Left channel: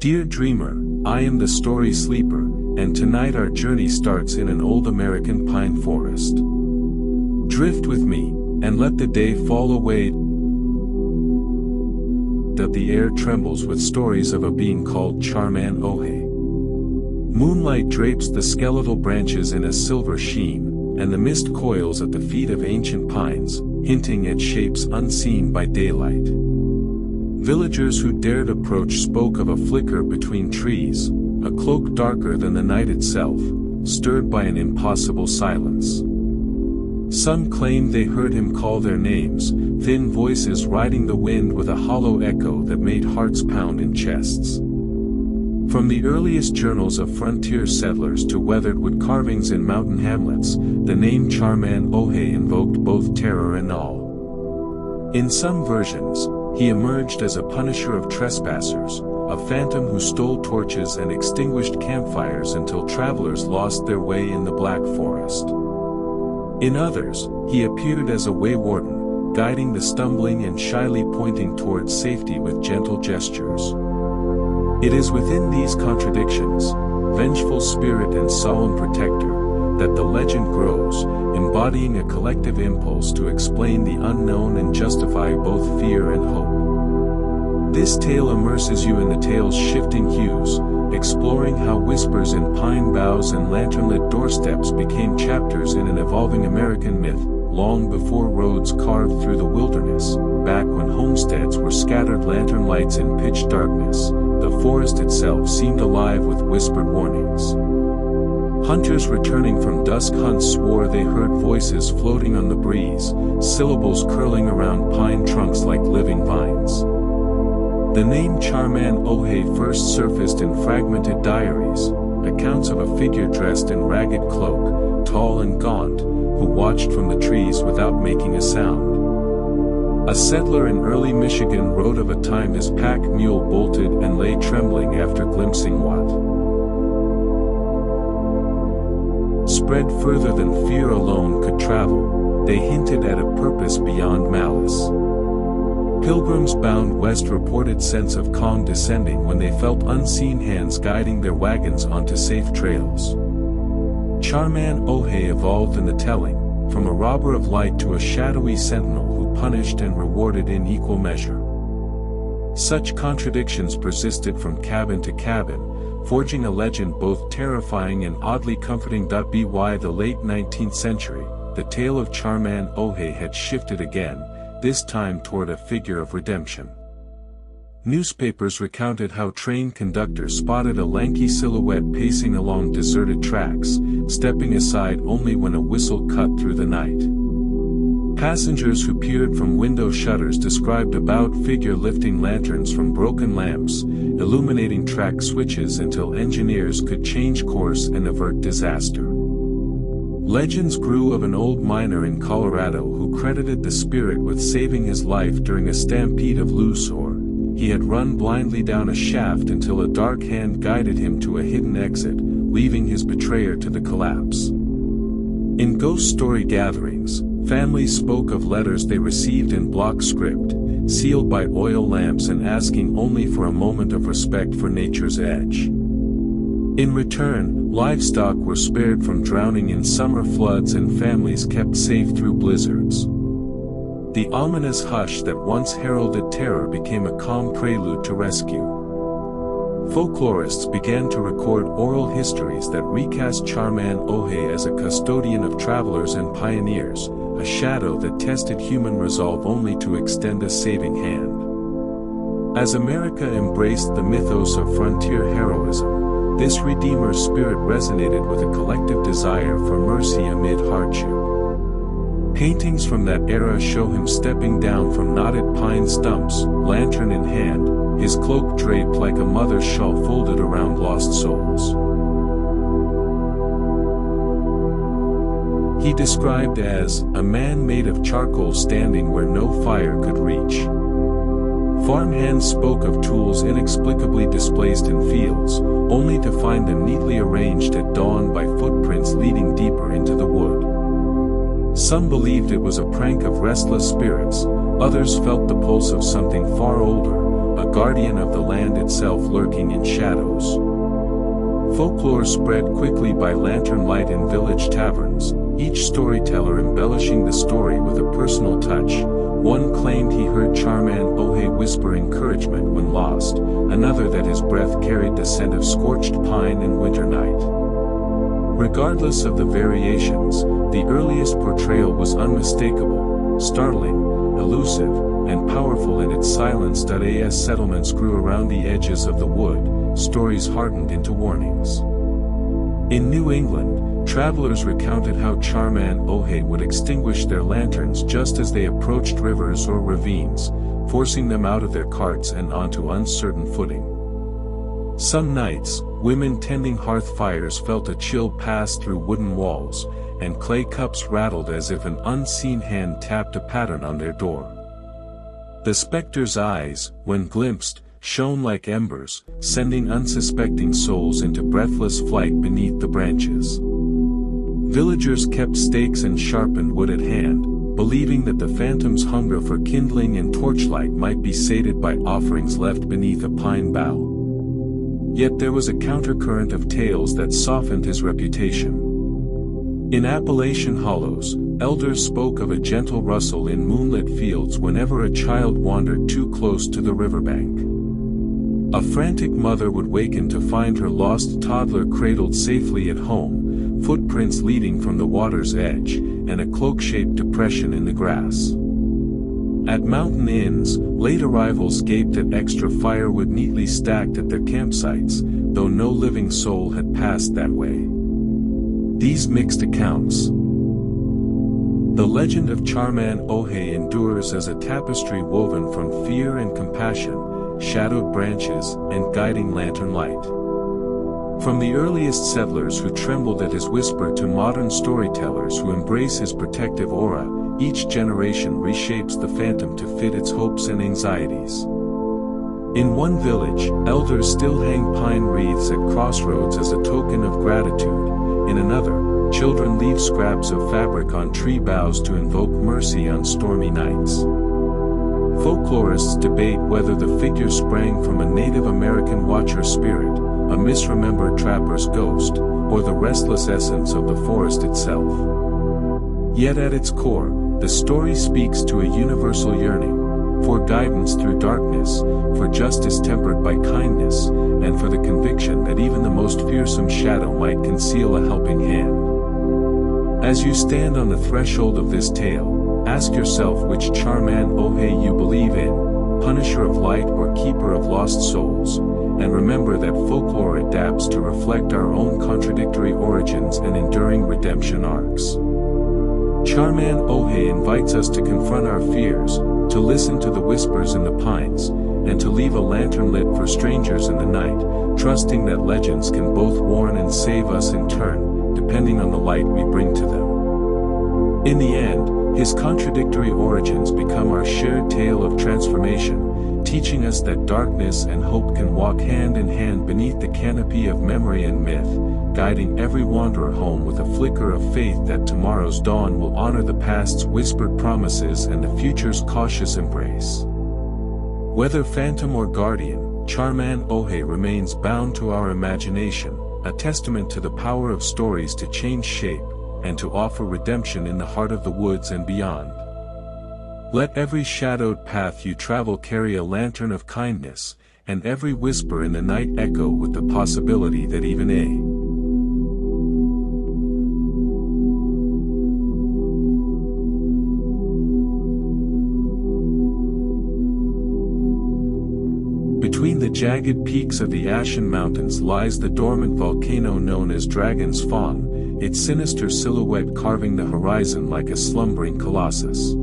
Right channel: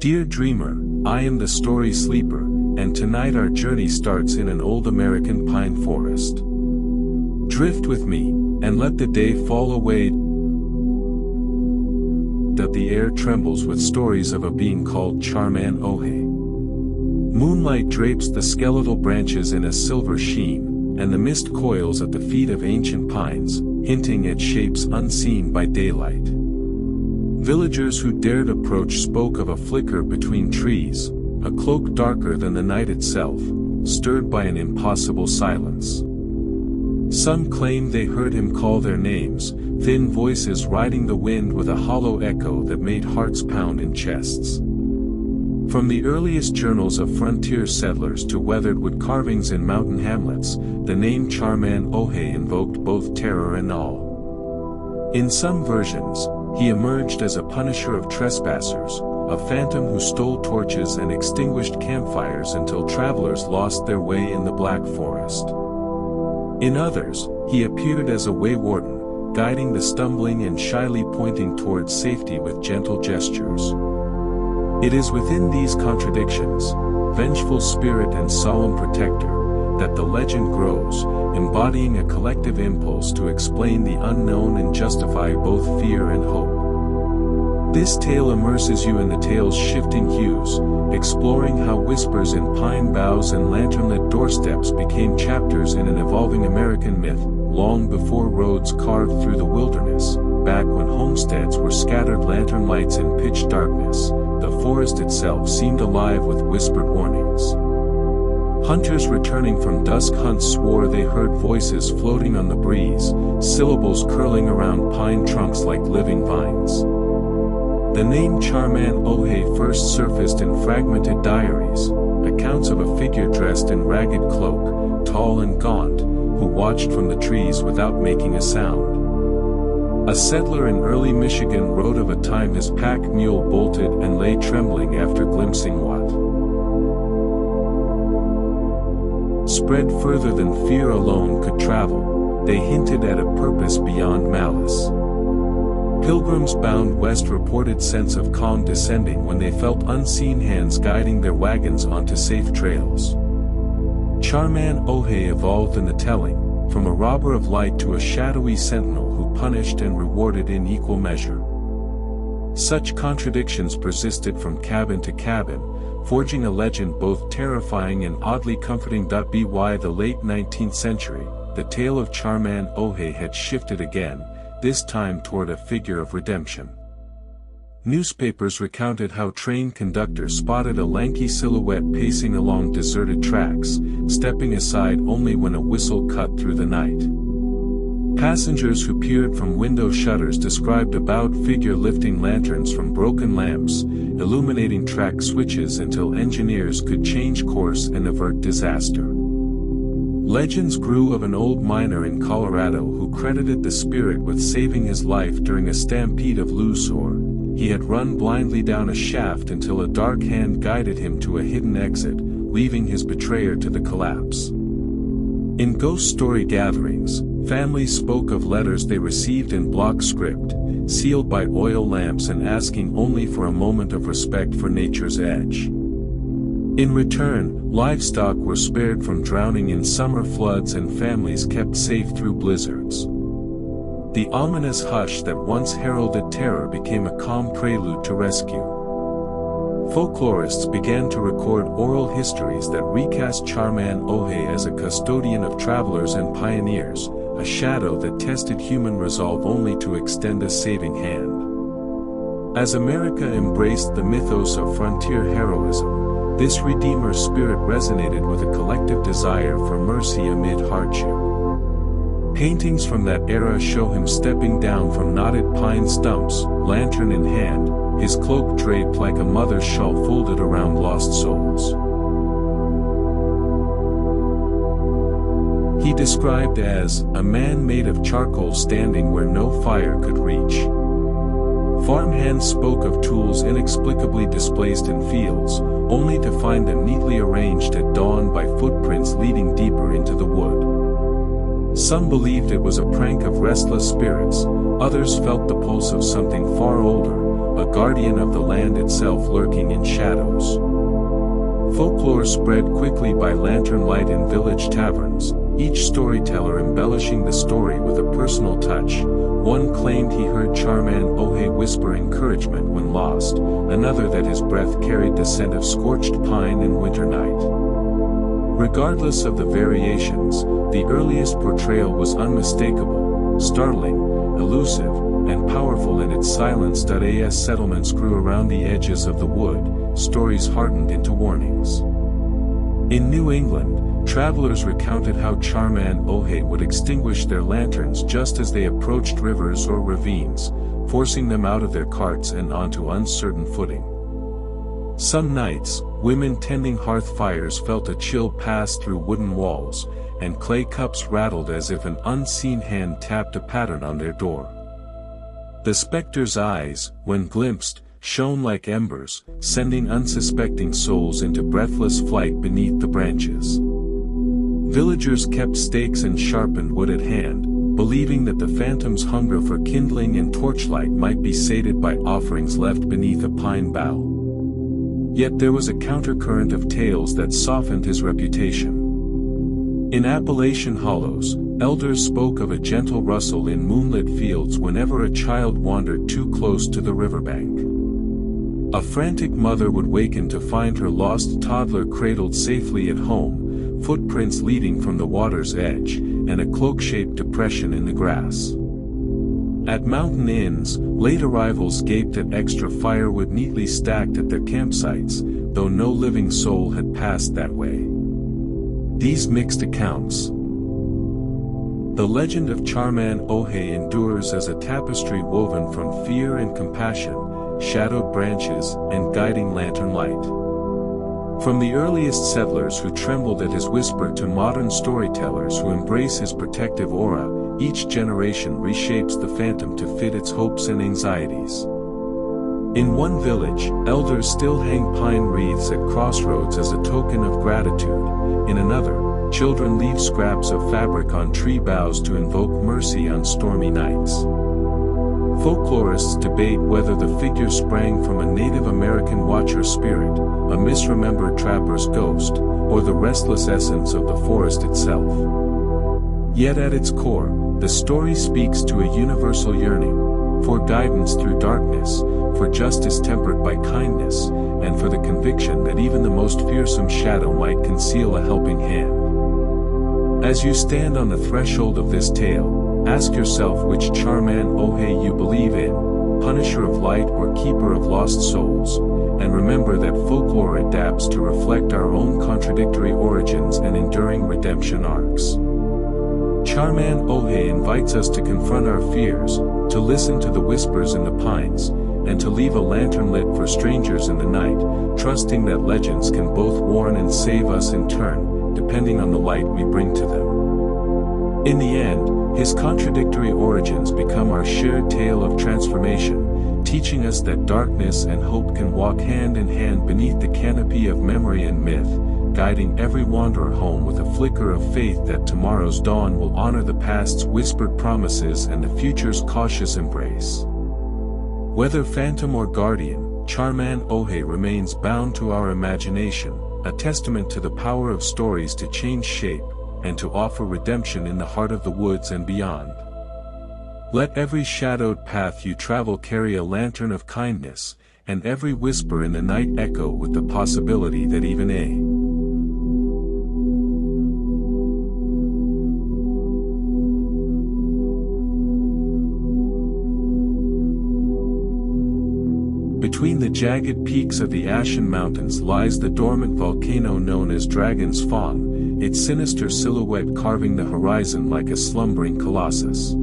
Dear dreamer, I am the story sleeper, and tonight our journey starts in an old American pine forest. Drift with me, and let the day fall away. That the air trembles with stories of a being called Char-Man Owhay. Moonlight drapes the skeletal branches in a silver sheen, and the mist coils at the feet of ancient pines, hinting at shapes unseen by daylight. Villagers who dared approach spoke of a flicker between trees, a cloak darker than the night itself, stirred by an impossible silence. Some claimed they heard him call their names, thin voices riding the wind with a hollow echo that made hearts pound in chests. From the earliest journals of frontier settlers to weathered wood carvings in mountain hamlets, the name Char-Man Owhay invoked both terror and awe. In some versions, he emerged as a punisher of trespassers, a phantom who stole torches and extinguished campfires until travelers lost their way in the Black Forest. In others, he appeared as a way warden, guiding the stumbling and shyly pointing towards safety with gentle gestures. It is within these contradictions, vengeful spirit and solemn protector, that the legend grows, embodying a collective impulse to explain the unknown and justify both fear and hope. This tale immerses you in the tale's shifting hues, exploring how whispers in pine boughs and lantern-lit doorsteps became chapters in an evolving American myth, long before roads carved through the wilderness, back when homesteads were scattered lantern lights in pitch darkness. The forest itself seemed alive with whispered warnings. Hunters returning from dusk hunts swore they heard voices floating on the breeze, syllables curling around pine trunks like living vines. The name Char-Man Owhay first surfaced in fragmented diaries, accounts of a figure dressed in ragged cloak, tall and gaunt, who watched from the trees without making a sound. A settler in early Michigan wrote of a time his pack mule bolted and lay trembling after glimpsing what spread further than fear alone could travel. They hinted at a purpose beyond malice. Pilgrims bound west reported sense of calm descending when they felt unseen hands guiding their wagons onto safe trails. Char-Man Owhay evolved in the telling, from a robber of light to a shadowy sentinel who punished and rewarded in equal measure. Such contradictions persisted from cabin to cabin, forging a legend both terrifying and oddly comforting. By the late 19th century, the tale of Char-Man Owhay had shifted again, this time toward a figure of redemption. Newspapers recounted how train conductors spotted a lanky silhouette pacing along deserted tracks, stepping aside only when a whistle cut through the night. Passengers who peered from window shutters described a bowed figure lifting lanterns from broken lamps, illuminating track switches until engineers could change course and avert disaster. Legends grew of an old miner in Colorado who credited the spirit with saving his life during a stampede of loose ore. He had run blindly down a shaft until a dark hand guided him to a hidden exit, leaving his betrayer to the collapse. In ghost story gatherings, families spoke of letters they received in block script, sealed by oil lamps and asking only for a moment of respect for nature's edge. In return, livestock were spared from drowning in summer floods and families kept safe through blizzards. The ominous hush that once heralded terror became a calm prelude to rescue. Folklorists began to record oral histories that recast Char-Man Owhay as a custodian of travelers and pioneers, a shadow that tested human resolve only to extend a saving hand. As America embraced the mythos of frontier heroism, this redeemer spirit resonated with a collective desire for mercy amid hardship. Paintings from that era show him stepping down from knotted pine stumps, lantern in hand, his cloak draped like a mother's shawl folded around lost souls. He described as a man made of charcoal standing where no fire could reach. Farmhands spoke of tools inexplicably displaced in fields, only to find them neatly arranged at dawn by footprints leading deeper into the wood. Some believed it was a prank of restless spirits, others felt the pulse of something far older, a guardian of the land itself lurking in shadows. Folklore spread quickly by lantern light in village taverns, each storyteller embellishing the story with a personal touch. One claimed he heard Char-Man Owhay whisper encouragement when lost, another that his breath carried the scent of scorched pine in winter night. Regardless of the variations, the earliest portrayal was unmistakable, startling, elusive, and powerful in its silence. As settlements grew around the edges of the wood, stories hardened into warnings. In New England, travelers recounted how Char-Man Owhay would extinguish their lanterns just as they approached rivers or ravines, forcing them out of their carts and onto uncertain footing. Some nights, women tending hearth fires felt a chill pass through wooden walls, and clay cups rattled as if an unseen hand tapped a pattern on their door. The specter's eyes, when glimpsed, shone like embers, sending unsuspecting souls into breathless flight beneath the branches. Villagers kept stakes and sharpened wood at hand, believing that the phantom's hunger for kindling and torchlight might be sated by offerings left beneath a pine bough. Yet there was a countercurrent of tales that softened his reputation. In Appalachian hollows, elders spoke of a gentle rustle in moonlit fields whenever a child wandered too close to the riverbank. A frantic mother would waken to find her lost toddler cradled safely at home, footprints leading from the water's edge, and a cloak-shaped depression in the grass. At mountain inns, late arrivals gaped at extra firewood neatly stacked at their campsites, though no living soul had passed that way. These mixed accounts. The legend of Char-Man Owhay endures as a tapestry woven from fear and compassion, shadowed branches, and guiding lantern light. From the earliest settlers who trembled at his whisper to modern storytellers who embrace his protective aura, each generation reshapes the phantom to fit its hopes and anxieties. In one village, elders still hang pine wreaths at crossroads as a token of gratitude. In another, children leave scraps of fabric on tree boughs to invoke mercy on stormy nights. Folklorists debate whether the figure sprang from a Native American watcher spirit, a misremembered trapper's ghost, or the restless essence of the forest itself. Yet at its core, the story speaks to a universal yearning, for guidance through darkness, for justice tempered by kindness, and for the conviction that even the most fearsome shadow might conceal a helping hand. As you stand on the threshold of this tale, ask yourself which Char-Man Owhay you believe in, punisher of light or keeper of lost souls, and remember that folklore adapts to reflect our own contradictory origins and enduring redemption arcs. Char-Man Owhay invites us to confront our fears, to listen to the whispers in the pines, and to leave a lantern lit for strangers in the night, trusting that legends can both warn and save us in turn, depending on the light we bring to them. In the end, his contradictory origins become our shared tale of transformation, teaching us that darkness and hope can walk hand in hand beneath the canopy of memory and myth, guiding every wanderer home with a flicker of faith that tomorrow's dawn will honor the past's whispered promises and the future's cautious embrace. Whether phantom or guardian, Char-Man Owhay remains bound to our imagination, a testament to the power of stories to change shape, and to offer redemption in the heart of the woods and beyond. Let every shadowed path you travel carry a lantern of kindness, and every whisper in the night echo with the possibility that even Between the jagged peaks of the Ashen Mountains lies the dormant volcano known as Dragon's Fang, its sinister silhouette carving the horizon like a slumbering colossus.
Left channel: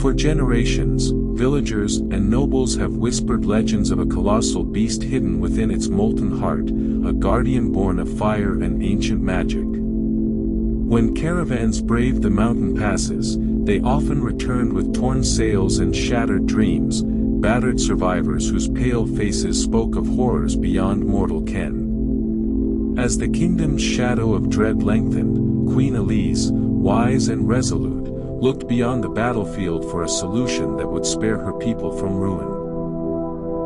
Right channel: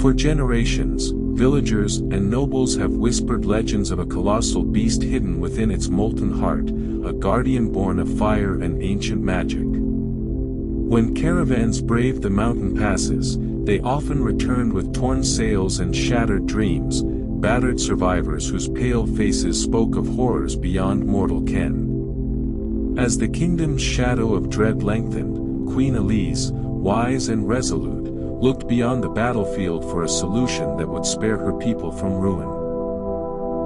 For generations, villagers and nobles have whispered legends of a colossal beast hidden within its molten heart, a guardian born of fire and ancient magic. When caravans braved the mountain passes, they often returned with torn sails and shattered dreams, battered survivors whose pale faces spoke of horrors beyond mortal ken. As the kingdom's shadow of dread lengthened, Queen Elise, wise and resolute, looked beyond the battlefield for a solution that would spare her people from ruin.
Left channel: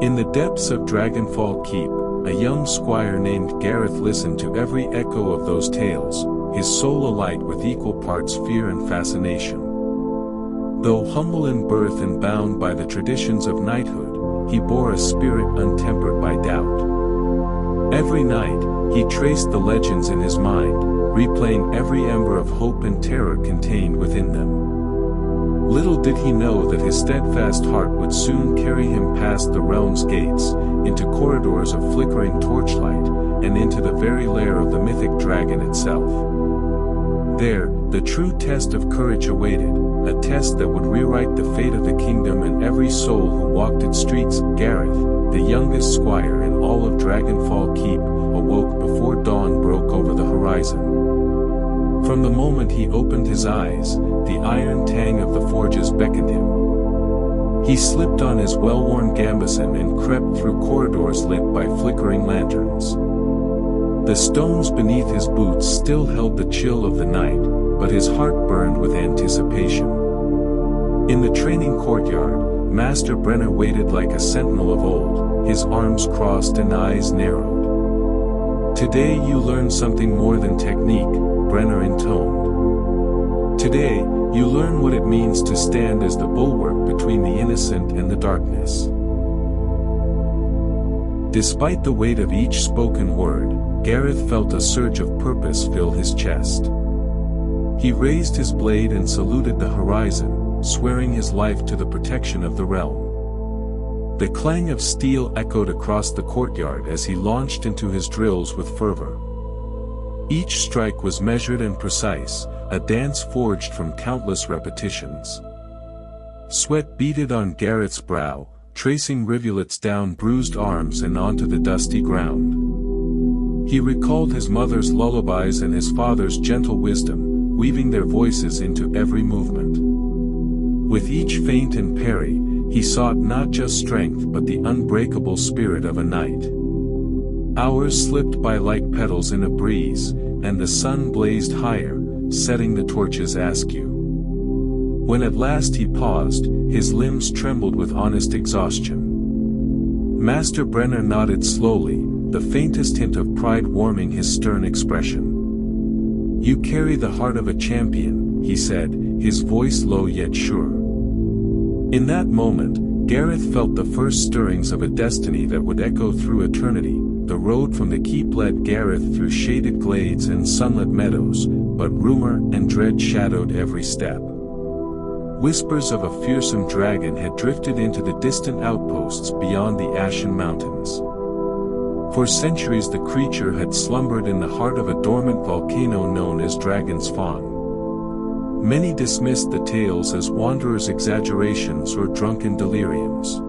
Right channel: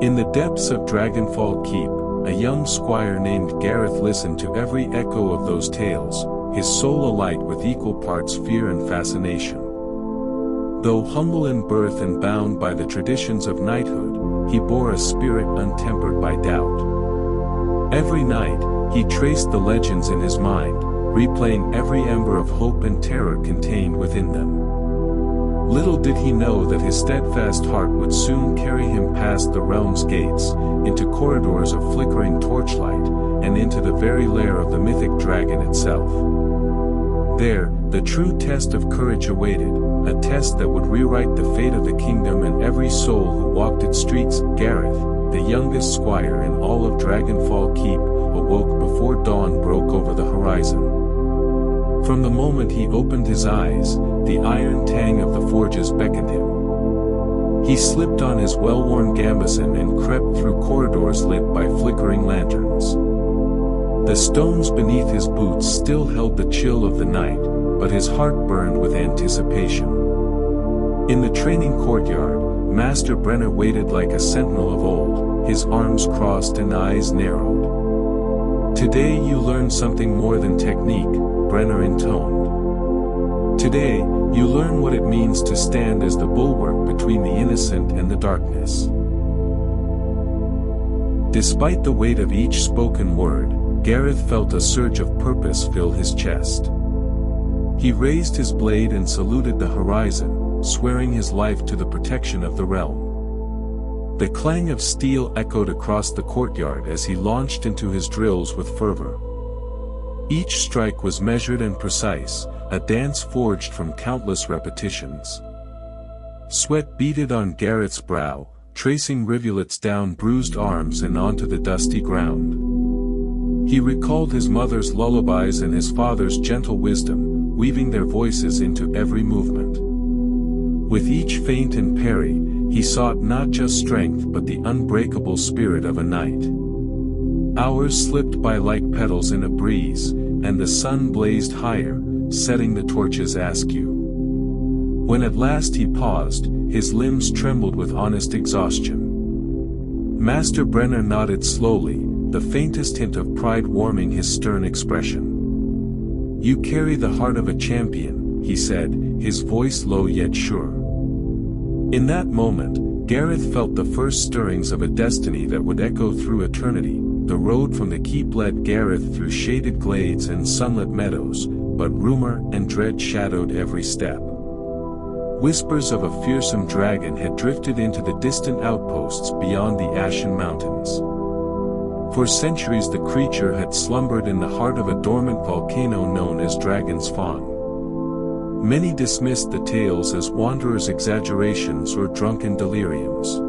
In the depths of Dragonfall Keep, a young squire named Gareth listened to every echo of those tales, his soul alight with equal parts fear and fascination. Though humble in birth and bound by the traditions of knighthood, he bore a spirit untempered by doubt. Every night, he traced the legends in his mind, replaying every ember of hope and terror contained within them. Little did he know that his steadfast heart would soon carry him past the realm's gates, into corridors of flickering torchlight, and into the very lair of the mythic dragon itself. There, the true test of courage awaited, a test that would rewrite the fate of the kingdom and every soul who walked its streets. Gareth, the youngest squire in all of Dragonfall Keep, awoke before dawn broke over the horizon. From the moment he opened his eyes, the iron tang of the forges beckoned him. He slipped on his well-worn gambeson and crept through corridors lit by flickering lanterns. The stones beneath his boots still held the chill of the night, but his heart burned with anticipation. In the training courtyard, Master Brenner waited like a sentinel of old, his arms crossed and eyes narrowed. "Today you learn something more than technique," Brenner intoned. "Today, you learn what it means to stand as the bulwark between the innocent and the darkness." Despite the weight of each spoken word, Gareth felt a surge of purpose fill his chest. He raised his blade and saluted the horizon, swearing his life to the protection of the realm. The clang of steel echoed across the courtyard as he launched into his drills with fervor. Each strike was measured and precise, a dance forged from countless repetitions. Sweat beaded on Gareth's brow, tracing rivulets down bruised arms and onto the dusty ground. He recalled his mother's lullabies and his father's gentle wisdom, weaving their voices into every movement. With each feint and parry, he sought not just strength but the unbreakable spirit of a knight. Hours slipped by like petals in a breeze, and the sun blazed higher, setting the torches askew. When at last he paused, his limbs trembled with honest exhaustion. Master Brenner nodded slowly, the faintest hint of pride warming his stern expression. "You carry the heart of a champion," he said, his voice low yet sure. In that moment, Gareth felt the first stirrings of a destiny that would echo through eternity. The road from the keep led Gareth through shaded glades and sunlit meadows, but rumor and dread shadowed every step. Whispers of a fearsome dragon had drifted into the distant outposts beyond the Ashen Mountains. For centuries the creature had slumbered in the heart of a dormant volcano known as Dragon's Fang. Many dismissed the tales as wanderers' exaggerations or drunken deliriums.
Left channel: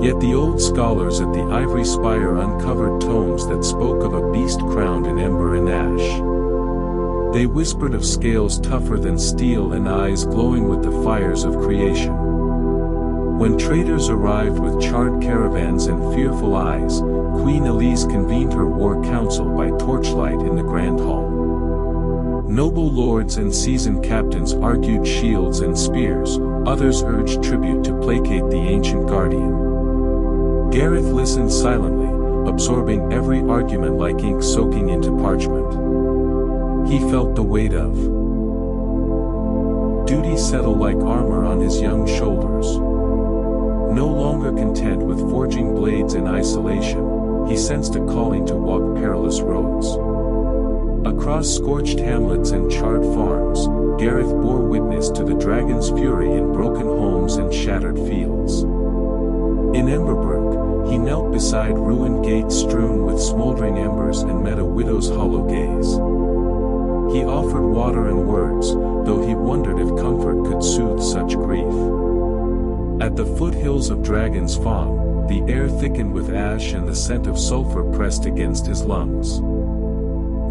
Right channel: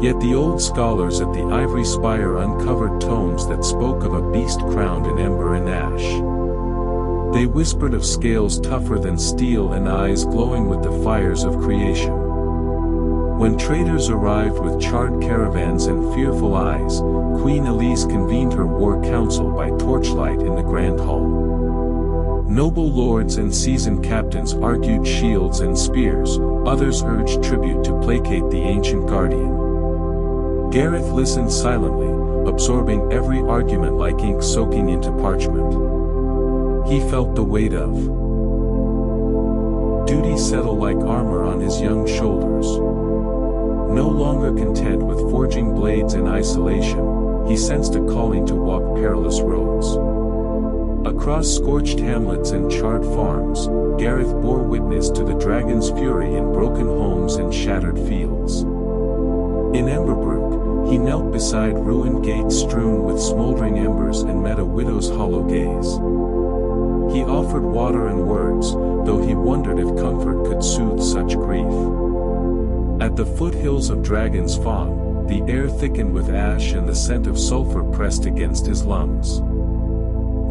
Yet the old scholars at the Ivory Spire uncovered tomes that spoke of a beast crowned in ember and ash. They whispered of scales tougher than steel and eyes glowing with the fires of creation. When traders arrived with charred caravans and fearful eyes, Queen Elise convened her war council by torchlight in the Grand Hall. Noble lords and seasoned captains argued shields and spears, others urged tribute to placate the ancient guardian. Gareth listened silently, absorbing every argument like ink soaking into parchment. He felt the weight of duty settle like armor on his young shoulders. No longer content with forging blades in isolation, he sensed a calling to walk perilous roads. Across scorched hamlets and charred farms, Gareth bore witness to the dragon's fury in broken homes and shattered fields. In Emberbrook, he knelt beside ruined gates strewn with smoldering embers and met a widow's hollow gaze. He offered water and words, though he wondered if comfort could soothe such grief. At the foothills of Dragon's Fang, the air thickened with ash and the scent of sulfur pressed against his lungs.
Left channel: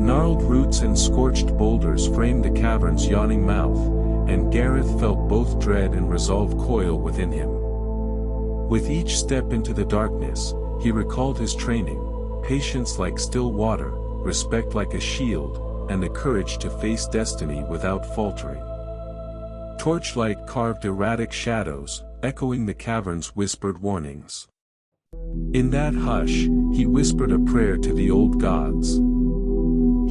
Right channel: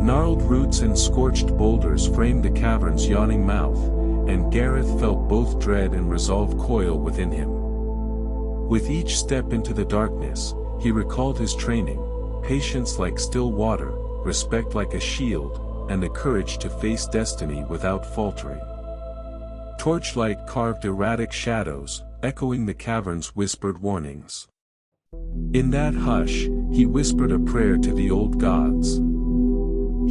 Gnarled roots and scorched boulders framed the cavern's yawning mouth, and Gareth felt both dread and resolve coil within him. With each step into the darkness, he recalled his training, patience like still water, respect like a shield, and the courage to face destiny without faltering. Torchlight carved erratic shadows, echoing the cavern's whispered warnings. In that hush, he whispered a prayer to the old gods.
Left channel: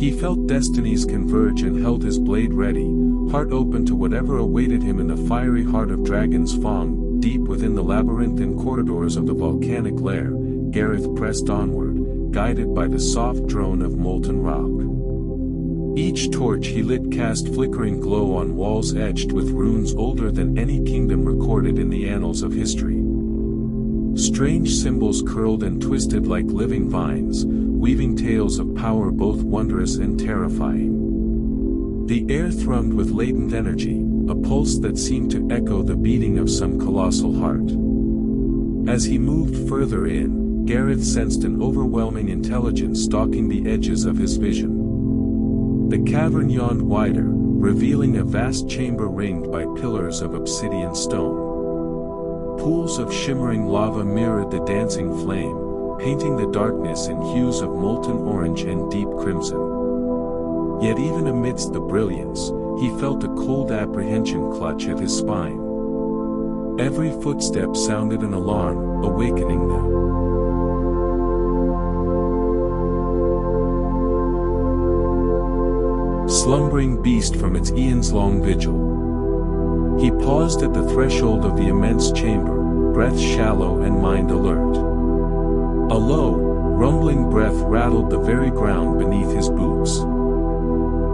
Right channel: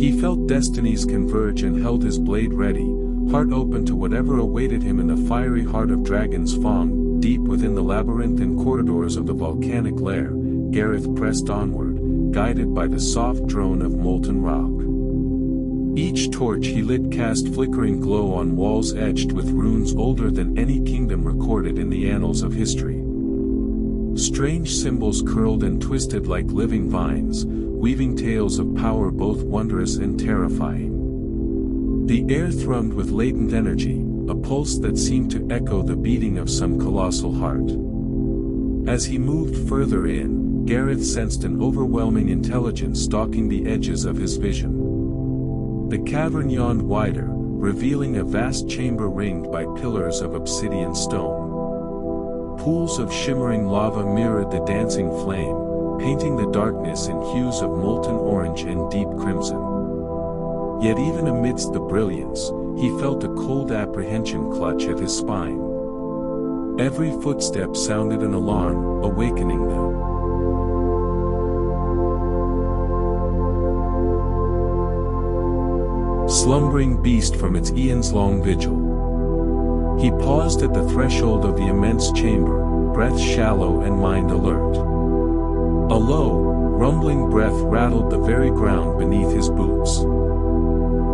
He felt destinies converge and held his blade ready, heart open to whatever awaited him in the fiery heart of Dragon's Fang. Deep within the labyrinthine corridors of the volcanic lair, Gareth pressed onward, guided by the soft drone of molten rock. Each torch he lit cast flickering glow on walls etched with runes older than any kingdom recorded in the annals of history. Strange symbols curled and twisted like living vines, weaving tales of power both wondrous and terrifying. The air thrummed with latent energy, a pulse that seemed to echo the beating of some colossal heart. As he moved further in, Gareth sensed an overwhelming intelligence stalking the edges of his vision. The cavern yawned wider, revealing a vast chamber ringed by pillars of obsidian stone. Pools of shimmering lava mirrored the dancing flame, painting the darkness in hues of molten orange and deep crimson. Yet even amidst the brilliance, he felt a cold apprehension clutch at his spine. Every footstep sounded an alarm, awakening the slumbering beast from its eons-long vigil. He paused at the threshold of the immense chamber, breath shallow and mind alert. A low, rumbling breath rattled the very ground beneath his boots.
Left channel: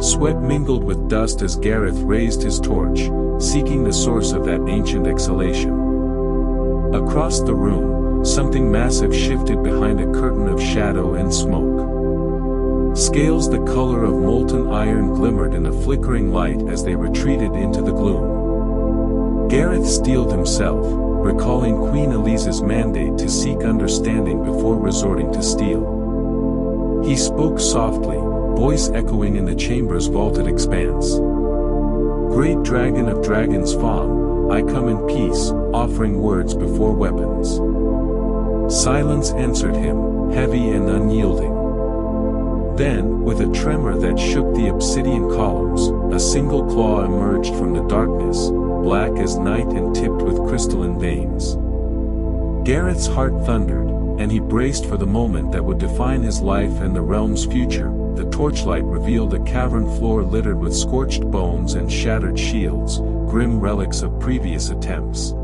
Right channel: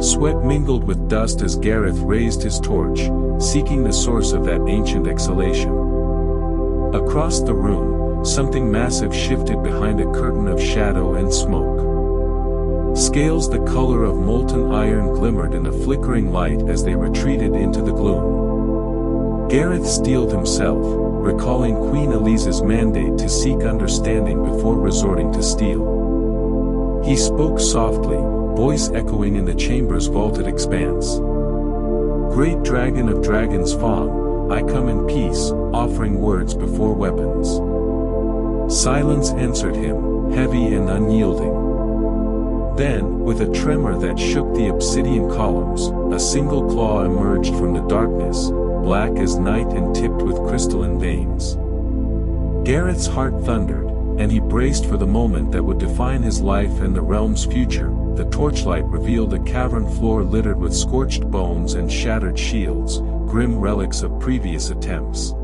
Sweat mingled with dust as Gareth raised his torch, seeking the source of that ancient exhalation. Across the room, something massive shifted behind a curtain of shadow and smoke. Scales the color of molten iron glimmered in the flickering light as they retreated into the gloom. Gareth steeled himself, recalling Queen Elise's mandate to seek understanding before resorting to steel. He spoke softly, voice echoing in the chamber's vaulted expanse. "Great dragon of Dragon's Fang, I come in peace, offering words before weapons." Silence answered him, heavy and unyielding. Then, with a tremor that shook the obsidian columns, a single claw emerged from the darkness, black as night and tipped with crystalline veins. Gareth's heart thundered, and he braced for the moment that would define his life and the realm's future. The torchlight revealed a cavern floor littered with scorched bones and shattered shields, grim relics of previous attempts.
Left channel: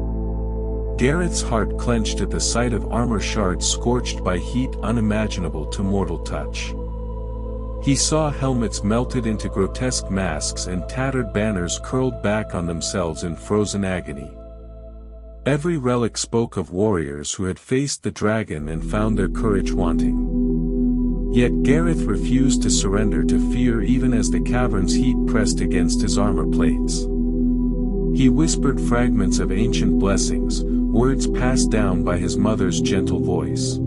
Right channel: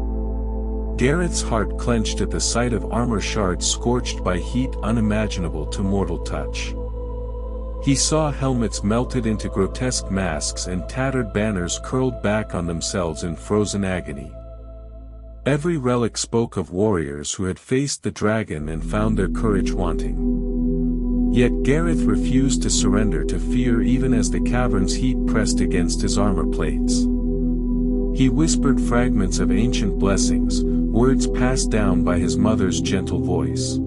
Gareth's heart clenched at the sight of armor shards scorched by heat unimaginable to mortal touch. He saw helmets melted into grotesque masks and tattered banners curled back on themselves in frozen agony. Every relic spoke of warriors who had faced the dragon and found their courage wanting. Yet Gareth refused to surrender to fear even as the cavern's heat pressed against his armor plates. He whispered fragments of ancient blessings, words passed down by his mother's gentle voice.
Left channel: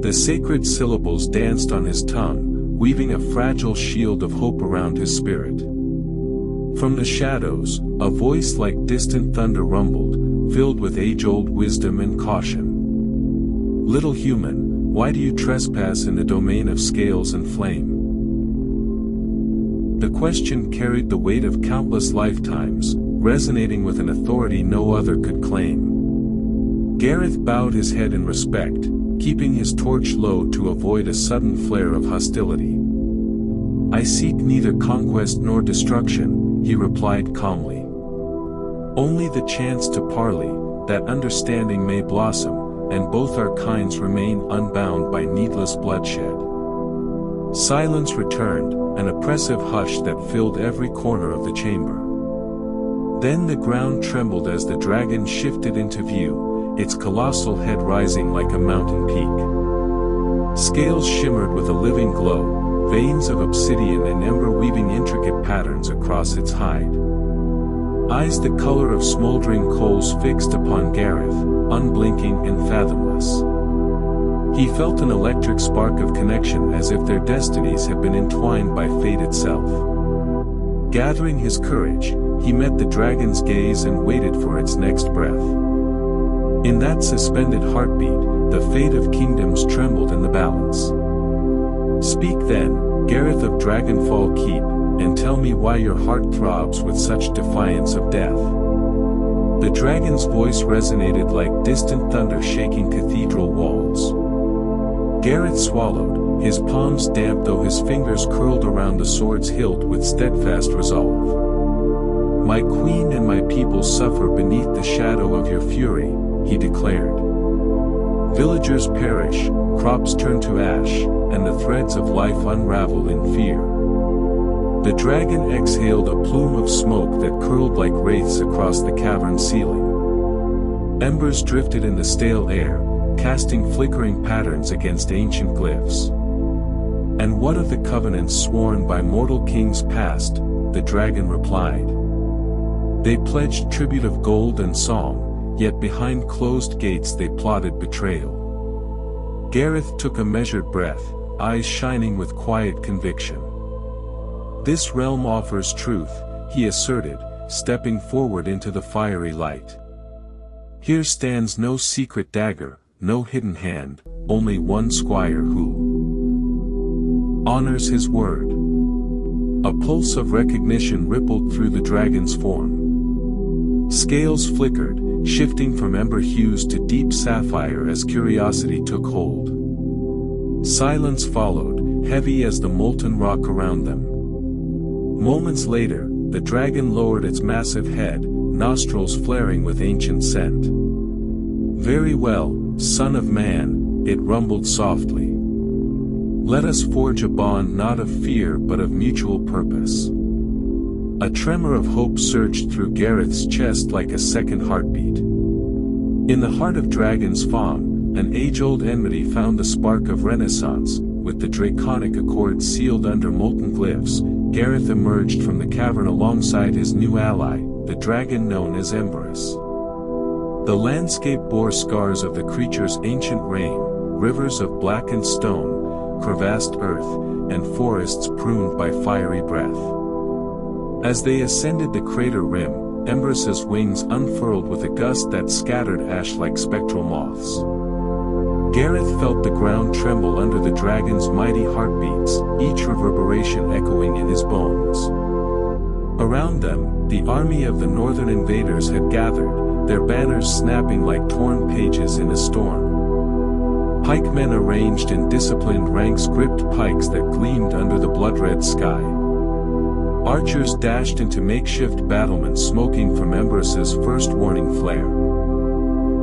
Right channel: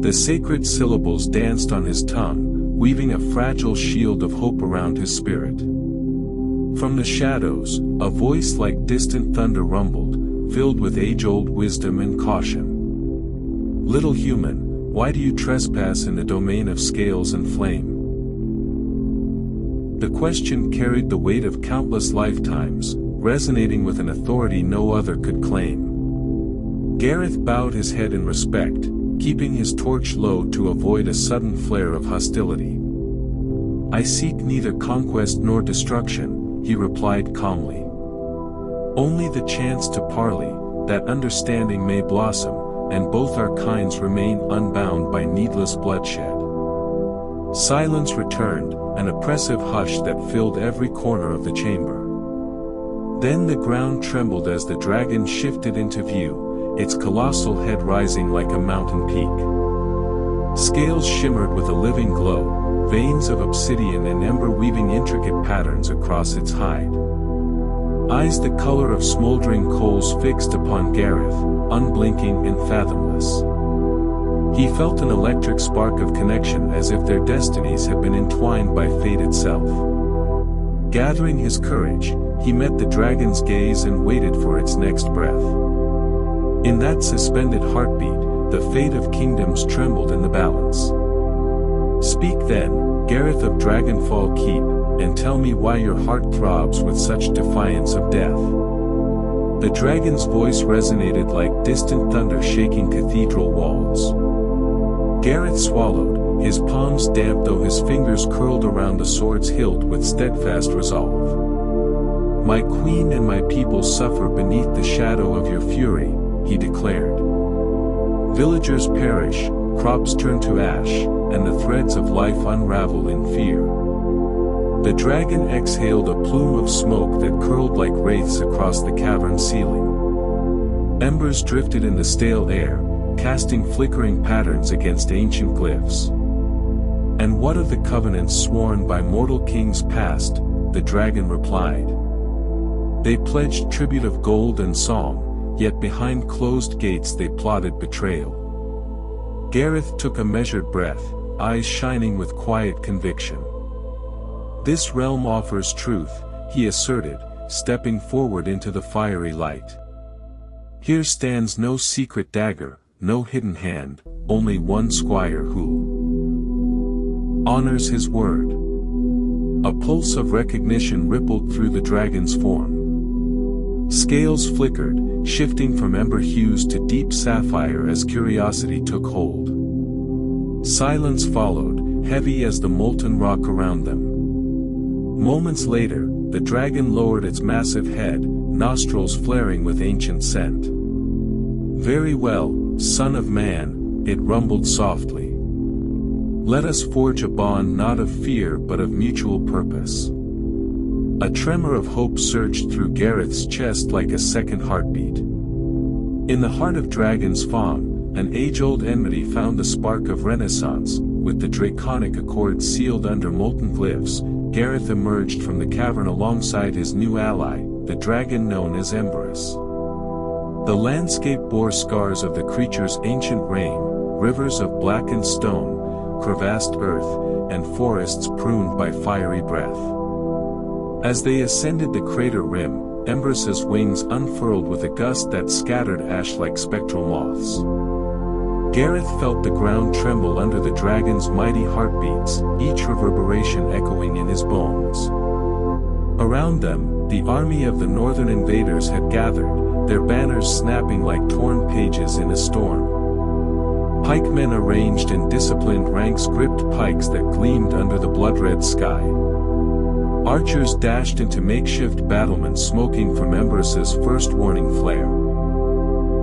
The sacred syllables danced on his tongue, weaving a fragile shield of hope around his spirit. From the shadows, a voice like distant thunder rumbled, filled with age-old wisdom and caution. "Little human, why do you trespass in the domain of scales and flame?" The question carried the weight of countless lifetimes, resonating with an authority no other could claim. Gareth bowed his head in respect, keeping his torch low to avoid a sudden flare of hostility. "I seek neither conquest nor destruction," he replied calmly. "Only the chance to parley, that understanding may blossom, and both our kinds remain unbound by needless bloodshed." Silence returned, an oppressive hush that filled every corner of the chamber. Then the ground trembled as the dragon shifted into view, its colossal head rising like a mountain peak. Scales shimmered with a living glow, veins of obsidian and ember weaving intricate patterns across its hide. Eyes the color of smoldering coals fixed upon Gareth, unblinking and fathomless. He felt an electric spark of connection as if their destinies had been entwined by fate itself. Gathering his courage, he met the dragon's gaze and waited for its next breath. In that suspended heartbeat, the fate of kingdoms trembled in the balance. "Speak then, Gareth of Dragonfall Keep, and tell me why your heart throbs with such defiance of death." The dragon's voice resonated like distant thunder shaking cathedral walls. Gareth swallowed, his palms damp though his fingers curled around the sword's hilt with steadfast resolve. "My queen and my people suffer beneath the shadow of your fury," he declared. "Villagers perish, crops turn to ash, and the threads of life unravel in fear." The dragon exhaled a plume of smoke that curled like wraiths across the cavern ceiling. Embers drifted in the stale air, casting flickering patterns against ancient glyphs. "And what of the covenants sworn by mortal kings past?" the dragon replied. "They pledged tribute of gold and song, yet behind closed gates they plotted betrayal." Gareth took a measured breath, eyes shining with quiet conviction. "This realm offers truth," he asserted, stepping forward into the fiery light. "Here stands no secret dagger, no hidden hand, only one squire who honors his word." A pulse of recognition rippled through the dragon's form. Scales flickered, shifting from ember hues to deep sapphire as curiosity took hold. Silence followed, heavy as the molten rock around them. Moments later, the dragon lowered its massive head, nostrils flaring with ancient scent. "Very well, son of man," it rumbled softly. "Let us forge a bond not of fear but of mutual purpose." A tremor of hope surged through Gareth's chest like a second heartbeat. In the heart of Dragon's Fang, an age-old enmity found a spark of renaissance. With the draconic accord sealed under molten glyphs, Gareth emerged from the cavern alongside his new ally, the dragon known as Emberus. The landscape bore scars of the creature's ancient reign, rivers of blackened stone, crevassed earth, and forests pruned by fiery breath. As they ascended the crater rim, Emberus's wings unfurled with a gust that scattered ash like spectral moths. Gareth felt the ground tremble under the dragon's mighty heartbeats, each reverberation echoing in his bones. Around them, the army of the northern invaders had gathered, their banners snapping like torn pages in a storm. Pikemen arranged in disciplined ranks gripped pikes that gleamed under the blood-red sky. Archers dashed into makeshift battlements smoking from Emberus's first warning flare.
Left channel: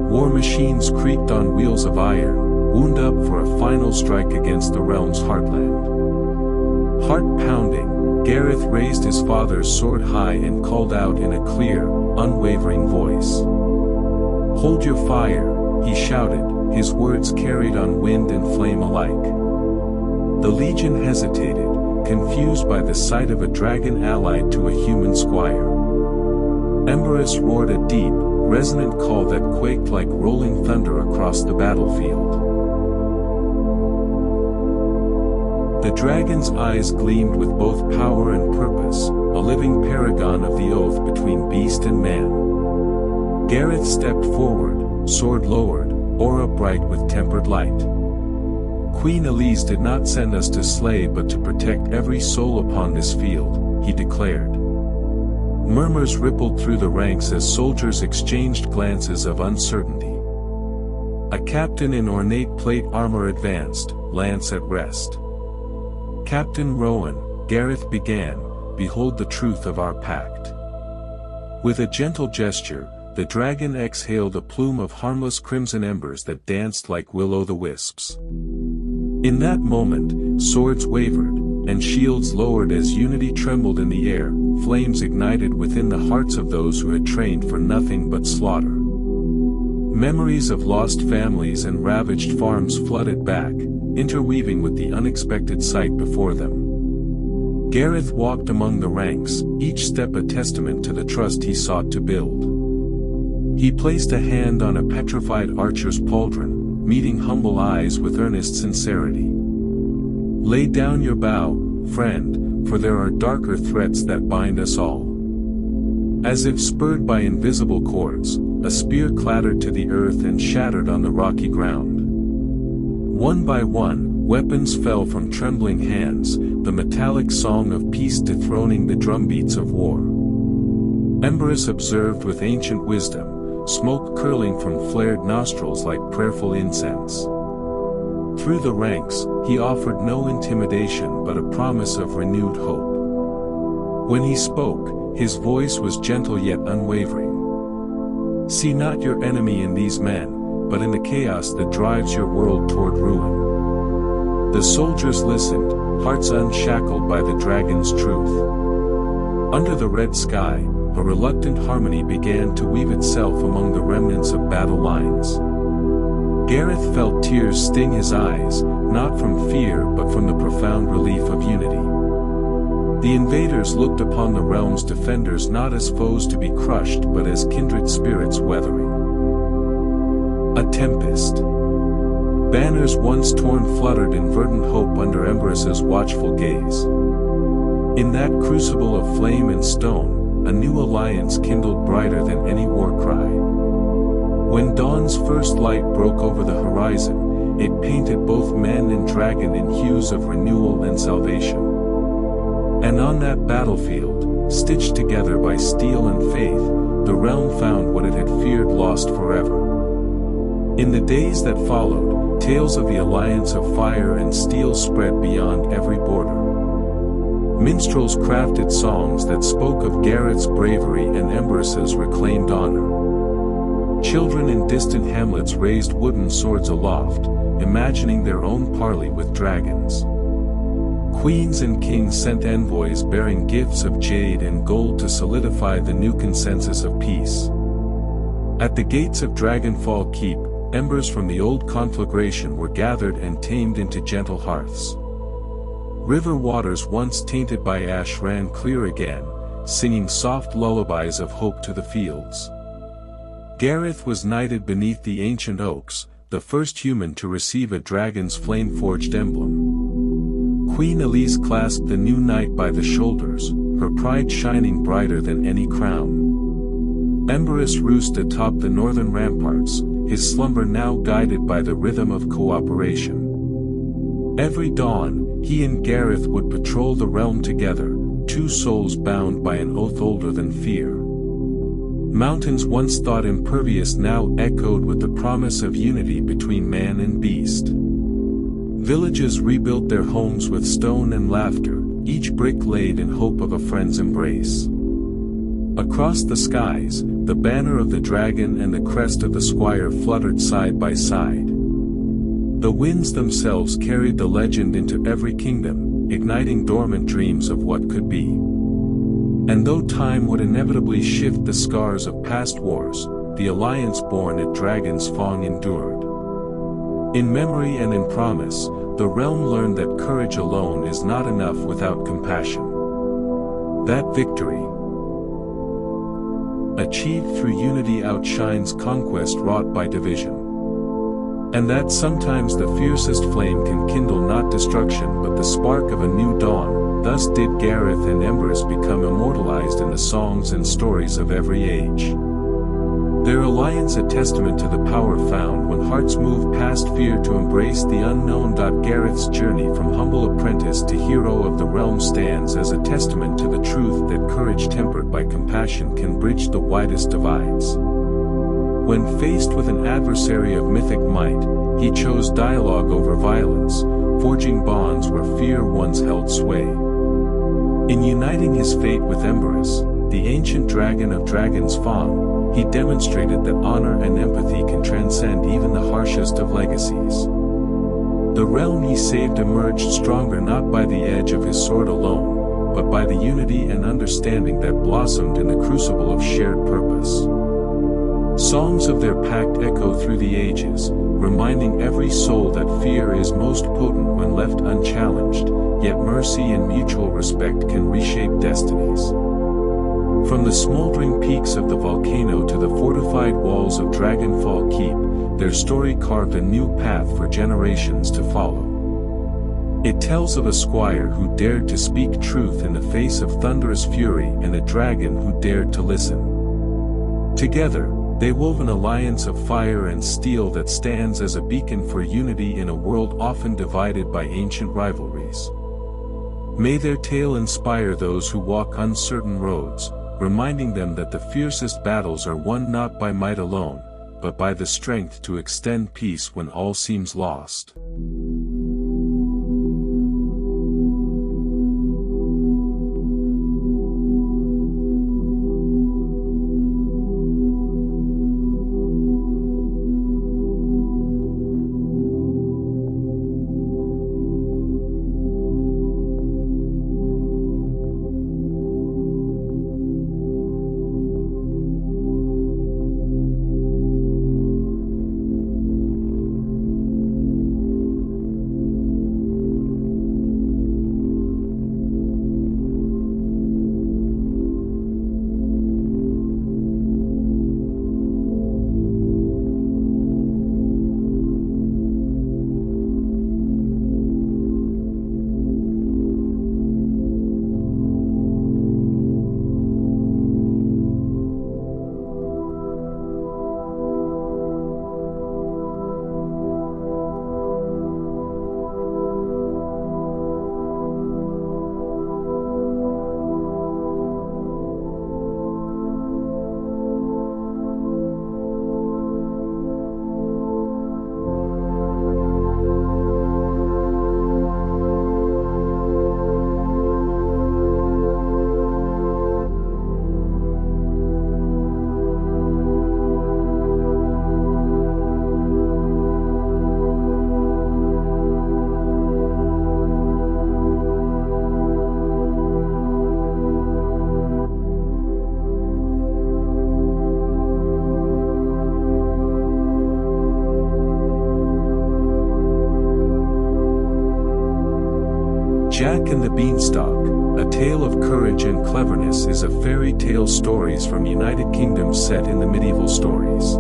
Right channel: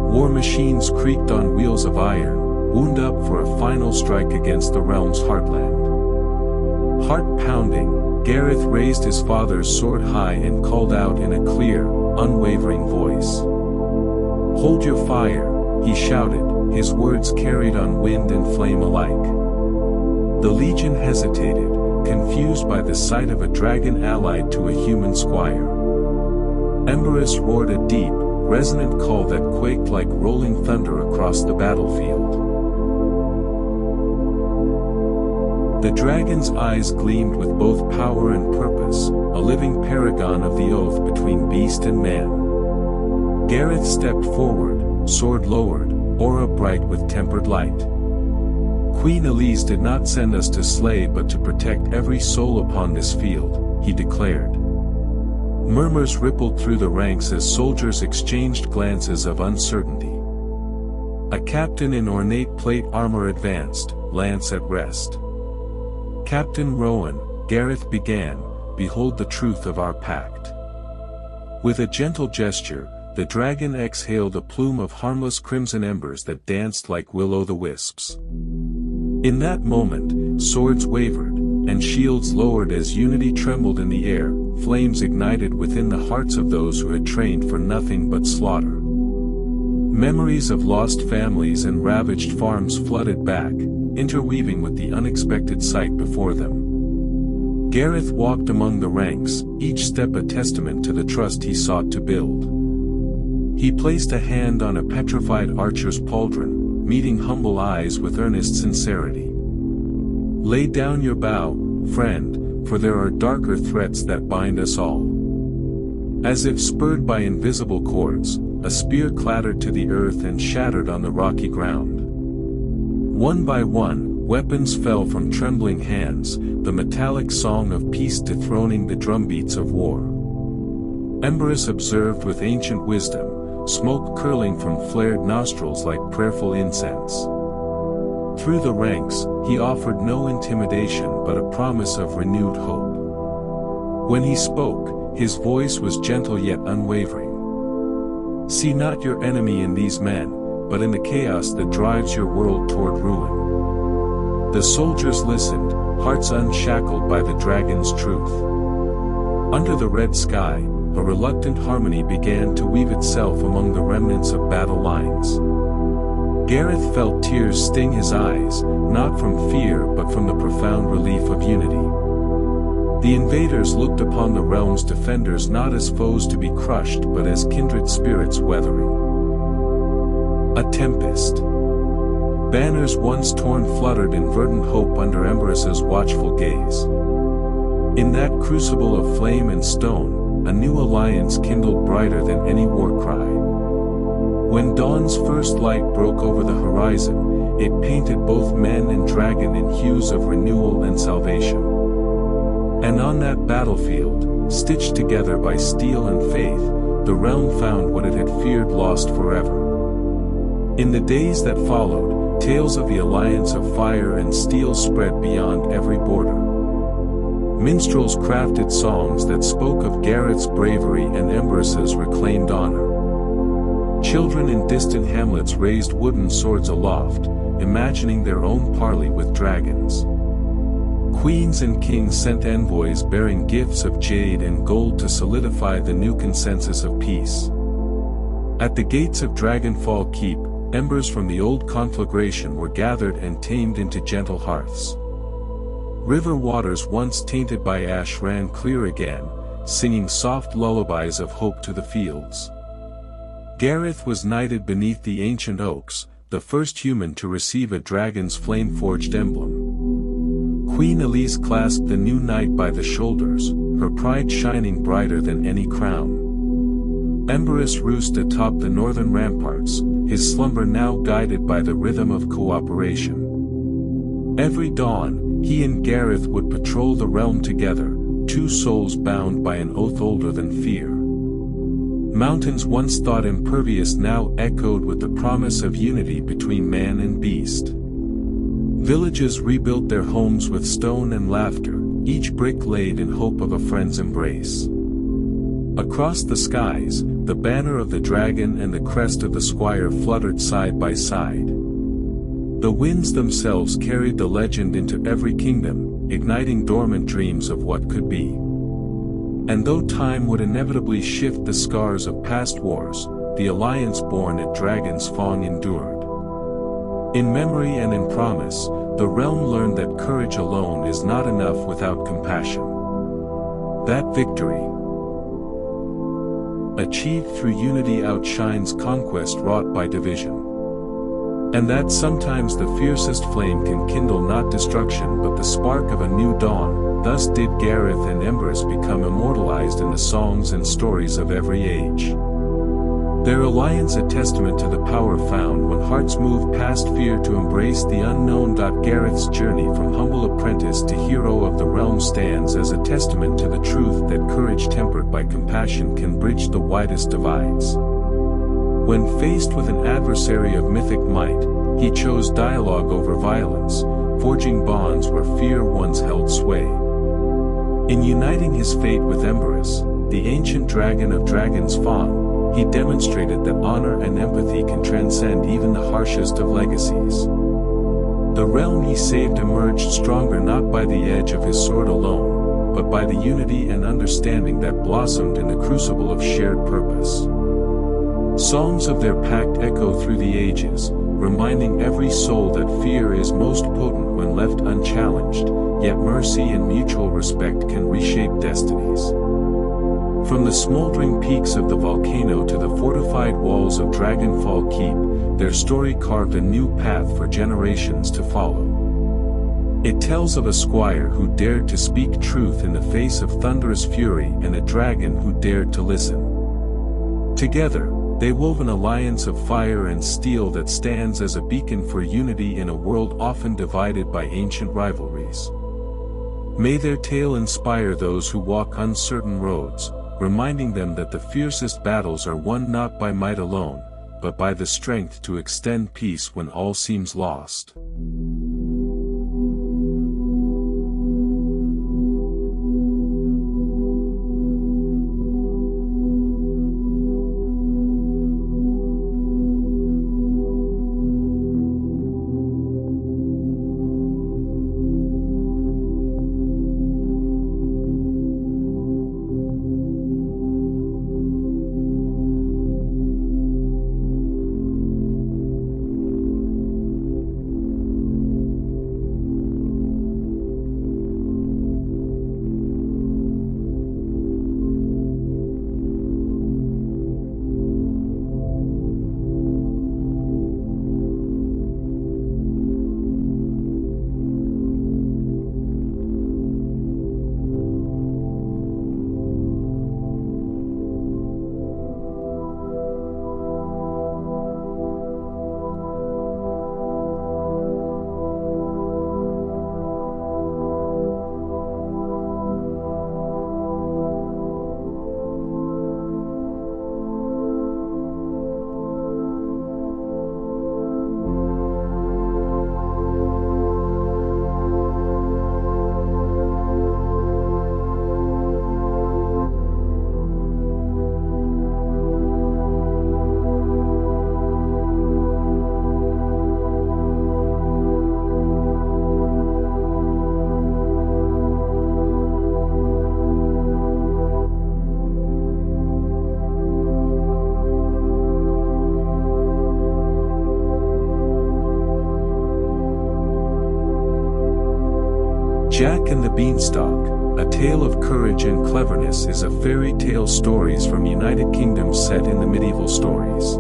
War machines creaked on wheels of iron, wound up for a final strike against the realm's heartland. Heart-pounding, Gareth raised his father's sword high and called out in a clear, unwavering voice. "Hold your fire," he shouted, his words carried on wind and flame alike. The legion hesitated, confused by the sight of a dragon allied to a human squire. Emberus roared a deep, resonant call that quaked like rolling thunder across the battlefield. The dragon's eyes gleamed with both power and purpose, a living paragon of the oath between beast and man. Gareth stepped forward, sword lowered, aura bright with tempered light. "Queen Elise did not send us to slay but to protect every soul upon this field," he declared. Murmurs rippled through the ranks as soldiers exchanged glances of uncertainty. A captain in ornate plate armor advanced, lance at rest. "Captain Rowan," Gareth began, "behold the truth of our pact." With a gentle gesture, the dragon exhaled a plume of harmless crimson embers that danced like will-o'-the-wisps. In that moment, swords wavered, and shields lowered as unity trembled in the air, flames ignited within the hearts of those who had trained for nothing but slaughter. Memories of lost families and ravaged farms flooded back, interweaving with the unexpected sight before them. Gareth walked among the ranks, each step a testament to the trust he sought to build. He placed a hand on a petrified archer's pauldron, meeting humble eyes with earnest sincerity. "Lay down your bow, friend, for there are darker threats that bind us all." As if spurred by invisible cords, a spear clattered to the earth and shattered on the rocky ground. One by one, weapons fell from trembling hands, the metallic song of peace dethroning the drumbeats of war. Emberus observed with ancient wisdom, smoke curling from flared nostrils like prayerful incense. Through the ranks, he offered no intimidation but a promise of renewed hope. When he spoke, his voice was gentle yet unwavering. See not your enemy in these men, but in the chaos that drives your world toward ruin. The soldiers listened, hearts unshackled by the dragon's truth. Under the red sky, a reluctant harmony began to weave itself among the remnants of battle lines. Gareth felt tears sting his eyes, not from fear but from the profound relief of unity. The invaders looked upon the realm's defenders not as foes to be crushed but as kindred spirits weathering a tempest. Banners once torn fluttered in verdant hope under Emberus's watchful gaze. In that crucible of flame and stone, a new alliance kindled brighter than any war cry. When dawn's first light broke over the horizon, it painted both men and dragon in hues of renewal and salvation. And on that battlefield, stitched together by steel and faith, the realm found what it had feared lost forever. In the days that followed, tales of the alliance of fire and steel spread beyond every border. Minstrels crafted songs that spoke of Gareth's bravery and Emberus's reclaimed honor. Children in distant hamlets raised wooden swords aloft, imagining their own parley with dragons. Queens and kings sent envoys bearing gifts of jade and gold to solidify the new consensus of peace. At the gates of Dragonfall Keep, embers from the old conflagration were gathered and tamed into gentle hearths. River waters once tainted by ash ran clear again, singing soft lullabies of hope to the fields. Gareth was knighted beneath the ancient oaks, the first human to receive a dragon's flame-forged emblem. Queen Elise clasped the new knight by the shoulders, her pride shining brighter than any crown. Emberus roost atop the northern ramparts, his slumber now guided by the rhythm of cooperation. Every dawn, he and Gareth would patrol the realm together, two souls bound by an oath older than fear. Mountains once thought impervious now echoed with the promise of unity between man and beast. Villages rebuilt their homes with stone and laughter, each brick laid in hope of a friend's embrace. Across the skies, the banner of the dragon and the crest of the squire fluttered side by side. The winds themselves carried the legend into every kingdom, igniting dormant dreams of what could be. And though time would inevitably shift the scars of past wars, the alliance born at Dragon's Fang endured. In memory and in promise, the realm learned that courage alone is not enough without compassion. That victory, achieved through unity, outshines conquest wrought by division. And that sometimes the fiercest flame can kindle not destruction but the spark of a new dawn. Thus did Gareth and Emberus become immortalized in the songs and stories of every age. Their alliance a testament to the power found when hearts move past fear to embrace the unknown. Gareth's journey from humble apprentice to hero of the realm stands as a testament to the truth that courage tempered by compassion can bridge the widest divides. When faced with an adversary of mythic might, he chose dialogue over violence, forging bonds where fear once held sway. In uniting his fate with Emberus, the ancient dragon of Dragon's Fang, he demonstrated that honor and empathy can transcend even the harshest of legacies. The realm he saved emerged stronger not by the edge of his sword alone, but by the unity and understanding that blossomed in the crucible of shared purpose. Songs of their pact echo through the ages, reminding every soul that fear is most potent when left unchallenged, yet mercy and mutual respect can reshape destinies. From the smoldering peaks of the volcano to the fortified walls of Dragonfall Keep, their story carved a new path for generations to follow. It tells of a squire who dared to speak truth in the face of thunderous fury and a dragon who dared to listen. Together, they wove an alliance of fire and steel that stands as a beacon for unity in a world often divided by ancient rivalries. May their tale inspire those who walk uncertain roads, reminding them that the fiercest battles are won not by might alone, but by the strength to extend peace when all seems lost. Jack and the Beanstalk, A Tale of Courage and Cleverness is a fairy tale stories from United Kingdom set in the medieval stories.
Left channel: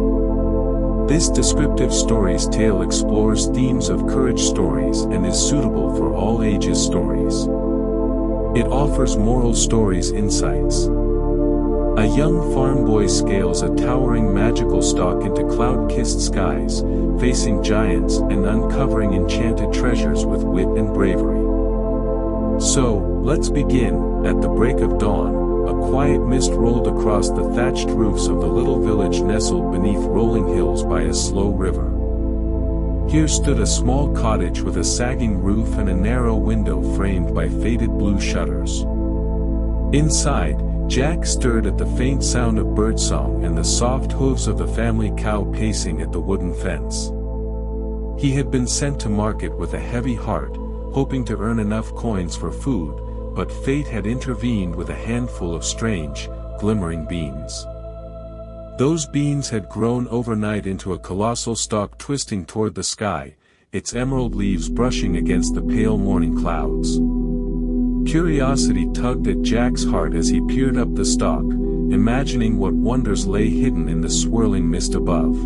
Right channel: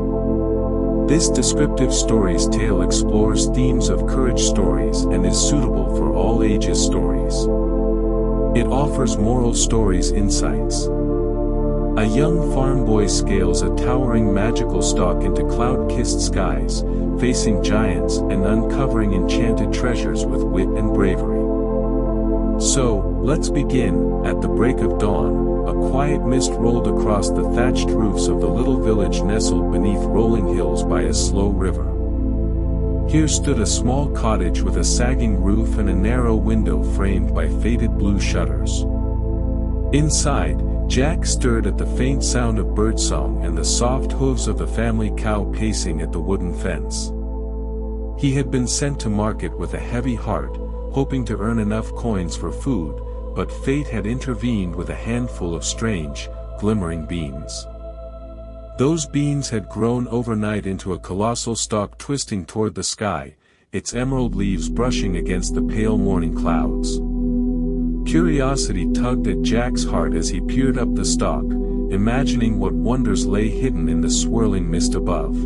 This descriptive stories tale explores themes of courage stories and is suitable for all ages stories. It offers moral stories insights. A young farm boy scales a towering magical stalk into cloud-kissed skies, facing giants and uncovering enchanted treasures with wit and bravery. So, let's begin. At the break of dawn, a quiet mist rolled across the thatched roofs of the little village nestled beneath rolling hills by a slow river. Here stood a small cottage with a sagging roof and a narrow window framed by faded blue shutters. Inside, Jack stirred at the faint sound of birdsong and the soft hooves of the family cow pacing at the wooden fence. He had been sent to market with a heavy heart, hoping to earn enough coins for food, but fate had intervened with a handful of strange, glimmering beans. Those beans had grown overnight into a colossal stalk twisting toward the sky, its emerald leaves brushing against the pale morning clouds. Curiosity tugged at Jack's heart as he peered up the stalk, imagining what wonders lay hidden in the swirling mist above.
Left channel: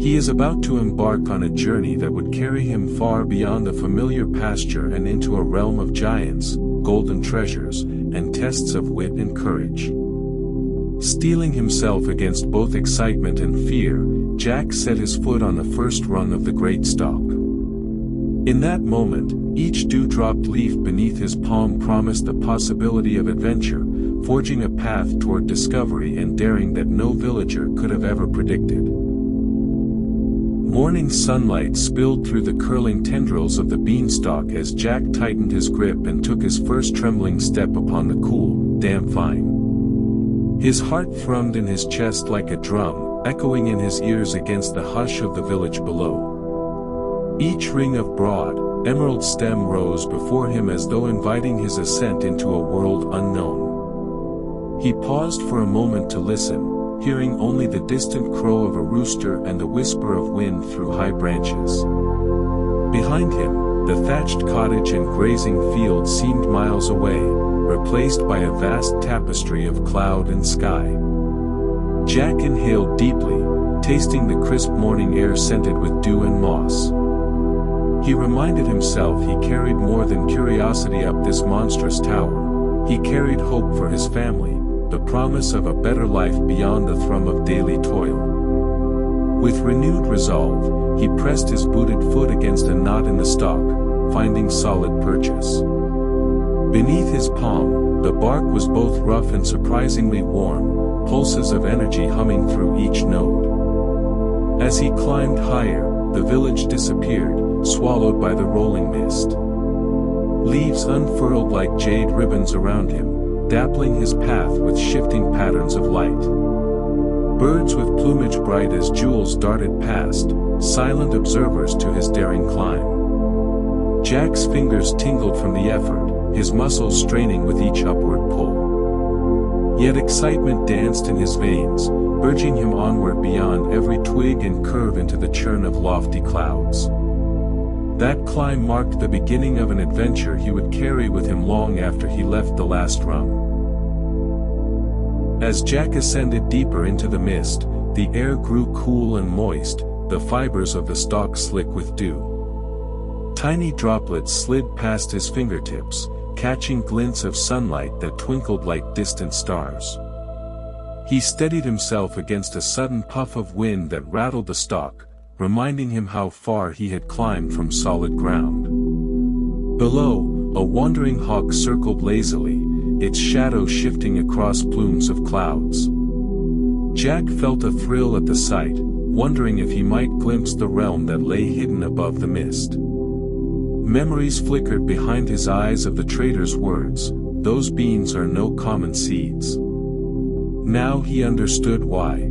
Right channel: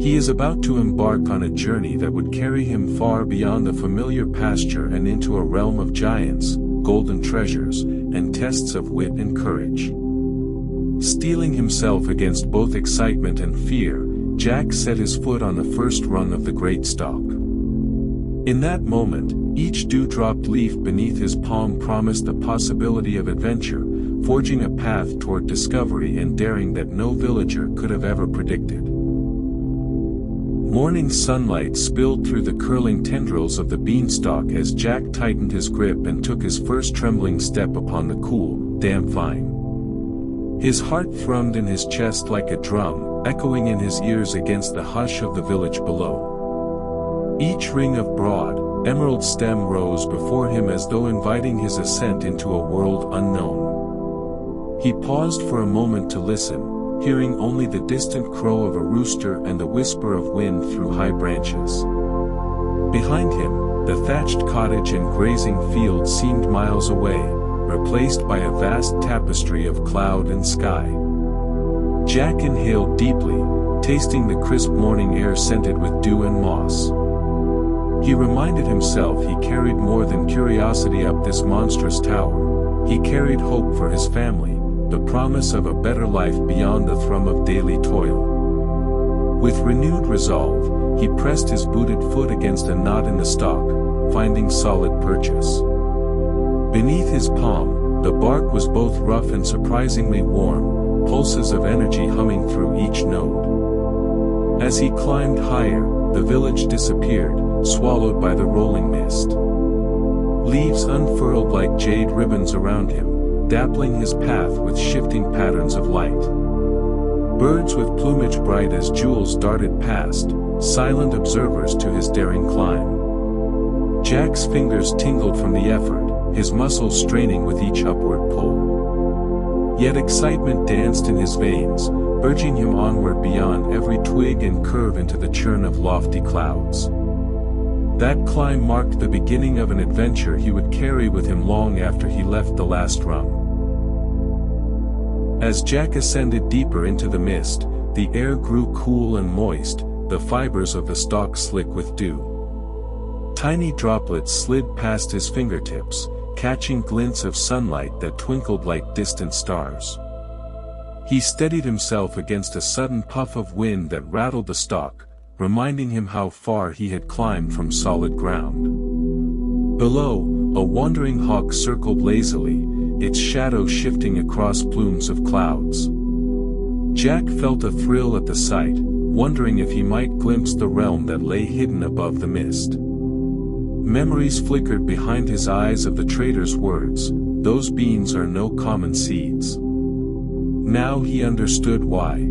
He is about to embark on a journey that would carry him far beyond the familiar pasture and into a realm of giants, golden treasures, and tests of wit and courage. Steeling himself against both excitement and fear, Jack set his foot on the first rung of the great stalk. In that moment, each dew-dropped leaf beneath his palm promised the possibility of adventure, forging a path toward discovery and daring that no villager could have ever predicted. Morning sunlight spilled through the curling tendrils of the beanstalk as Jack tightened his grip and took his first trembling step upon the cool, damp vine. His heart thrummed in his chest like a drum, echoing in his ears against the hush of the village below. Each ring of broad, emerald stem rose before him as though inviting his ascent into a world unknown. He paused for a moment to listen, hearing only the distant crow of a rooster and the whisper of wind through high branches. Behind him, the thatched cottage and grazing field seemed miles away, replaced by a vast tapestry of cloud and sky. Jack inhaled deeply, tasting the crisp morning air scented with dew and moss. He reminded himself he carried more than curiosity up this monstrous tower. He carried hope for his family, the promise of a better life beyond the thrum of daily toil. With renewed resolve, he pressed his booted foot against a knot in the stalk, finding solid purchase. Beneath his palm, The bark was both rough and surprisingly warm, pulses of energy humming through each node. As he climbed higher, the village disappeared, swallowed by the rolling mist. Leaves unfurled like jade ribbons around him, dappling his path with shifting patterns of light. Birds with plumage bright as jewels darted past, silent observers to his daring climb. Jack's fingers tingled from the effort, his muscles straining with each upward pull. Yet excitement danced in his veins, urging him onward beyond every twig and curve into the churn of lofty clouds. That climb marked the beginning of an adventure he would carry with him long after he left the last rung. As Jack ascended deeper into the mist, the air grew cool and moist, the fibers of the stalk slick with dew. Tiny droplets slid past his fingertips, catching glints of sunlight that twinkled like distant stars. He steadied himself against a sudden puff of wind that rattled the stalk, reminding him how far he had climbed from solid ground. Below, a wandering hawk circled lazily, its shadow shifting across plumes of clouds. Jack felt a thrill at the sight, wondering if he might glimpse the realm that lay hidden above the mist. Memories flickered behind his eyes of the trader's words, "Those beans are no common seeds." Now he understood why.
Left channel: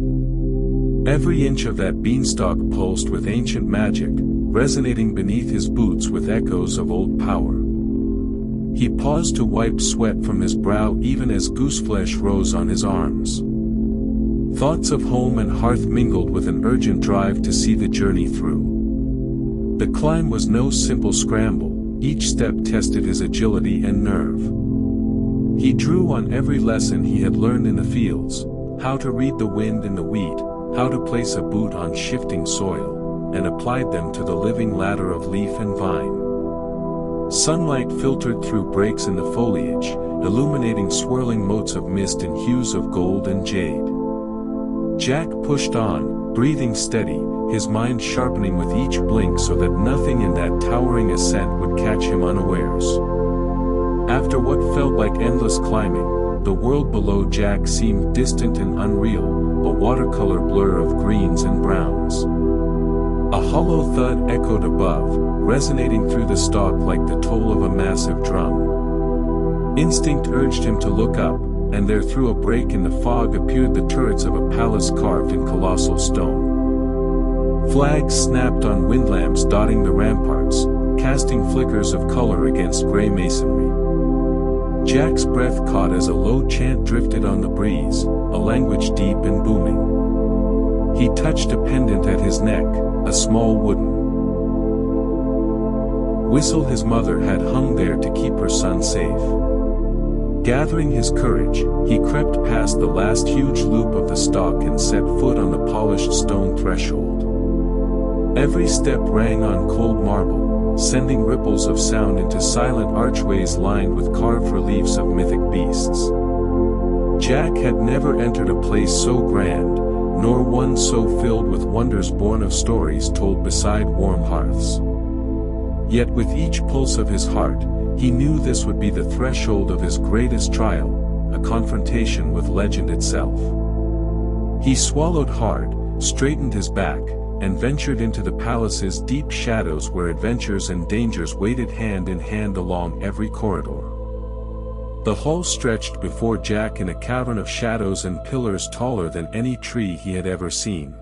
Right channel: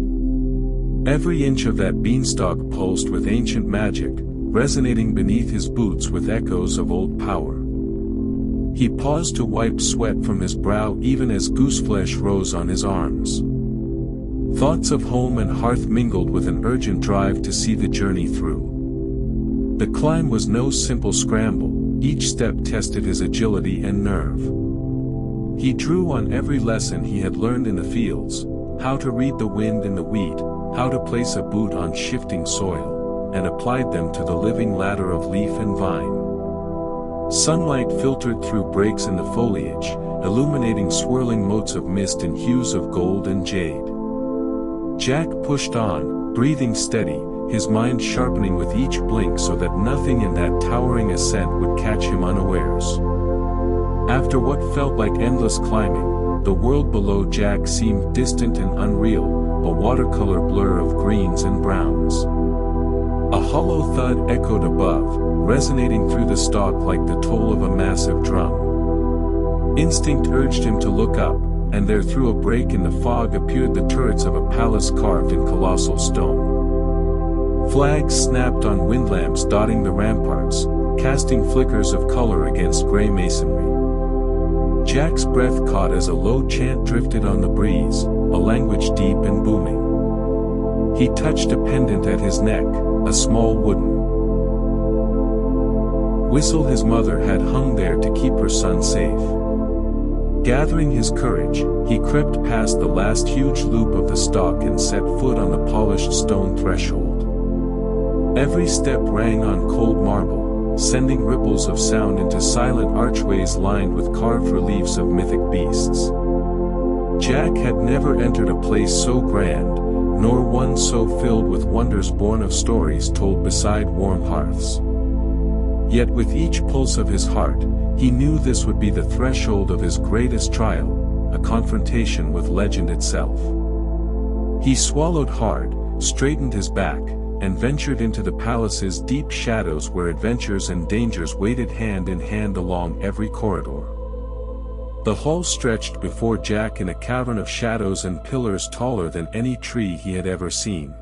Every inch of that beanstalk pulsed with ancient magic, resonating beneath his boots with echoes of old power. He paused to wipe sweat from his brow even as gooseflesh rose on his arms. Thoughts of home and hearth mingled with an urgent drive to see the journey through. The climb was no simple scramble, each step tested his agility and nerve. He drew on every lesson he had learned in the fields, how to read the wind in the wheat, how to place a boot on shifting soil, and applied them to the living ladder of leaf and vine. Sunlight filtered through breaks in the foliage, illuminating swirling motes of mist in hues of gold and jade. Jack pushed on, breathing steady, his mind sharpening with each blink so that nothing in that towering ascent would catch him unawares. After what felt like endless climbing, the world below Jack seemed distant and unreal, a watercolor blur of greens and browns. A hollow thud echoed above, resonating through the stalk like the toll of a massive drum. Instinct urged him to look up, and there through a break in the fog appeared the turrets of a palace carved in colossal stone. Flags snapped on windlamps dotting the ramparts, casting flickers of color against gray masonry. Jack's breath caught as a low chant drifted on the breeze, a language deep and booming. He touched a pendant at his neck, a small wooden whistle his mother had hung there to keep her son safe. Gathering his courage, he crept past the last huge loop of the stalk and set foot on the polished stone threshold. Every step rang on cold marble, sending ripples of sound into silent archways lined with carved reliefs of mythic beasts. Jack had never entered a place so grand, nor one so filled with wonders born of stories told beside warm hearths. Yet with each pulse of his heart, he knew this would be the threshold of his greatest trial, a confrontation with legend itself. He swallowed hard, straightened his back, and ventured into the palace's deep shadows where adventures and dangers waited hand in hand along every corridor. The hall stretched before Jack in a cavern of shadows and pillars taller than any tree he had ever seen.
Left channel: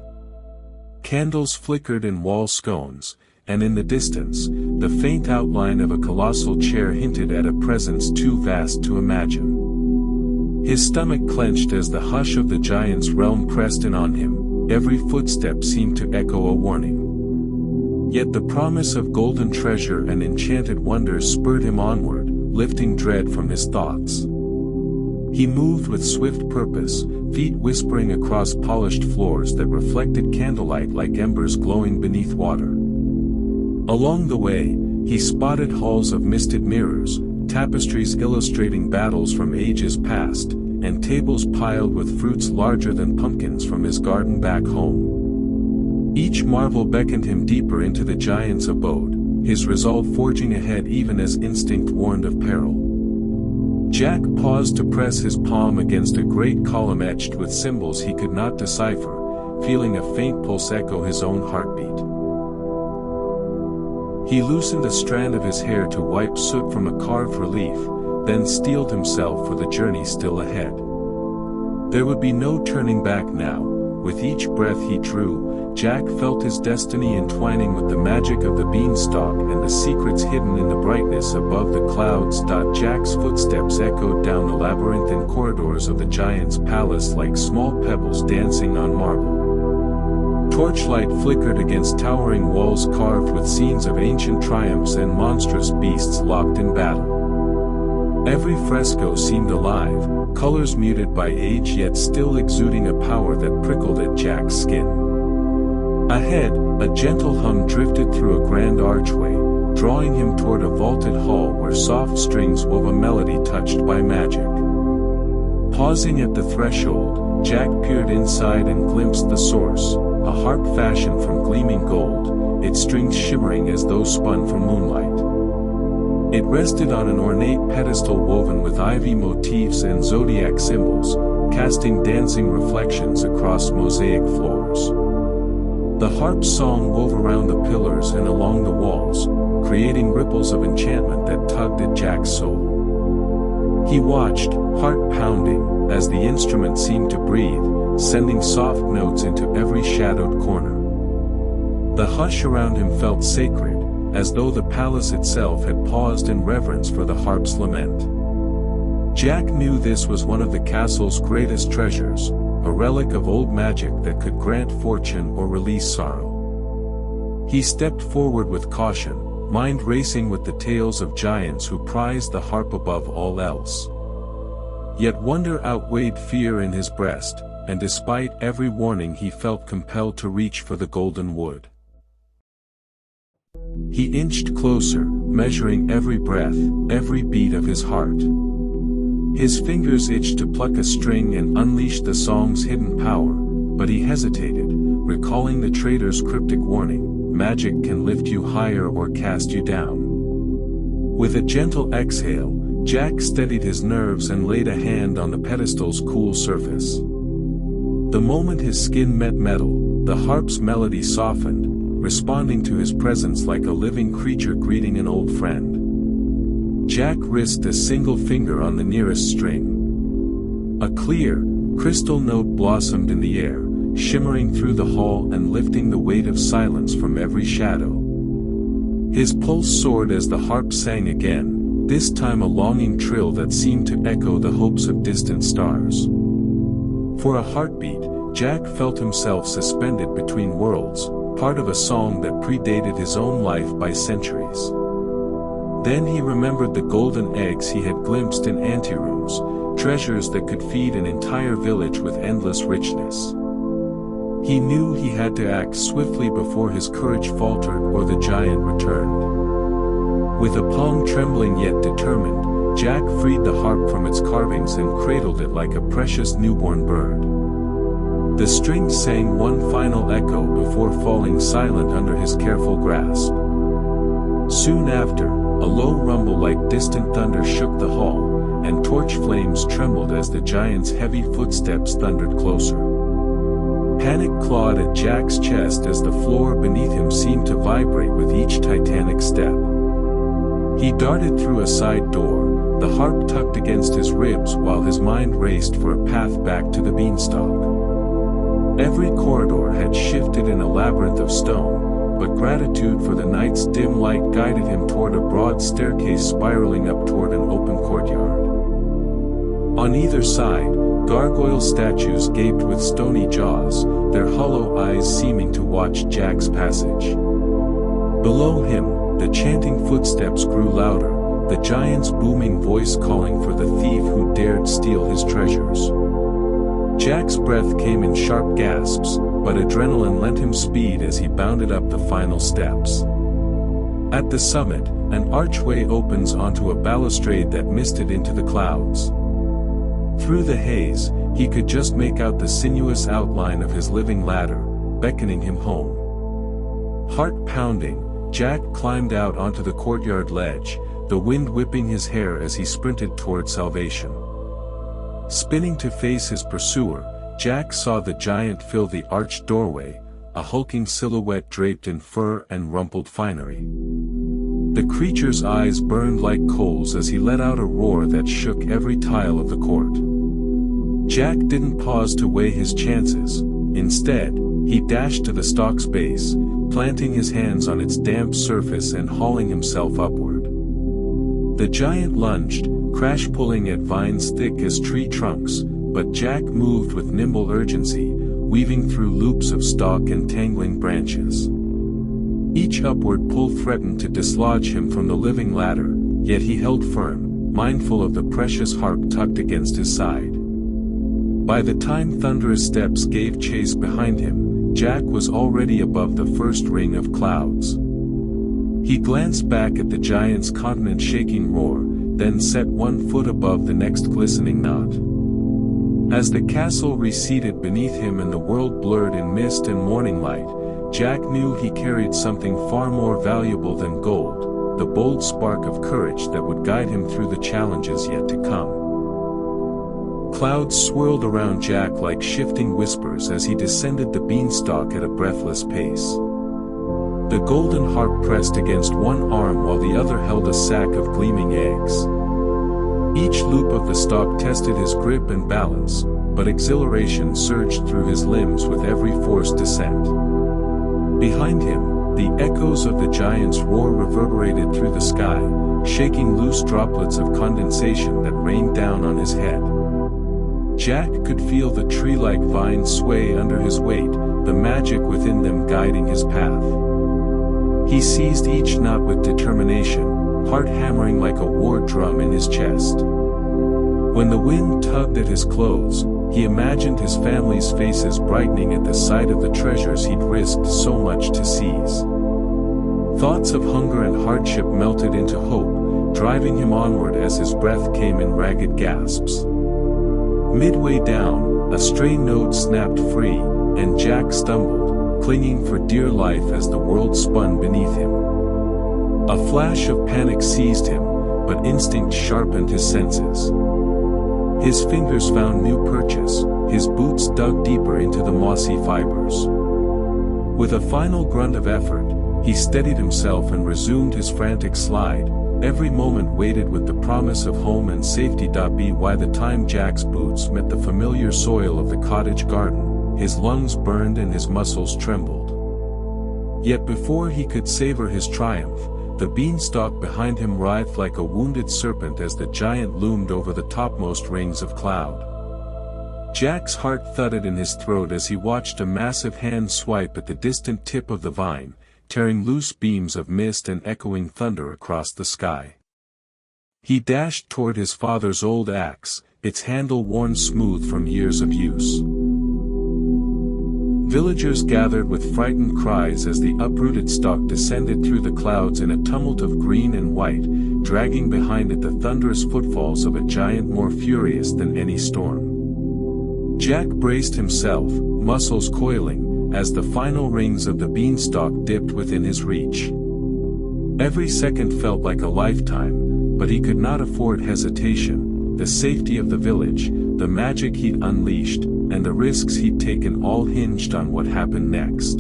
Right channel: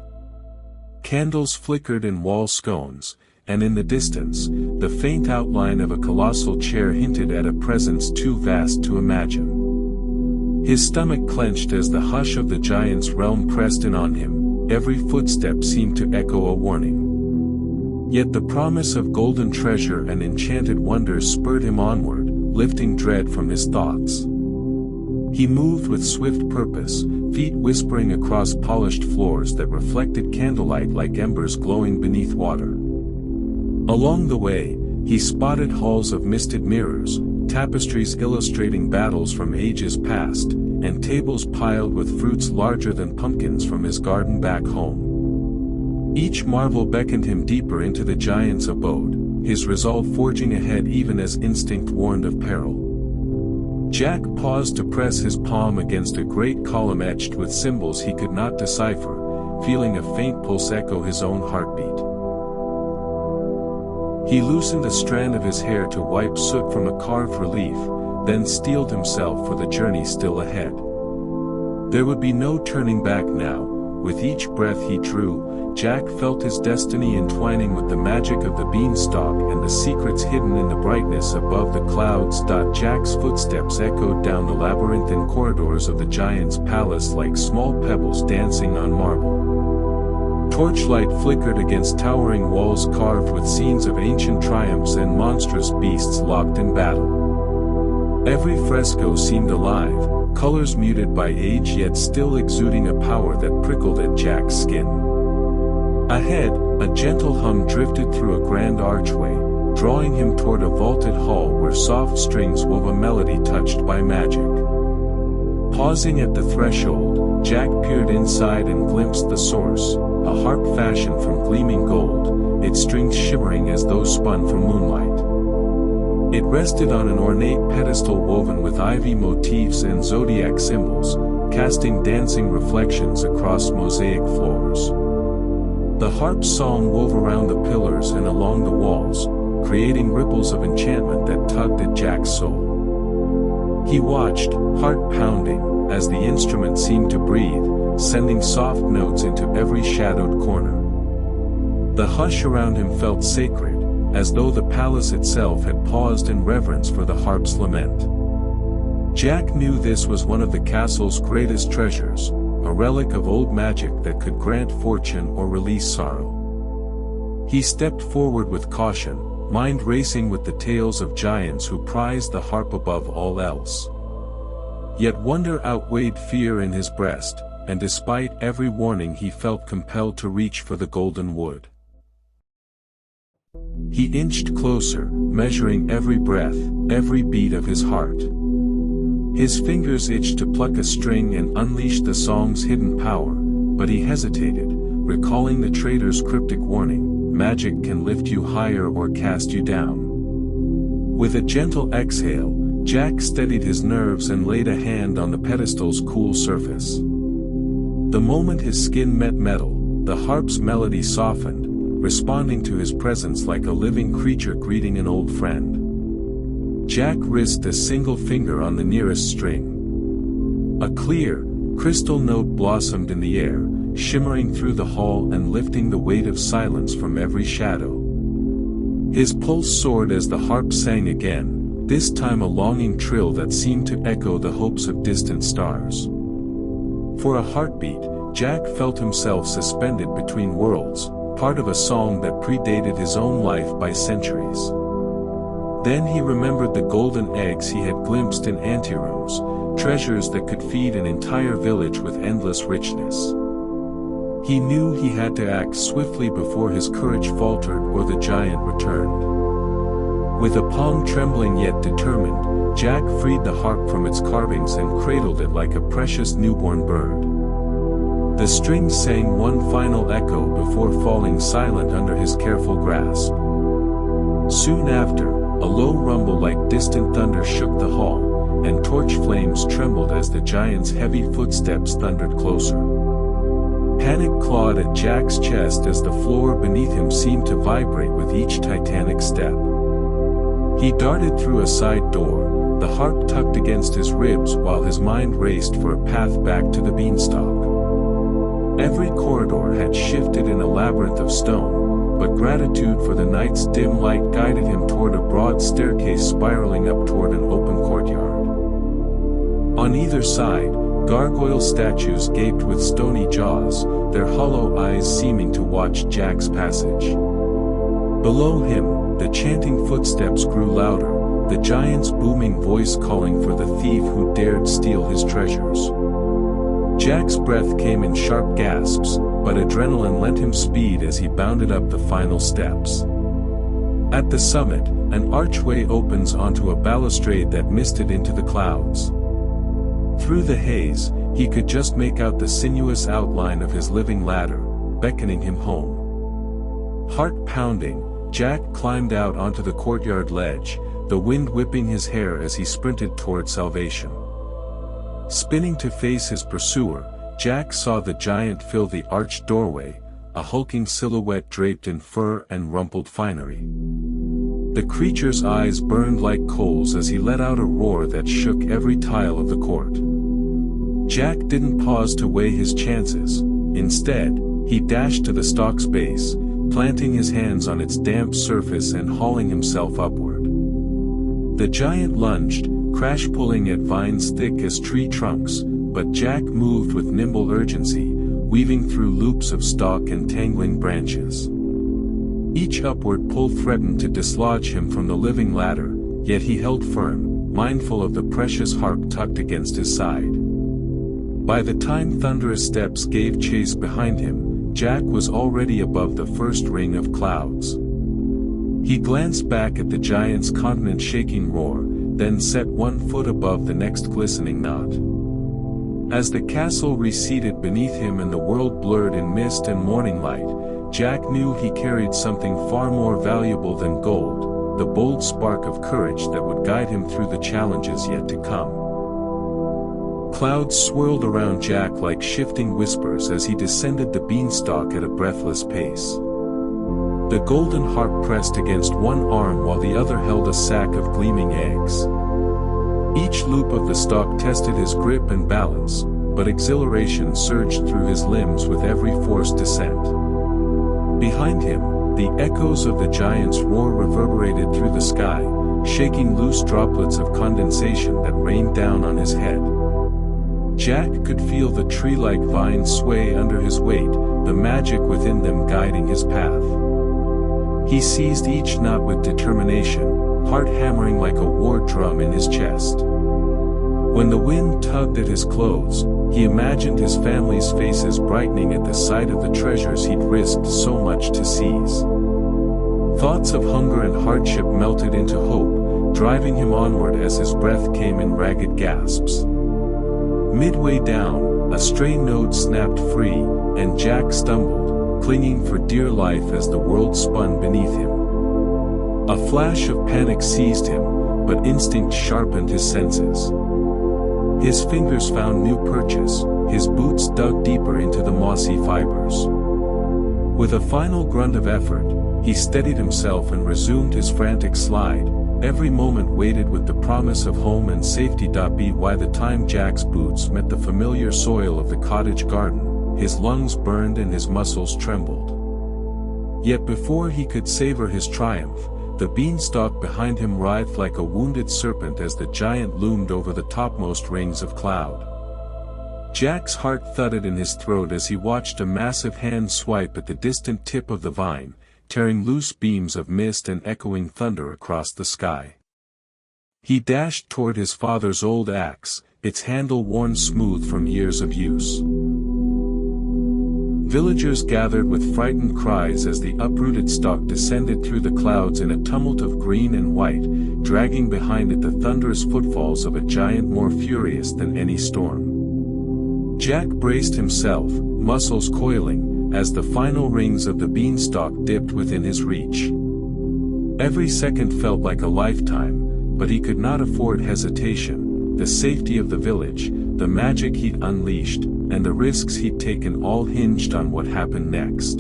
Candles flickered in wall scones, and in the distance, the faint outline of a colossal chair hinted at a presence too vast to imagine. His stomach clenched as the hush of the giant's realm pressed in on him, every footstep seemed to echo a warning. Yet the promise of golden treasure and enchanted wonders spurred him onward, lifting dread from his thoughts. He moved with swift purpose, feet whispering across polished floors that reflected candlelight like embers glowing beneath water. Along the way, he spotted halls of misted mirrors, tapestries illustrating battles from ages past, and tables piled with fruits larger than pumpkins from his garden back home. Each marvel beckoned him deeper into the giant's abode, his resolve forging ahead even as instinct warned of peril. Jack paused to press his palm against a great column etched with symbols he could not decipher, feeling a faint pulse echo his own heartbeat. He loosened a strand of his hair to wipe soot from a carved relief, then steeled himself for the journey still ahead. There would be no turning back now. With each breath he drew, Jack felt his destiny entwining with the magic of the beanstalk and the secrets hidden in the brightness above the clouds. Jack's footsteps echoed down the labyrinthine corridors of the giant's palace like small pebbles dancing on marble. Torchlight flickered against towering walls carved with scenes of ancient triumphs and monstrous beasts locked in battle. Every fresco seemed alive, colors muted by age yet still exuding a power that prickled at Jack's skin. Ahead, a gentle hum drifted through a grand archway, drawing him toward a vaulted hall where soft strings wove a melody touched by magic. Pausing at the threshold, Jack peered inside and glimpsed the source, a harp fashioned from gleaming gold, its strings shimmering as though spun from moonlight. It rested on an ornate pedestal woven with ivy motifs and zodiac symbols, casting dancing reflections across mosaic floors. The harp's song wove around the pillars and along the walls, creating ripples of enchantment that tugged at Jack's soul. He watched, heart pounding, as the instrument seemed to breathe, sending soft notes into every shadowed corner. The hush around him felt sacred, as though the palace itself had paused in reverence for the harp's lament. Jack knew this was one of the castle's greatest treasures, a relic of old magic that could grant fortune or release sorrow. He stepped forward with caution, mind racing with the tales of giants who prized the harp above all else. Yet wonder outweighed fear in his breast, and despite every warning he felt compelled to reach for the golden wood. He inched closer, measuring every breath, every beat of his heart. His fingers itched to pluck a string and unleash the song's hidden power, but he hesitated, recalling the trader's cryptic warning, magic can lift you higher or cast you down. With a gentle exhale, Jack steadied his nerves and laid a hand on the pedestal's cool surface. The moment his skin met metal, the harp's melody softened, responding to his presence like a living creature greeting an old friend. Jack risked a single finger on the nearest string. A clear, crystal note blossomed in the air, shimmering through the hall and lifting the weight of silence from every shadow. His pulse soared as the harp sang again, this time a longing trill that seemed to echo the hopes of distant stars. For a heartbeat, Jack felt himself suspended between worlds, part of a song that predated his own life by centuries. Then he remembered the golden eggs he had glimpsed in anterooms, treasures that could feed an entire village with endless richness. He knew he had to act swiftly before his courage faltered or the giant returned. With a palm trembling yet determined, Jack freed the harp from its carvings and cradled it like a precious newborn bird. The strings sang one final echo before falling silent under his careful grasp. Soon after, a low rumble like distant thunder shook the hall, and torch flames trembled as the giant's heavy footsteps thundered closer. Panic clawed at Jack's chest as the floor beneath him seemed to vibrate with each titanic step. He darted through a side door, the harp tucked against his ribs while his mind raced for a path back to the beanstalk. Every corridor had shifted in a labyrinth of stone, but gratitude for the night's dim light guided him toward a broad staircase spiraling up toward an open courtyard. On either side, gargoyle statues gaped with stony jaws, their hollow eyes seeming to watch Jack's passage. Below him, the chanting footsteps grew louder, the giant's booming voice calling for the thief who dared steal his treasures. Jack's breath came in sharp gasps, but adrenaline lent him speed as he bounded up the final steps. At the summit, an archway opens onto a balustrade that misted into the clouds. Through the haze, he could just make out the sinuous outline of his living ladder, beckoning him home. Heart pounding, Jack climbed out onto the courtyard ledge, the wind whipping his hair as he sprinted toward salvation. Spinning to face his pursuer, Jack saw the giant fill the arched doorway, a hulking silhouette draped in fur and rumpled finery. The creature's eyes burned like coals as he let out a roar that shook every tile of the court. Jack didn't pause to weigh his chances. Instead, he dashed to the stalk's base, planting his hands on its damp surface and hauling himself upward. The giant lunged, crash-pulling at vines thick as tree trunks, but Jack moved with nimble urgency, weaving through loops of stalk and tangling branches. Each upward pull threatened to dislodge him from the living ladder, yet he held firm, mindful of the precious harp tucked against his side. By the time thunderous steps gave chase behind him, Jack was already above the first ring of clouds. He glanced back at the giant's continent-shaking roar, then set one foot above the next glistening knot. As the castle receded beneath him and the world blurred in mist and morning light, Jack knew he carried something far more valuable than gold, the bold spark of courage that would guide him through the challenges yet to come. Clouds swirled around Jack like shifting whispers as he descended the beanstalk at a breathless pace. The golden harp pressed against one arm while the other held a sack of gleaming eggs. Each loop of the stalk tested his grip and balance, but exhilaration surged through his limbs with every forced descent. Behind him, the echoes of the giant's roar reverberated through the sky, shaking loose droplets of condensation that rained down on his head. Jack could feel the tree-like vines sway under his weight, the magic within them guiding his path. He seized each knot with determination, heart hammering like a war drum in his chest. When the wind tugged at his clothes, he imagined his family's faces brightening at the sight of the treasures he'd risked so much to seize. Thoughts of hunger and hardship melted into hope, driving him onward as his breath came in ragged gasps. Midway down, a stray node snapped free, and Jack stumbled, clinging for dear life as the world spun beneath him. A flash of panic seized him, but instinct sharpened his senses. His fingers found new purchase, his boots dug deeper into the mossy fibers. With a final grunt of effort, he steadied himself and resumed his frantic slide, every moment weighted with the promise of home and safety. By the time Jack's boots met the familiar soil of the cottage garden, his lungs burned and his muscles trembled. Yet before he could savor his triumph, the beanstalk behind him writhed like a wounded serpent as the giant loomed over the topmost rings of cloud. Jack's heart thudded in his throat as he watched a massive hand swipe at the distant tip of the vine, tearing loose beams of mist and echoing thunder across the sky. He dashed toward his father's old axe, its handle worn smooth from years of use. Villagers gathered with frightened cries as the uprooted stalk descended through the clouds in a tumult of green and white, dragging behind it the thunderous footfalls of a giant more furious than any storm. Jack braced himself, muscles coiling, as the final rings of the beanstalk dipped within his reach. Every second felt like a lifetime, but he could not afford hesitation. The safety of the village, the magic he'd unleashed, and the risks he'd taken all hinged on what happened next.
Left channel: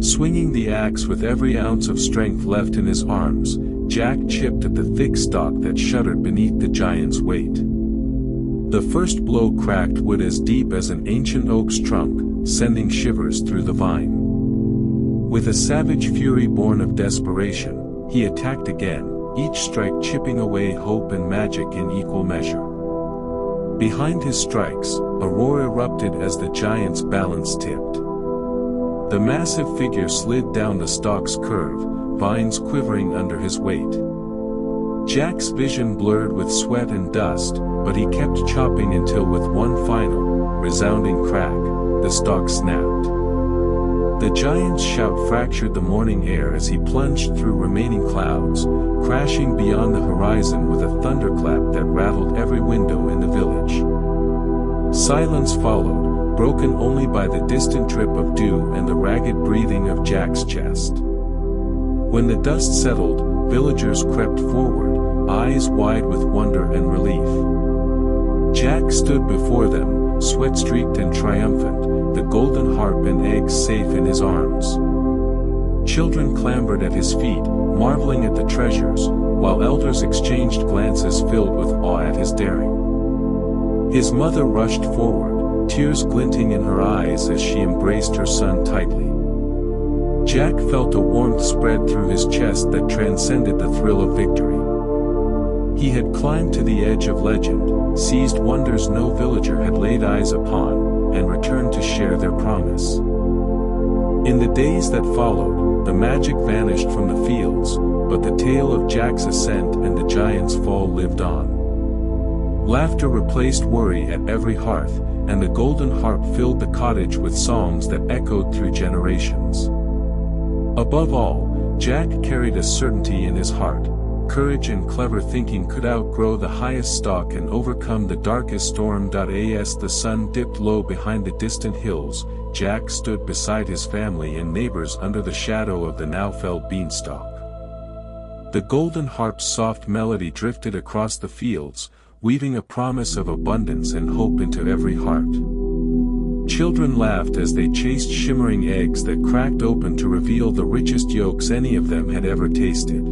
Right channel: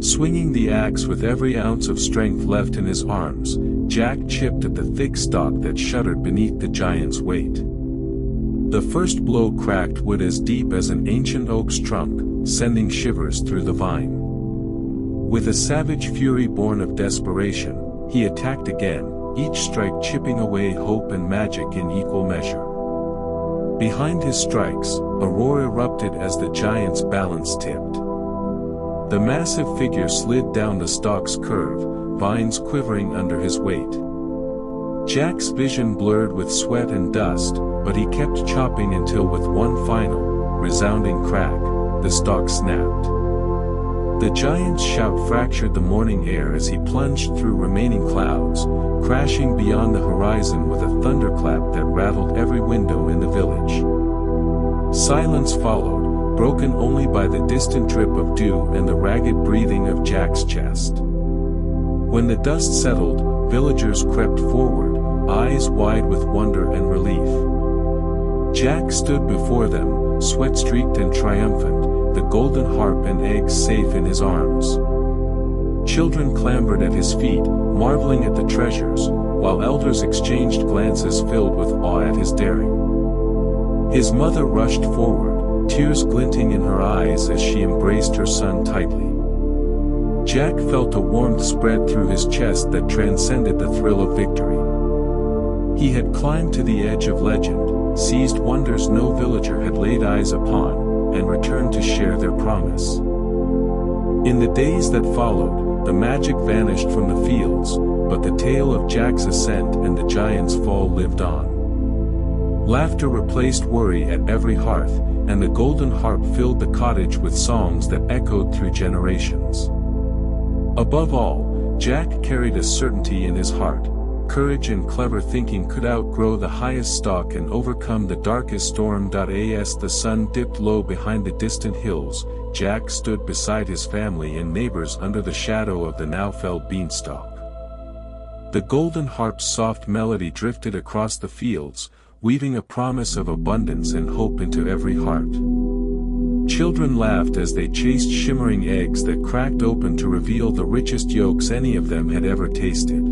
Swinging the axe with every ounce of strength left in his arms, Jack chipped at the thick stalk that shuddered beneath the giant's weight. The first blow cracked wood as deep as an ancient oak's trunk, sending shivers through the vine. With a savage fury born of desperation, he attacked again, each strike chipping away hope and magic in equal measure. Behind his strikes, a roar erupted as the giant's balance tipped. The massive figure slid down the stalk's curve, vines quivering under his weight. Jack's vision blurred with sweat and dust, but he kept chopping until with one final, resounding crack, the stalk snapped. The giant's shout fractured the morning air as he plunged through remaining clouds, crashing beyond the horizon with a thunderclap that rattled every window in the village. Silence followed, broken only by the distant drip of dew and the ragged breathing of Jack's chest. When the dust settled, villagers crept forward, eyes wide with wonder and relief. Jack stood before them, sweat-streaked and triumphant, the golden harp and eggs safe in his arms. Children clambered at his feet, marveling at the treasures, while elders exchanged glances filled with awe at his daring. His mother rushed forward, tears glinting in her eyes as she embraced her son tightly. Jack felt a warmth spread through his chest that transcended the thrill of victory. He had climbed to the edge of legend, seized wonders no villager had laid eyes upon, and returned to share their promise. In the days that followed, the magic vanished from the fields, but the tale of Jack's ascent and the giant's fall lived on. Laughter replaced worry at every hearth, and the golden harp filled the cottage with songs that echoed through generations. Above all, Jack carried a certainty in his heart. Courage and clever thinking could outgrow the highest stalk and overcome the darkest storm. As the sun dipped low behind the distant hills, Jack stood beside his family and neighbors under the shadow of the now felled beanstalk. The golden harp's soft melody drifted across the fields, weaving a promise of abundance and hope into every heart. Children laughed as they chased shimmering eggs that cracked open to reveal the richest yolks any of them had ever tasted.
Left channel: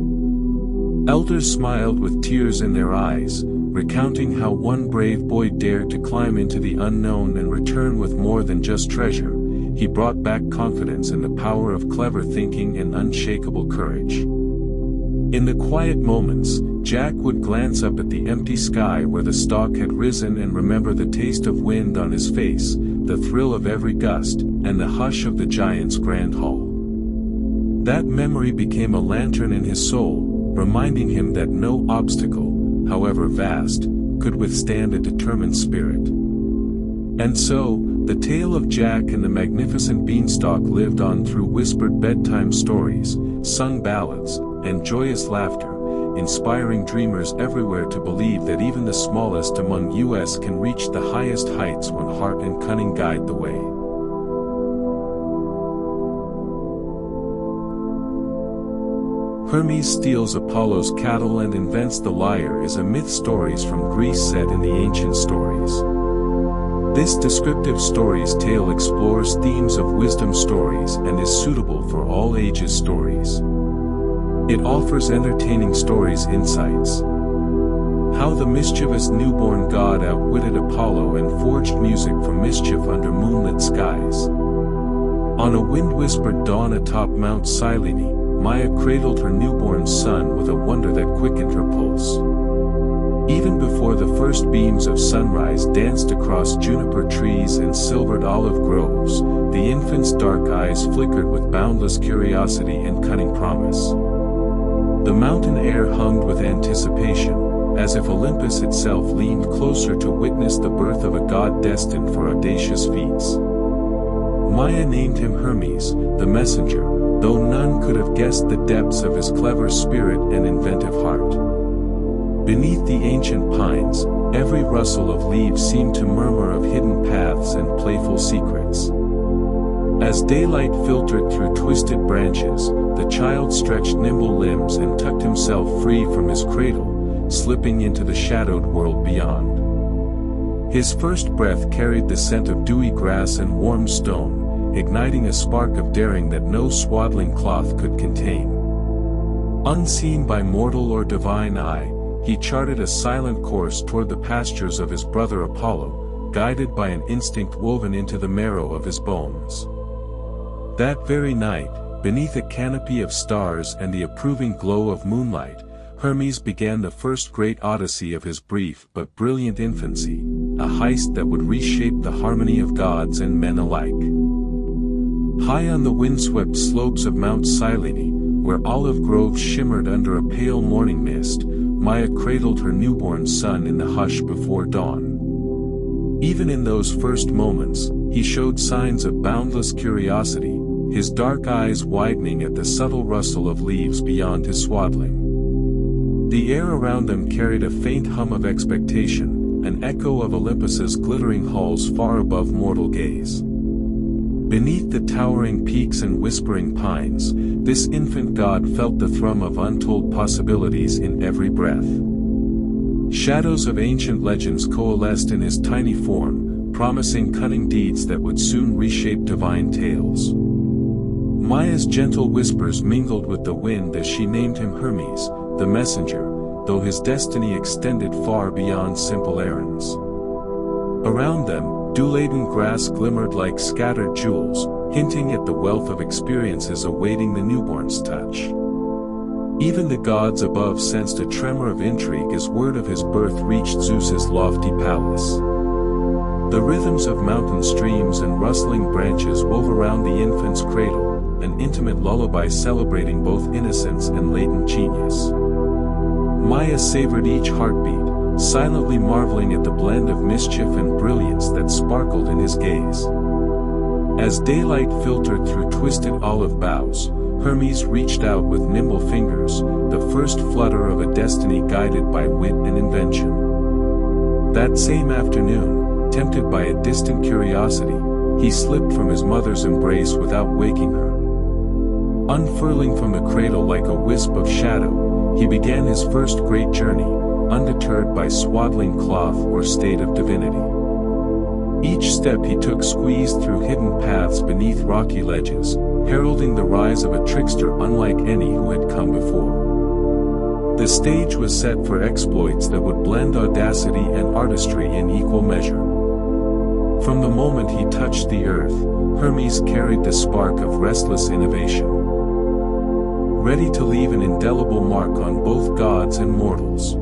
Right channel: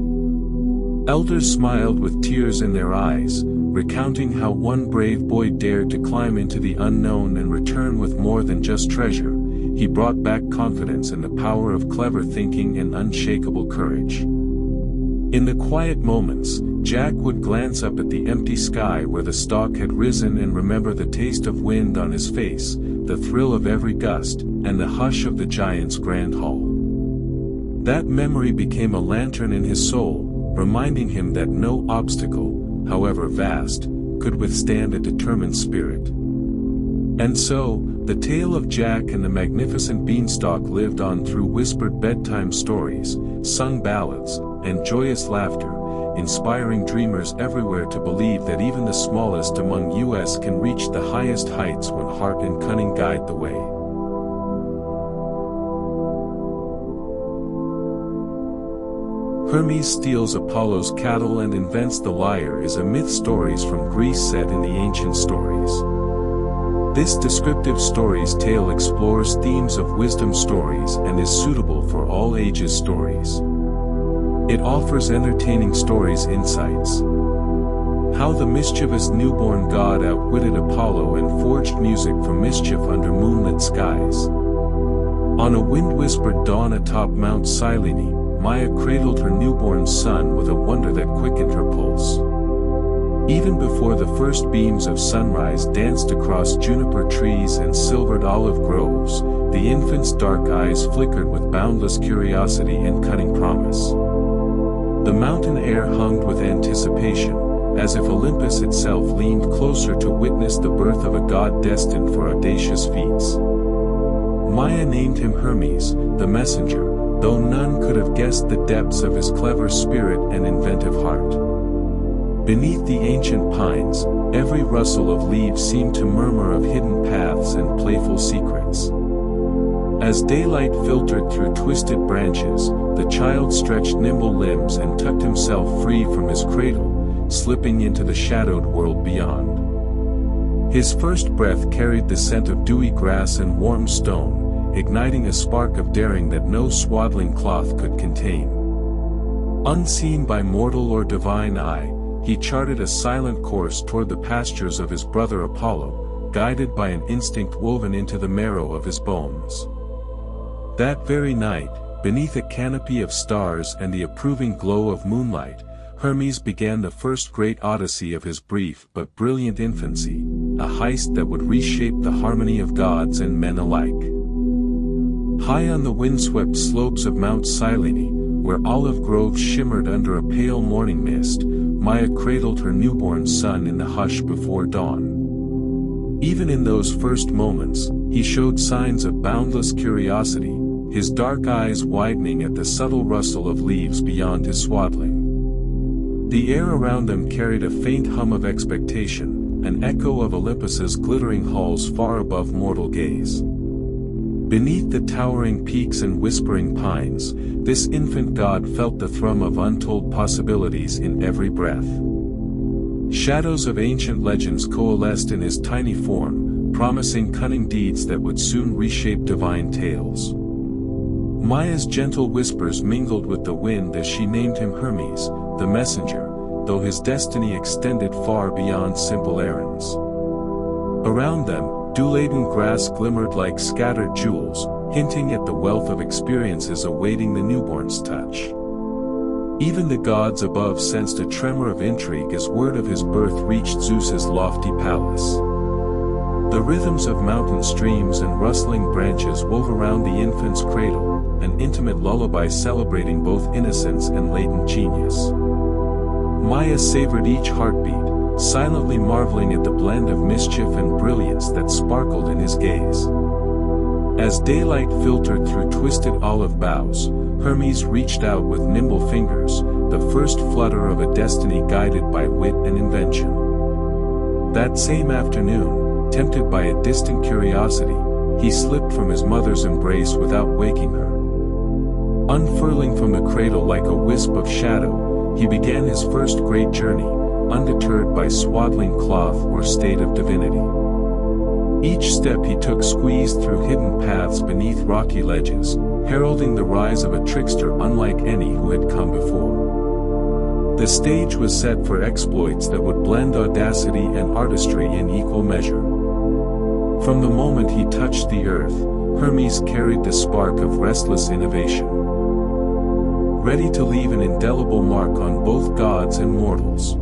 Elders smiled with tears in their eyes, recounting how one brave boy dared to climb into the unknown and return with more than just treasure. He brought back confidence in the power of clever thinking and unshakable courage. In the quiet moments, Jack would glance up at the empty sky where the stalk had risen and remember the taste of wind on his face, the thrill of every gust, and the hush of the giant's grand hall. That memory became a lantern in his soul, reminding him that no obstacle, however vast, could withstand a determined spirit. And so, the tale of Jack and the magnificent beanstalk lived on through whispered bedtime stories, sung ballads, and joyous laughter, inspiring dreamers everywhere to believe that even the smallest among us can reach the highest heights when heart and cunning guide the way. Hermes steals Apollo's cattle and invents the lyre is a myth stories from Greece set in the ancient stories. This descriptive story's tale explores themes of wisdom stories and is suitable for all ages stories. It offers entertaining stories insights. How the mischievous newborn god outwitted Apollo and forged music from mischief under moonlit skies. On a wind-whispered dawn atop Mount Cyllene, Maia cradled her newborn son with a wonder that quickened her pulse. Even before the first beams of sunrise danced across juniper trees and silvered olive groves, the infant's dark eyes flickered with boundless curiosity and cunning promise. The mountain air hummed with anticipation, as if Olympus itself leaned closer to witness the birth of a god destined for audacious feats. Maia named him Hermes, the messenger, though none could have guessed the depths of his clever spirit and inventive heart. Beneath the ancient pines, every rustle of leaves seemed to murmur of hidden paths and playful secrets. As daylight filtered through twisted branches, the child stretched nimble limbs and tucked himself free from his cradle, slipping into the shadowed world beyond. His first breath carried the scent of dewy grass and warm stone, igniting a spark of daring that no swaddling cloth could contain. Unseen by mortal or divine eye, he charted a silent course toward the pastures of his brother Apollo, guided by an instinct woven into the marrow of his bones. That very night, beneath a canopy of stars and the approving glow of moonlight, Hermes began the first great odyssey of his brief but brilliant infancy, a heist that would reshape the harmony of gods and men alike. High on the windswept slopes of Mount Cyllene, where olive groves shimmered under a pale morning mist, Maia cradled her newborn son in the hush before dawn. Even in those first moments, he showed signs of boundless curiosity, his dark eyes widening at the subtle rustle of leaves beyond his swaddling. The air around them carried a faint hum of expectation, an echo of Olympus's glittering halls far above mortal gaze. Beneath the towering peaks and whispering pines, this infant god felt the thrum of untold possibilities in every breath. Shadows of ancient legends coalesced in his tiny form, promising cunning deeds that would soon reshape divine tales. Maya's gentle whispers mingled with the wind as she named him Hermes, the messenger, though his destiny extended far beyond simple errands. Around them, dew-laden grass glimmered like scattered jewels, hinting at the wealth of experiences awaiting the newborn's touch. Even the gods above sensed a tremor of intrigue as word of his birth reached Zeus's lofty palace. The rhythms of mountain streams and rustling branches wove around the infant's cradle, an intimate lullaby celebrating both innocence and latent genius. Maya savored each heartbeat, silently marveling at the blend of mischief and brilliance that sparkled in his gaze. As daylight filtered through twisted olive boughs, Hermes reached out with nimble fingers, the first flutter of a destiny guided by wit and invention. That same afternoon, tempted by a distant curiosity, he slipped from his mother's embrace without waking her. Unfurling from the cradle like a wisp of shadow, he began his first great journey, undeterred by swaddling cloth or state of divinity. Each step he took squeezed through hidden paths beneath rocky ledges, heralding the rise of a trickster unlike any who had come before. The stage was set for exploits that would blend audacity and artistry in equal measure. From the moment he touched the earth, Hermes carried the spark of restless innovation, ready to leave an indelible mark on both gods and mortals.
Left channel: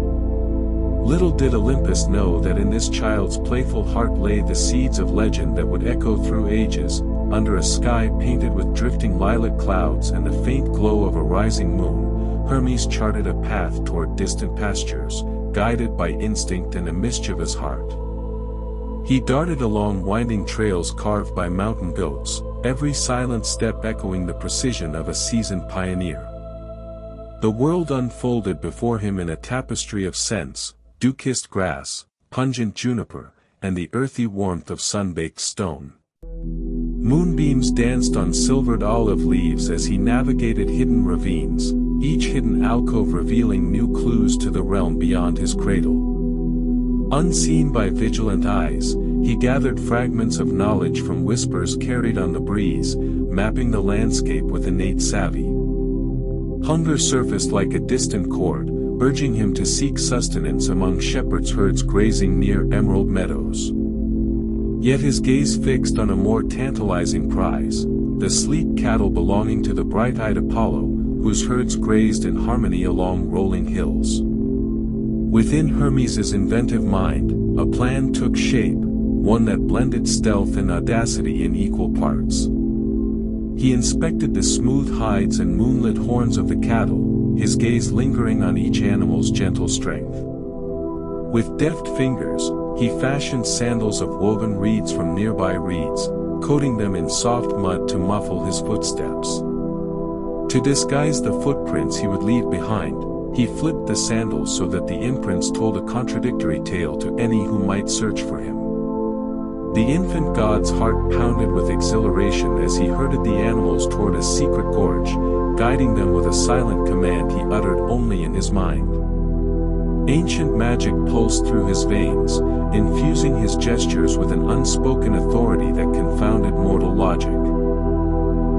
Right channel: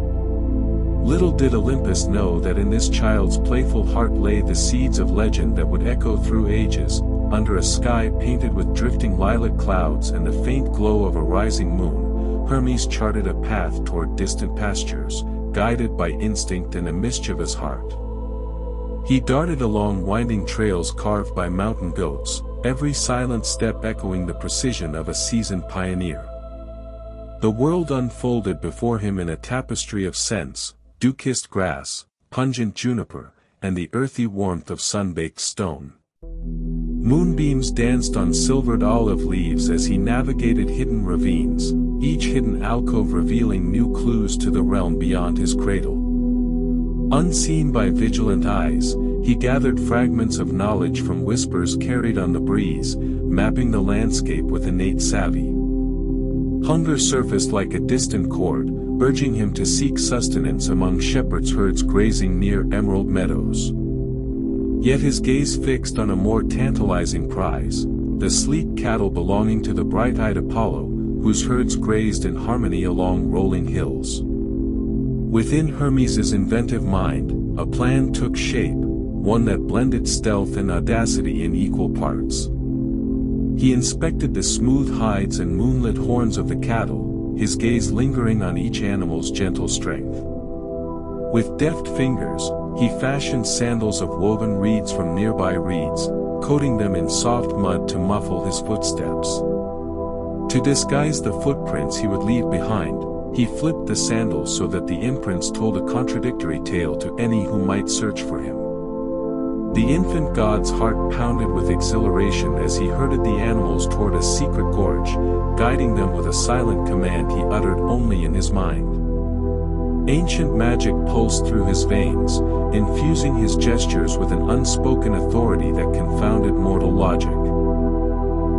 Little did Olympus know that in this child's playful heart lay the seeds of legend that would echo through ages, under a sky painted with drifting lilac clouds and the faint glow of a rising moon. Hermes charted a path toward distant pastures, guided by instinct and a mischievous heart. He darted along winding trails carved by mountain goats, every silent step echoing the precision of a seasoned pioneer. The world unfolded before him in a tapestry of scents, dew-kissed grass, pungent juniper, and the earthy warmth of sun-baked stone. Moonbeams danced on silvered olive leaves as he navigated hidden ravines, each hidden alcove revealing new clues to the realm beyond his cradle. Unseen by vigilant eyes, he gathered fragments of knowledge from whispers carried on the breeze, mapping the landscape with innate savvy. Hunger surfaced like a distant chord, urging him to seek sustenance among shepherds' herds grazing near emerald meadows. Yet his gaze fixed on a more tantalizing prize, the sleek cattle belonging to the bright-eyed Apollo, whose herds grazed in harmony along rolling hills. Within Hermes's inventive mind, a plan took shape, one that blended stealth and audacity in equal parts. He inspected the smooth hides and moonlit horns of the cattle, his gaze lingering on each animal's gentle strength. With deft fingers, he fashioned sandals of woven reeds from nearby reeds, coating them in soft mud to muffle his footsteps. To disguise the footprints he would leave behind, he flipped the sandals so that the imprints told a contradictory tale to any who might search for him. The infant god's heart pounded with exhilaration as he herded the animals toward a secret gorge, guiding them with a silent command he uttered only in his mind. Ancient magic pulsed through his veins, infusing his gestures with an unspoken authority that confounded mortal logic.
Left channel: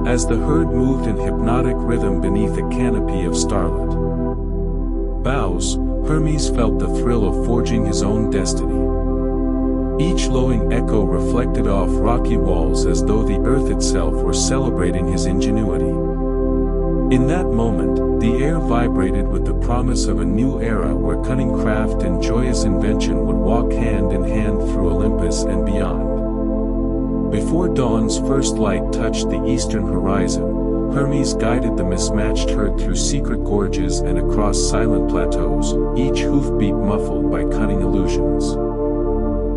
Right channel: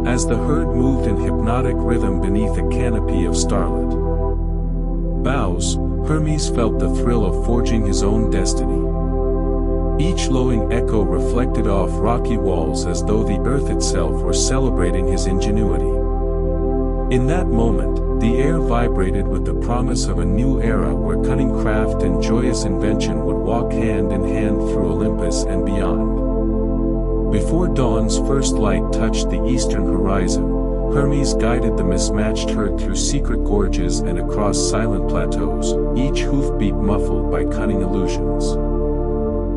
As the herd moved in hypnotic rhythm beneath a canopy of starlit boughs, Hermes felt the thrill of forging his own destiny. Each lowing echo reflected off rocky walls as though the earth itself were celebrating his ingenuity. In that moment, the air vibrated with the promise of a new era where cunning craft and joyous invention would walk hand in hand through Olympus and beyond. Before dawn's first light touched the eastern horizon, Hermes guided the mismatched herd through secret gorges and across silent plateaus, each hoofbeat muffled by cunning illusions.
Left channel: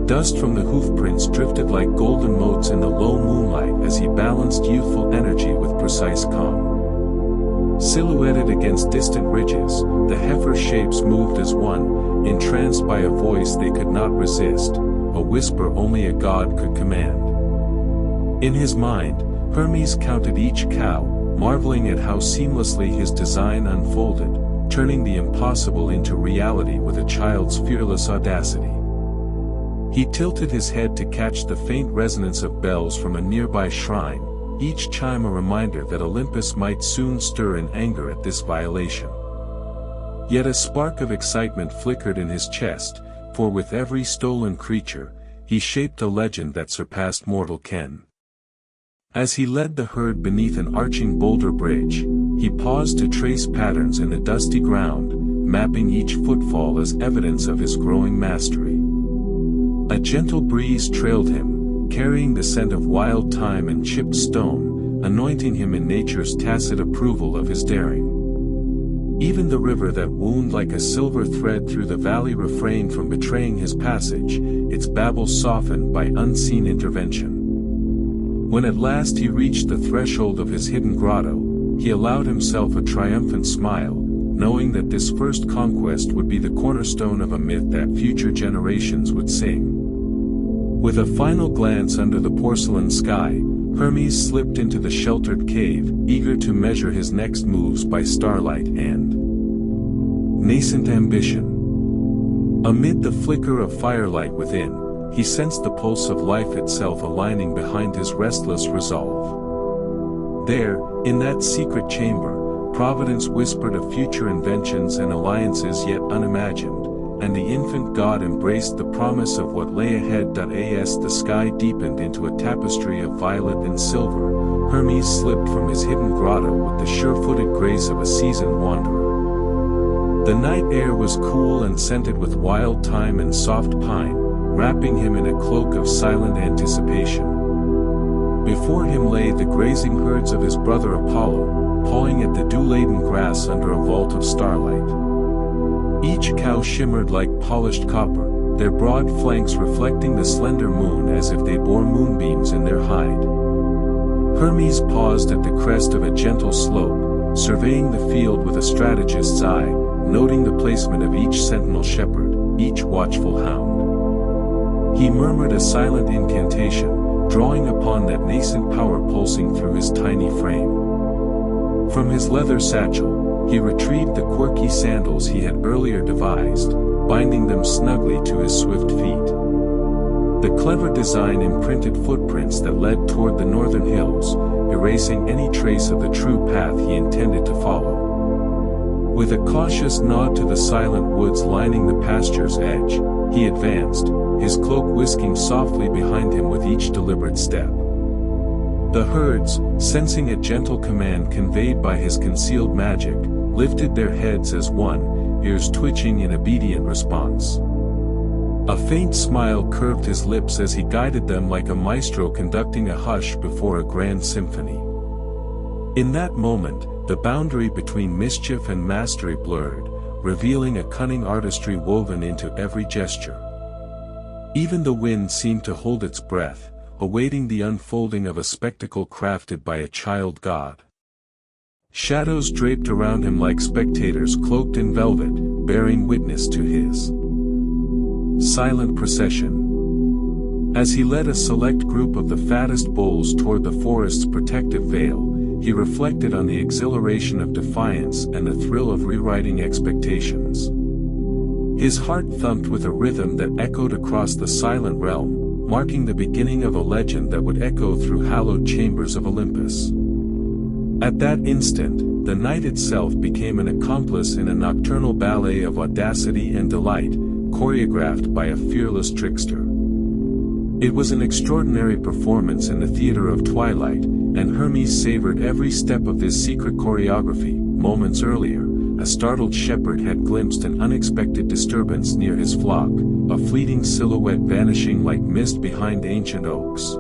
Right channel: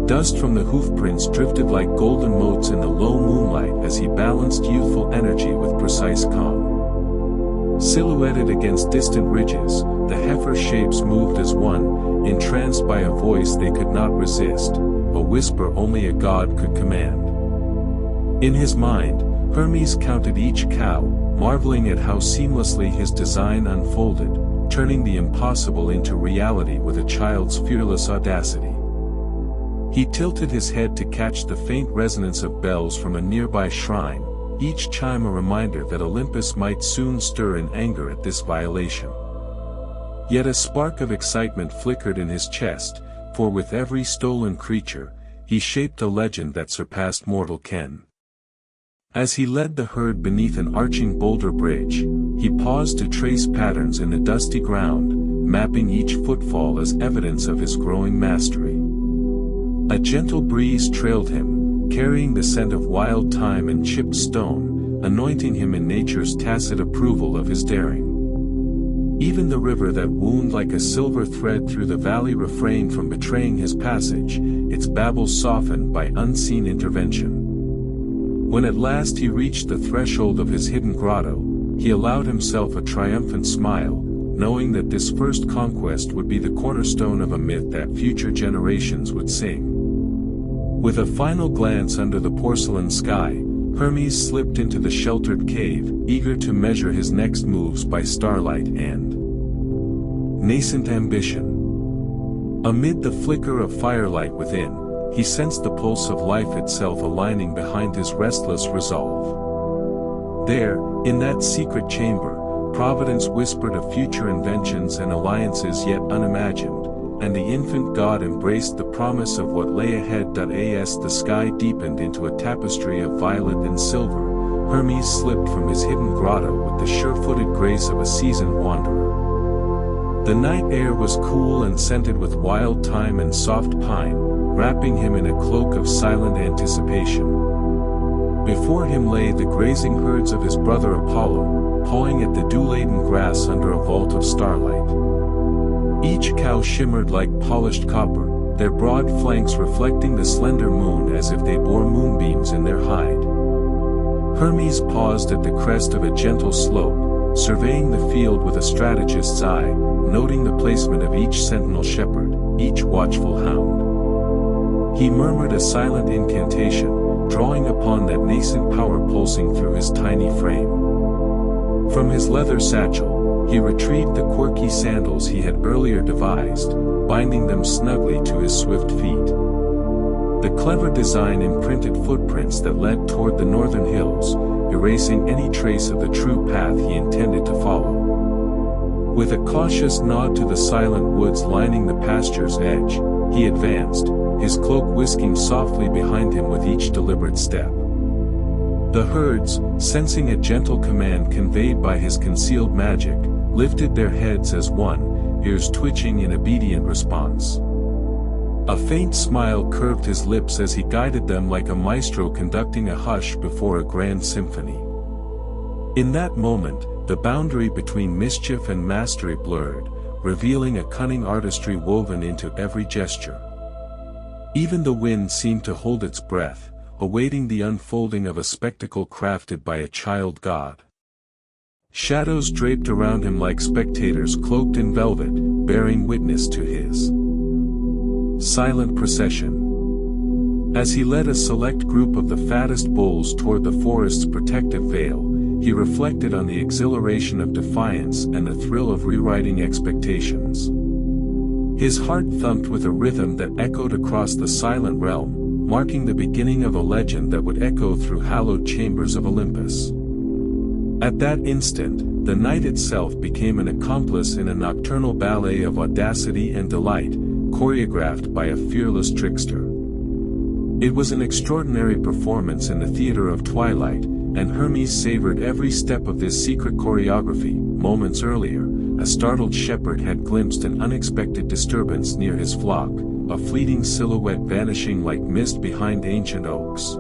Dust from the hoofprints drifted like golden motes in the low moonlight as he balanced youthful energy with precise calm. Silhouetted against distant ridges, the heifer shapes moved as one, entranced by a voice they could not resist, a whisper only a god could command. In his mind, Hermes counted each cow, marveling at how seamlessly his design unfolded, turning the impossible into reality with a child's fearless audacity. He tilted his head to catch the faint resonance of bells from a nearby shrine, each chime a reminder that Olympus might soon stir in anger at this violation. Yet a spark of excitement flickered in his chest, for with every stolen creature, he shaped a legend that surpassed mortal ken. As he led the herd beneath an arching boulder bridge, he paused to trace patterns in the dusty ground, mapping each footfall as evidence of his growing mastery. A gentle breeze trailed him, carrying the scent of wild thyme and chipped stone, anointing him in nature's tacit approval of his daring. Even the river that wound like a silver thread through the valley refrained from betraying his passage, its babble softened by unseen intervention. When at last he reached the threshold of his hidden grotto, he allowed himself a triumphant smile, knowing that this first conquest would be the cornerstone of a myth that future generations would sing. With a final glance under the porcelain sky, Hermes slipped into the sheltered cave, eager to measure his next moves by starlight and nascent ambition. Amid the flicker of firelight within, he sensed the pulse of life itself aligning behind his restless resolve. There, in that secret chamber, Providence whispered of future inventions and alliances yet unimagined, and the infant god embraced the promise of what lay ahead. As the sky deepened into a tapestry of violet and silver, Hermes slipped from his hidden grotto with the sure-footed grace of a seasoned wanderer. The night air was cool and scented with wild thyme and soft pine, wrapping him in a cloak of silent anticipation. Before him lay the grazing herds of his brother Apollo, pawing at the dew-laden grass under a vault of starlight. Each cow shimmered like polished copper, their broad flanks reflecting the slender moon as if they bore moonbeams in their hide. Hermes paused at the crest of a gentle slope, surveying the field with a strategist's eye, noting the placement of each sentinel shepherd, each watchful hound. He murmured a silent incantation, drawing upon that nascent power pulsing through his tiny frame. From his leather satchel, he retrieved the quirky sandals he had earlier devised, binding them snugly to his swift feet. The clever design imprinted footprints that led toward the northern hills, erasing any trace of the true path he intended to follow. With a cautious nod to the silent woods lining the pasture's edge, he advanced, his cloak whisking softly behind him with each deliberate step. The herds, sensing a gentle command conveyed by his concealed magic, lifted their heads as one, ears twitching in obedient response. A faint smile curved his lips as he guided them like a maestro conducting a hush before a grand symphony. In that moment, the boundary between mischief and mastery blurred, revealing a cunning artistry woven into every gesture. Even the wind seemed to hold its breath, awaiting the unfolding of a spectacle crafted by a child god. Shadows draped around him like spectators cloaked in velvet, bearing witness to his silent procession. As he led a select group of the fattest bulls toward the forest's protective veil, he reflected on the exhilaration of defiance and the thrill of rewriting expectations. His heart thumped with a rhythm that echoed across the silent realm, marking the beginning of a legend that would echo through hallowed chambers of Olympus. At that instant, the night itself became an accomplice in a nocturnal ballet of audacity and delight, choreographed by a fearless trickster. It was an extraordinary performance in the theater of twilight, and Hermes savored every step of this secret choreography. Moments earlier, a startled shepherd had glimpsed an unexpected disturbance near his flock, a fleeting silhouette vanishing like mist behind ancient oaks.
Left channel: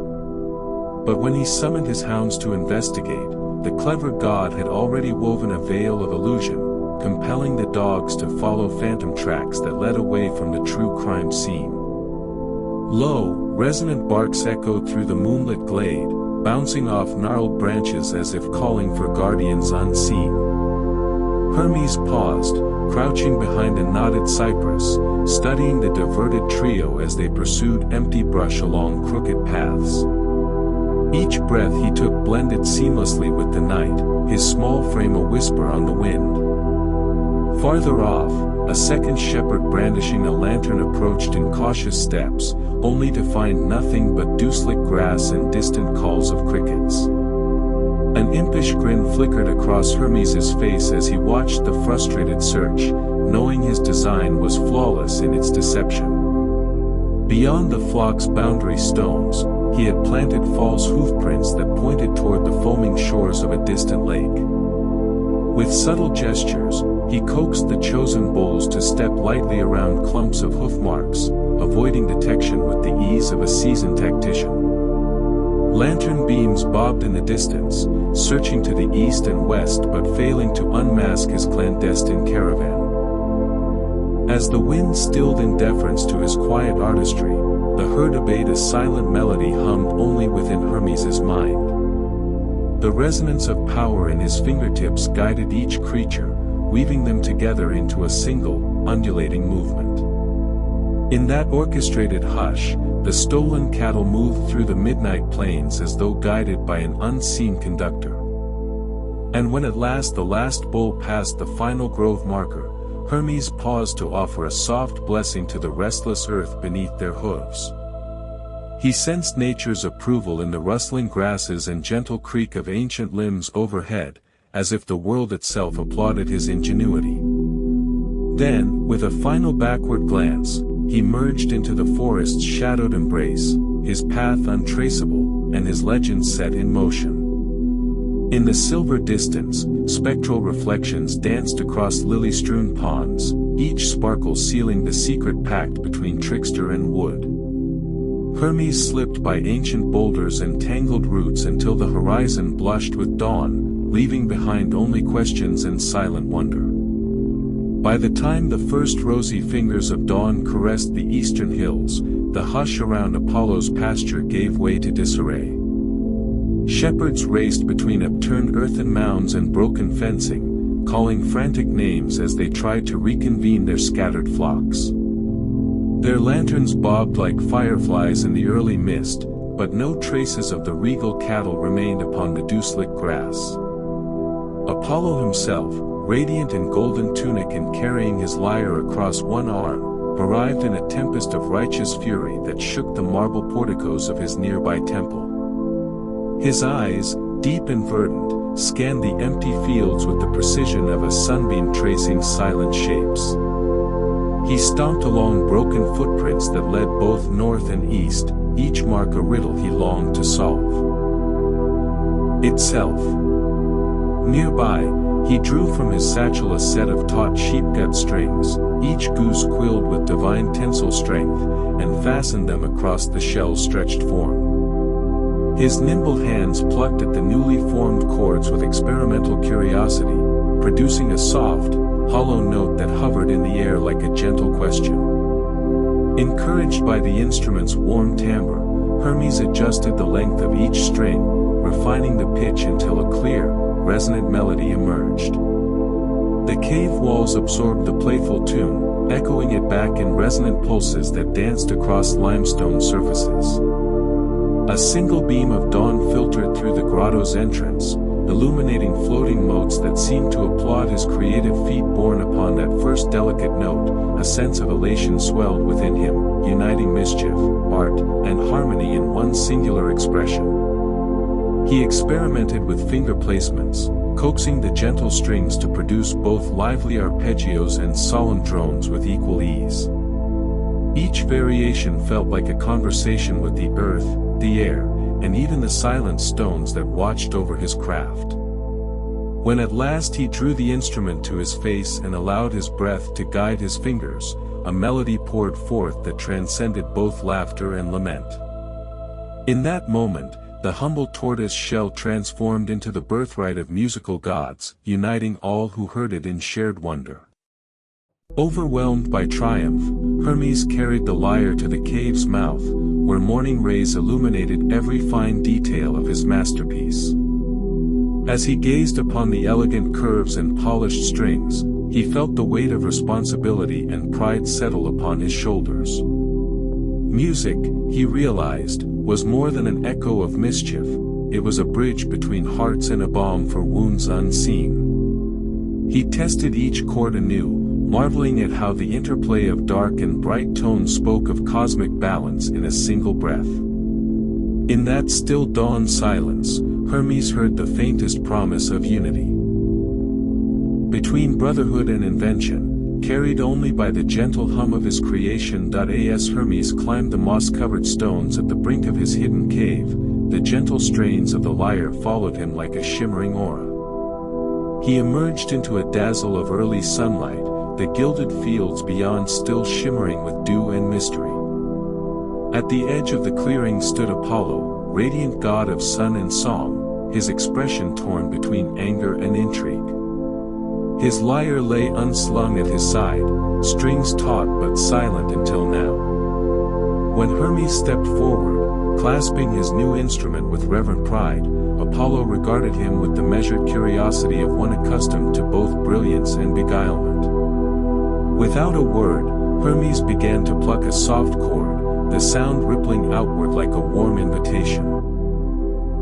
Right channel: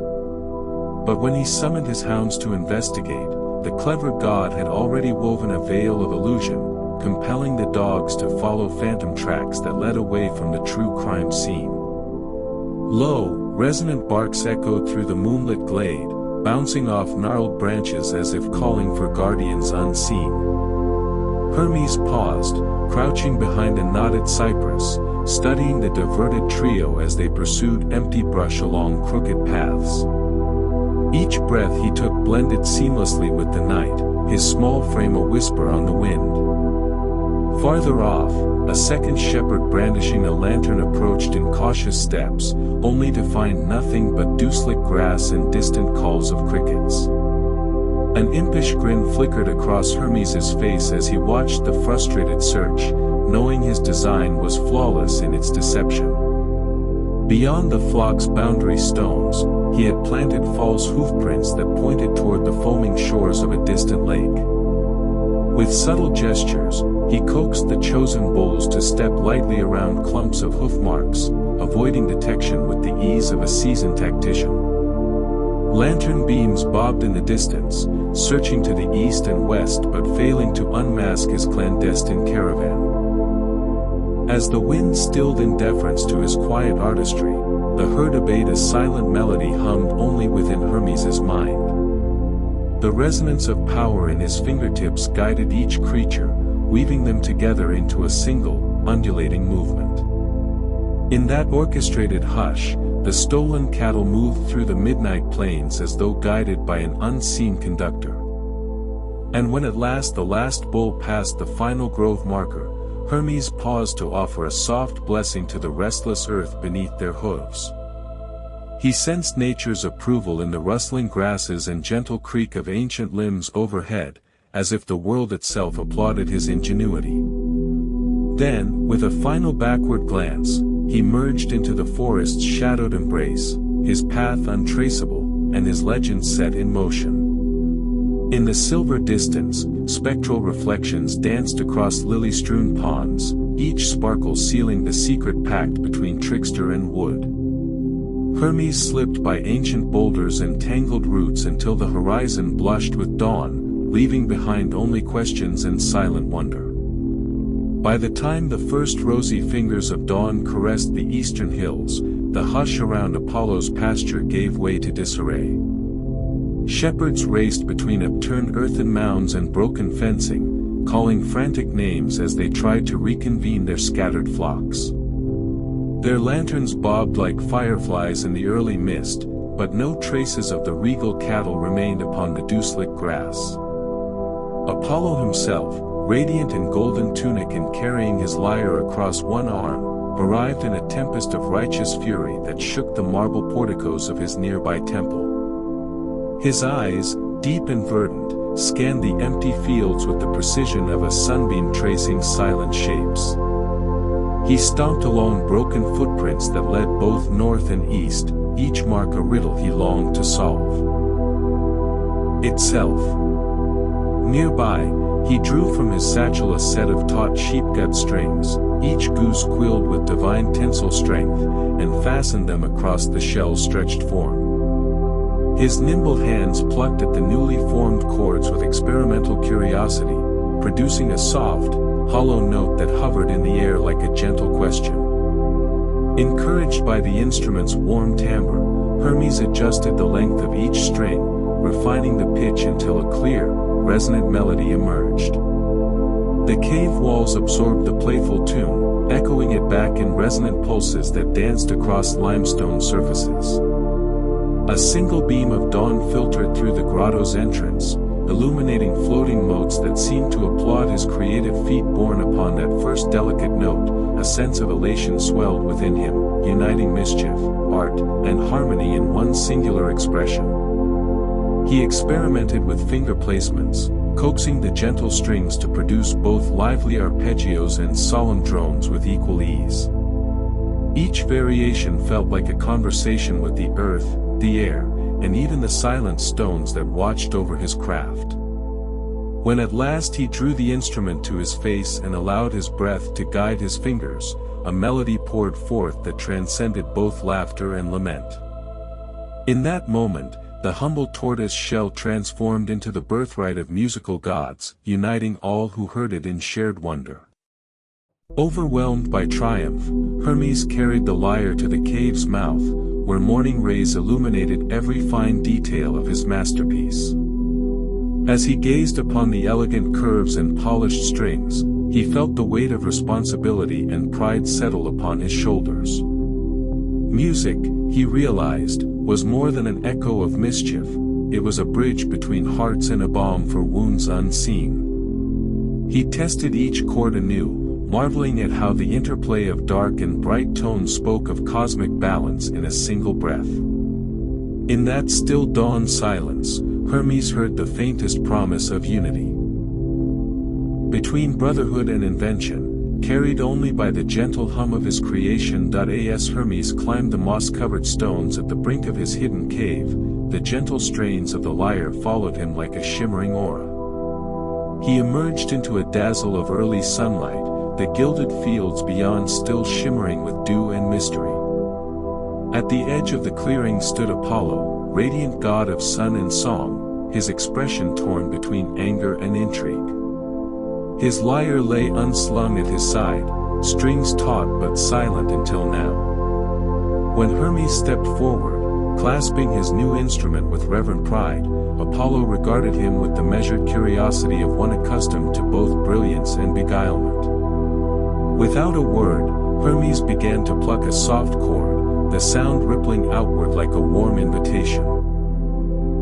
But when he summoned his hounds to investigate, the clever god had already woven a veil of illusion, compelling the dogs to follow phantom tracks that led away from the true crime scene. Low, resonant barks echoed through the moonlit glade, bouncing off gnarled branches as if calling for guardians unseen. Hermes paused, crouching behind a knotted cypress, studying the diverted trio as they pursued empty brush along crooked paths. Each breath he took blended seamlessly with the night, his small frame a whisper on the wind. Farther off, a second shepherd brandishing a lantern approached in cautious steps, only to find nothing but dew-slick grass and distant calls of crickets. An impish grin flickered across Hermes's face as he watched the frustrated search, knowing his design was flawless in its deception. Beyond the flock's boundary stones, he had planted false hoofprints that pointed toward the foaming shores of a distant lake. With subtle gestures, he coaxed the chosen bulls to step lightly around clumps of hoof marks, avoiding detection with the ease of a seasoned tactician. Lantern beams bobbed in the distance, searching to the east and west but failing to unmask his clandestine caravan. As the wind stilled in deference to his quiet artistry, the herd obeyed a silent melody hummed only within Hermes's mind. The resonance of power in his fingertips guided each creature, weaving them together into a single, undulating movement. In that orchestrated hush, the stolen cattle moved through the midnight plains as though guided by an unseen conductor. And when at last the last bull passed the final grove marker, Hermes paused to offer a soft blessing to the restless earth beneath their hooves. He sensed nature's approval in the rustling grasses and gentle creak of ancient limbs overhead, as if the world itself applauded his ingenuity. Then, with a final backward glance, he merged into the forest's shadowed embrace, his path untraceable, and his legend set in motion. In the silver distance, spectral reflections danced across lily-strewn ponds, each sparkle sealing the secret pact between trickster and wood. Hermes slipped by ancient boulders and tangled roots until the horizon blushed with dawn, leaving behind only questions and silent wonder. By the time the first rosy fingers of dawn caressed the eastern hills, the hush around Apollo's pasture gave way to disarray. Shepherds raced between upturned earthen mounds and broken fencing, calling frantic names as they tried to reconvene their scattered flocks. Their lanterns bobbed like fireflies in the early mist, but no traces of the regal cattle remained upon the dew-slick grass. Apollo himself, radiant in golden tunic and carrying his lyre across one arm, arrived in a tempest of righteous fury that shook the marble porticos of his nearby temple. His eyes, deep and verdant, scanned the empty fields with the precision of a sunbeam tracing silent shapes. He stomped along broken footprints that led both north and east, each mark a riddle he longed to solve. Itself. Nearby, he drew from his satchel a set of taut sheepgut strings, each goose quilled with divine tensile strength, and fastened them across the shell's stretched form. His nimble hands plucked at the newly formed chords with experimental curiosity, producing a soft, hollow note that hovered in the air like a gentle question. Encouraged by the instrument's warm timbre, Hermes adjusted the length of each string, refining the pitch until a clear, resonant melody emerged. The cave walls absorbed the playful tune, echoing it back in resonant pulses that danced across limestone surfaces. A single beam of dawn filtered through the grotto's entrance, illuminating floating motes that seemed to applaud his creative feat borne upon that first delicate note. A sense of elation swelled within him, uniting mischief, art, and harmony in one singular expression. He experimented with finger placements, coaxing the gentle strings to produce both lively arpeggios and solemn drones with equal ease. Each variation felt like a conversation with the earth, the air, and even the silent stones that watched over his craft. When at last he drew the instrument to his face and allowed his breath to guide his fingers, a melody poured forth that transcended both laughter and lament. In that moment, the humble tortoise shell transformed into the birthright of musical gods, uniting all who heard it in shared wonder. Overwhelmed by triumph, Hermes carried the lyre to the cave's mouth, where morning rays illuminated every fine detail of his masterpiece. As he gazed upon the elegant curves and polished strings, he felt the weight of responsibility and pride settle upon his shoulders. Music, he realized, was more than an echo of mischief, it was a bridge between hearts and a balm for wounds unseen. He tested each chord anew, marveling at how the interplay of dark and bright tones spoke of cosmic balance in a single breath. In that still dawn silence, Hermes heard the faintest promise of unity. Between brotherhood and invention, carried only by the gentle hum of his creation. As Hermes climbed the moss-covered stones at the brink of his hidden cave, the gentle strains of the lyre followed him like a shimmering aura. He emerged into a dazzle of early sunlight, the gilded fields beyond still shimmering with dew and mystery. At the edge of the clearing stood Apollo, radiant god of sun and song, his expression torn between anger and intrigue. His lyre lay unslung at his side, strings taut but silent until now. When Hermes stepped forward, clasping his new instrument with reverent pride, Apollo regarded him with the measured curiosity of one accustomed to both brilliance and beguilement. Without a word, Hermes began to pluck a soft chord, the sound rippling outward like a warm invitation.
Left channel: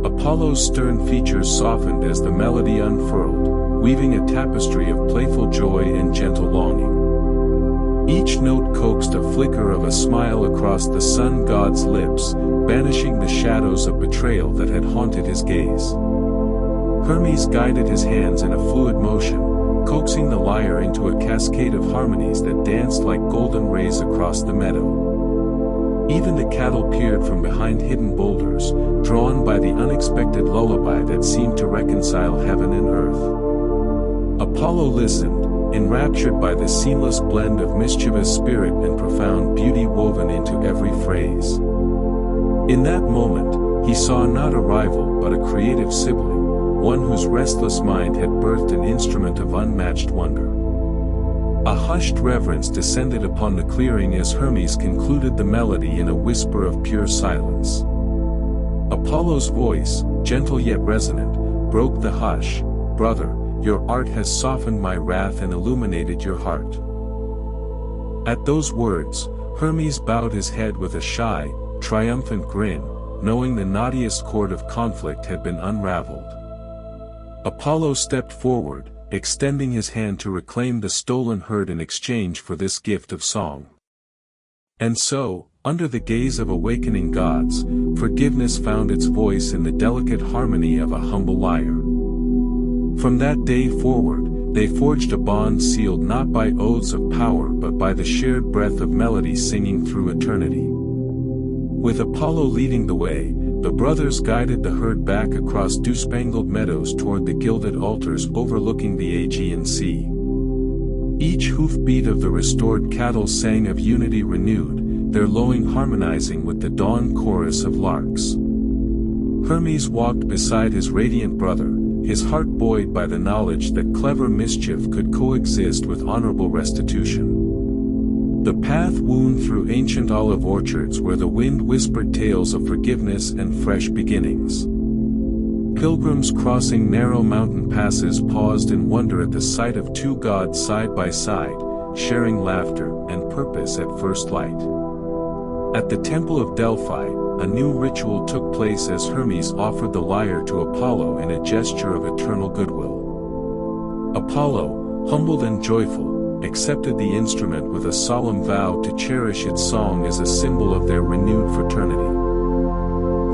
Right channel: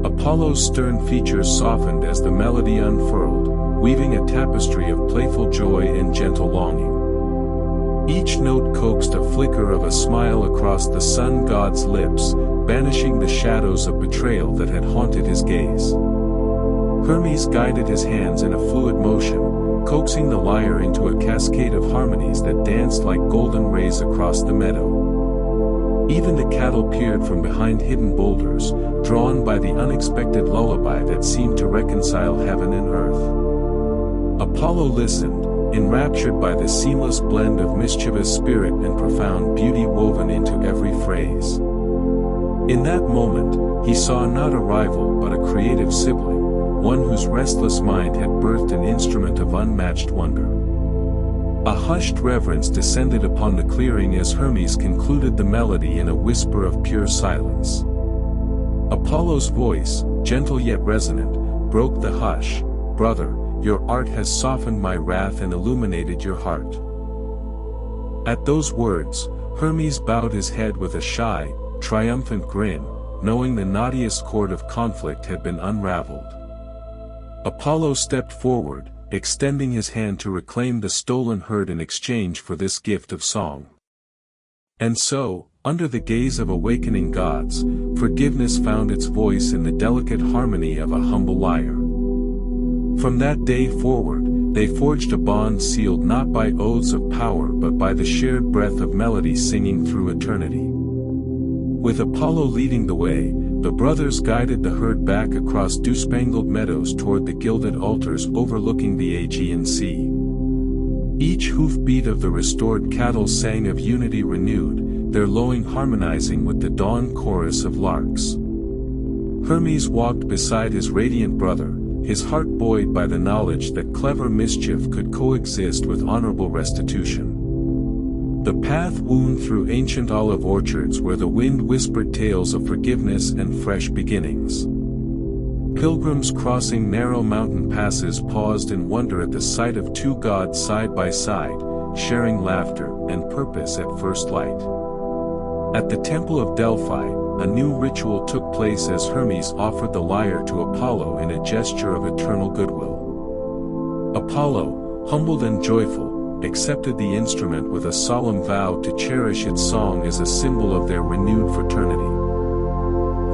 Apollo's stern features softened as the melody unfurled, weaving a tapestry of playful joy and gentle longing. Each note coaxed a flicker of a smile across the sun god's lips, banishing the shadows of betrayal that had haunted his gaze. Hermes guided his hands in a fluid motion, coaxing the lyre into a cascade of harmonies that danced like golden rays across the meadow. Even the cattle peered from behind hidden boulders, drawn by the unexpected lullaby that seemed to reconcile heaven and earth. Apollo listened, enraptured by the seamless blend of mischievous spirit and profound beauty woven into every phrase. In that moment, he saw not a rival but a creative sibling, one whose restless mind had birthed an instrument of unmatched wonder. A hushed reverence descended upon the clearing as Hermes concluded the melody in a whisper of pure silence. Apollo's voice, gentle yet resonant, broke the hush. "Brother, your art has softened my wrath and illuminated your heart." At those words, Hermes bowed his head with a shy, triumphant grin, knowing the knottiest cord of conflict had been unraveled. Apollo stepped forward, extending his hand to reclaim the stolen herd in exchange for this gift of song. And so, under the gaze of awakening gods, forgiveness found its voice in the delicate harmony of a humble lyre. From that day forward, they forged a bond sealed not by oaths of power but by the shared breath of melody singing through eternity. With Apollo leading the way, the brothers guided the herd back across dew-spangled meadows toward the gilded altars overlooking the Aegean Sea. Each hoofbeat of the restored cattle sang of unity renewed, their lowing harmonizing with the dawn chorus of larks. Hermes walked beside his radiant brother, his heart buoyed by the knowledge that clever mischief could coexist with honorable restitution. The path wound through ancient olive orchards where the wind whispered tales of forgiveness and fresh beginnings. Pilgrims crossing narrow mountain passes paused in wonder at the sight of two gods side by side, sharing laughter and purpose at first light. At the Temple of Delphi, a new ritual took place as Hermes offered the lyre to Apollo in a gesture of eternal goodwill. Apollo, humbled and joyful, accepted the instrument with a solemn vow to cherish its song as a symbol of their renewed fraternity.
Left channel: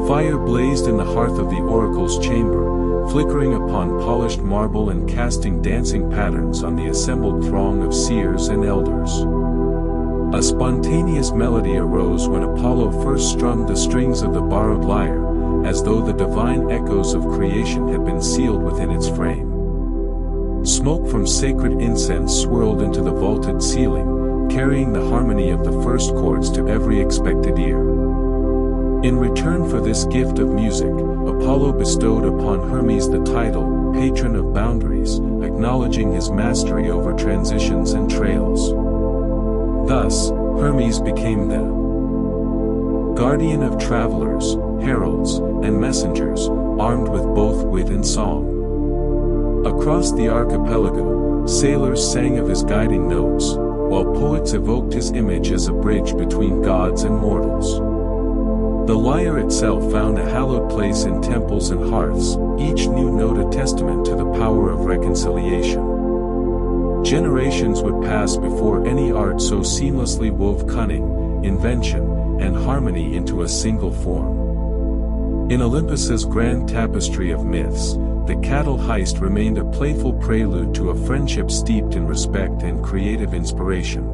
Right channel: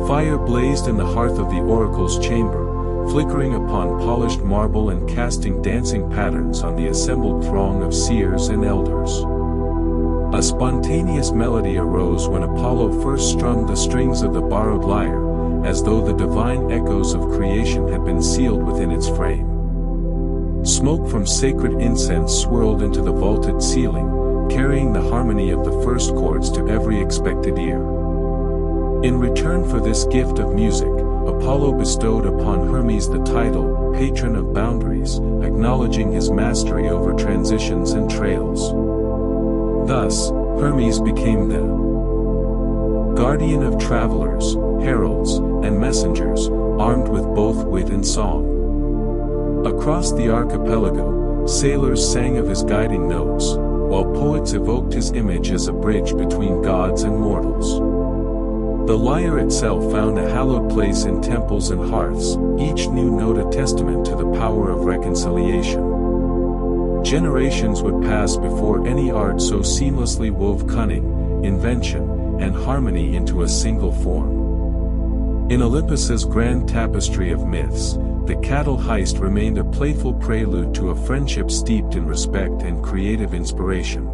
Fire blazed in the hearth of the oracle's chamber, flickering upon polished marble and casting dancing patterns on the assembled throng of seers and elders. A spontaneous melody arose when Apollo first strummed the strings of the borrowed lyre, as though the divine echoes of creation had been sealed within its frame. Smoke from sacred incense swirled into the vaulted ceiling, carrying the harmony of the first chords to every expected ear. In return for this gift of music, Apollo bestowed upon Hermes the title, Patron of Boundaries, acknowledging his mastery over transitions and trails. Thus, Hermes became the guardian of travelers, heralds, and messengers, armed with both wit and song. Across the archipelago, sailors sang of his guiding notes, while poets evoked his image as a bridge between gods and mortals. The lyre itself found a hallowed place in temples and hearths, each new note a testament to the power of reconciliation. Generations would pass before any art so seamlessly wove cunning, invention, and harmony into a single form. In Olympus's grand tapestry of myths, the cattle heist remained a playful prelude to a friendship steeped in respect and creative inspiration.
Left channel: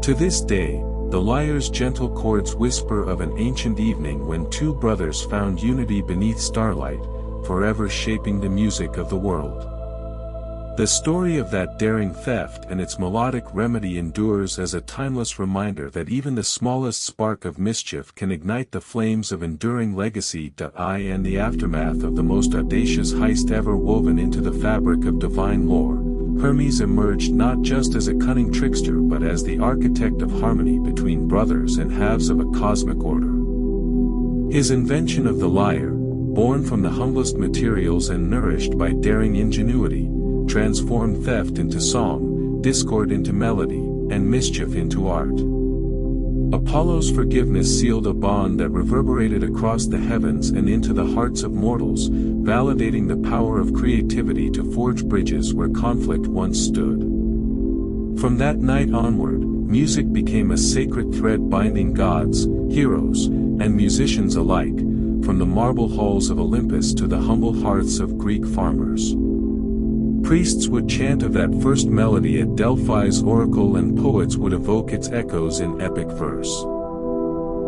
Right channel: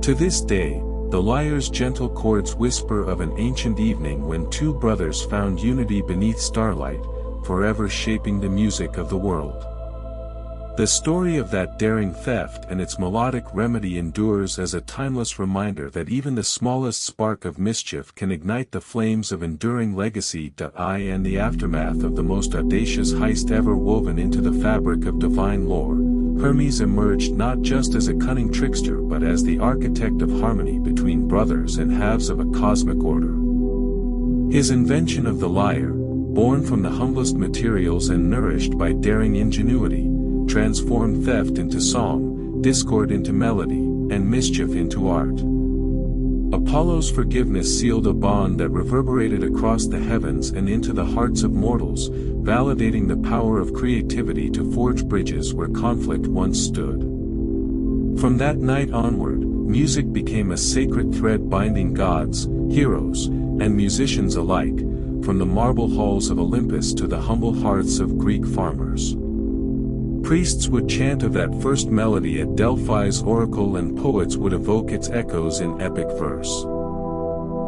To this day, the lyre's gentle chords whisper of an ancient evening when two brothers found unity beneath starlight, forever shaping the music of the world. The story of that daring theft and its melodic remedy endures as a timeless reminder that even the smallest spark of mischief can ignite the flames of enduring legacy. In the aftermath of the most audacious heist ever woven into the fabric of divine lore, Hermes emerged not just as a cunning trickster but as the architect of harmony between brothers and halves of a cosmic order. His invention of the lyre, born from the humblest materials and nourished by daring ingenuity, transformed theft into song, discord into melody, and mischief into art. Apollo's forgiveness sealed a bond that reverberated across the heavens and into the hearts of mortals, validating the power of creativity to forge bridges where conflict once stood. From that night onward, music became a sacred thread binding gods, heroes, and musicians alike, from the marble halls of Olympus to the humble hearths of Greek farmers. Priests would chant of that first melody at Delphi's oracle and poets would evoke its echoes in epic verse.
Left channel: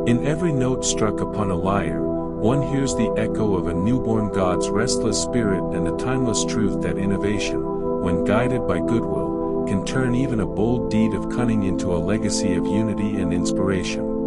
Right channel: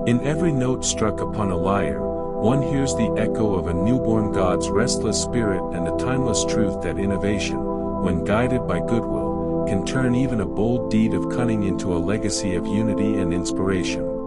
In every note struck upon a lyre, one hears the echo of a newborn god's restless spirit and the timeless truth that innovation, when guided by goodwill, can turn even a bold deed of cunning into a legacy of unity and inspiration.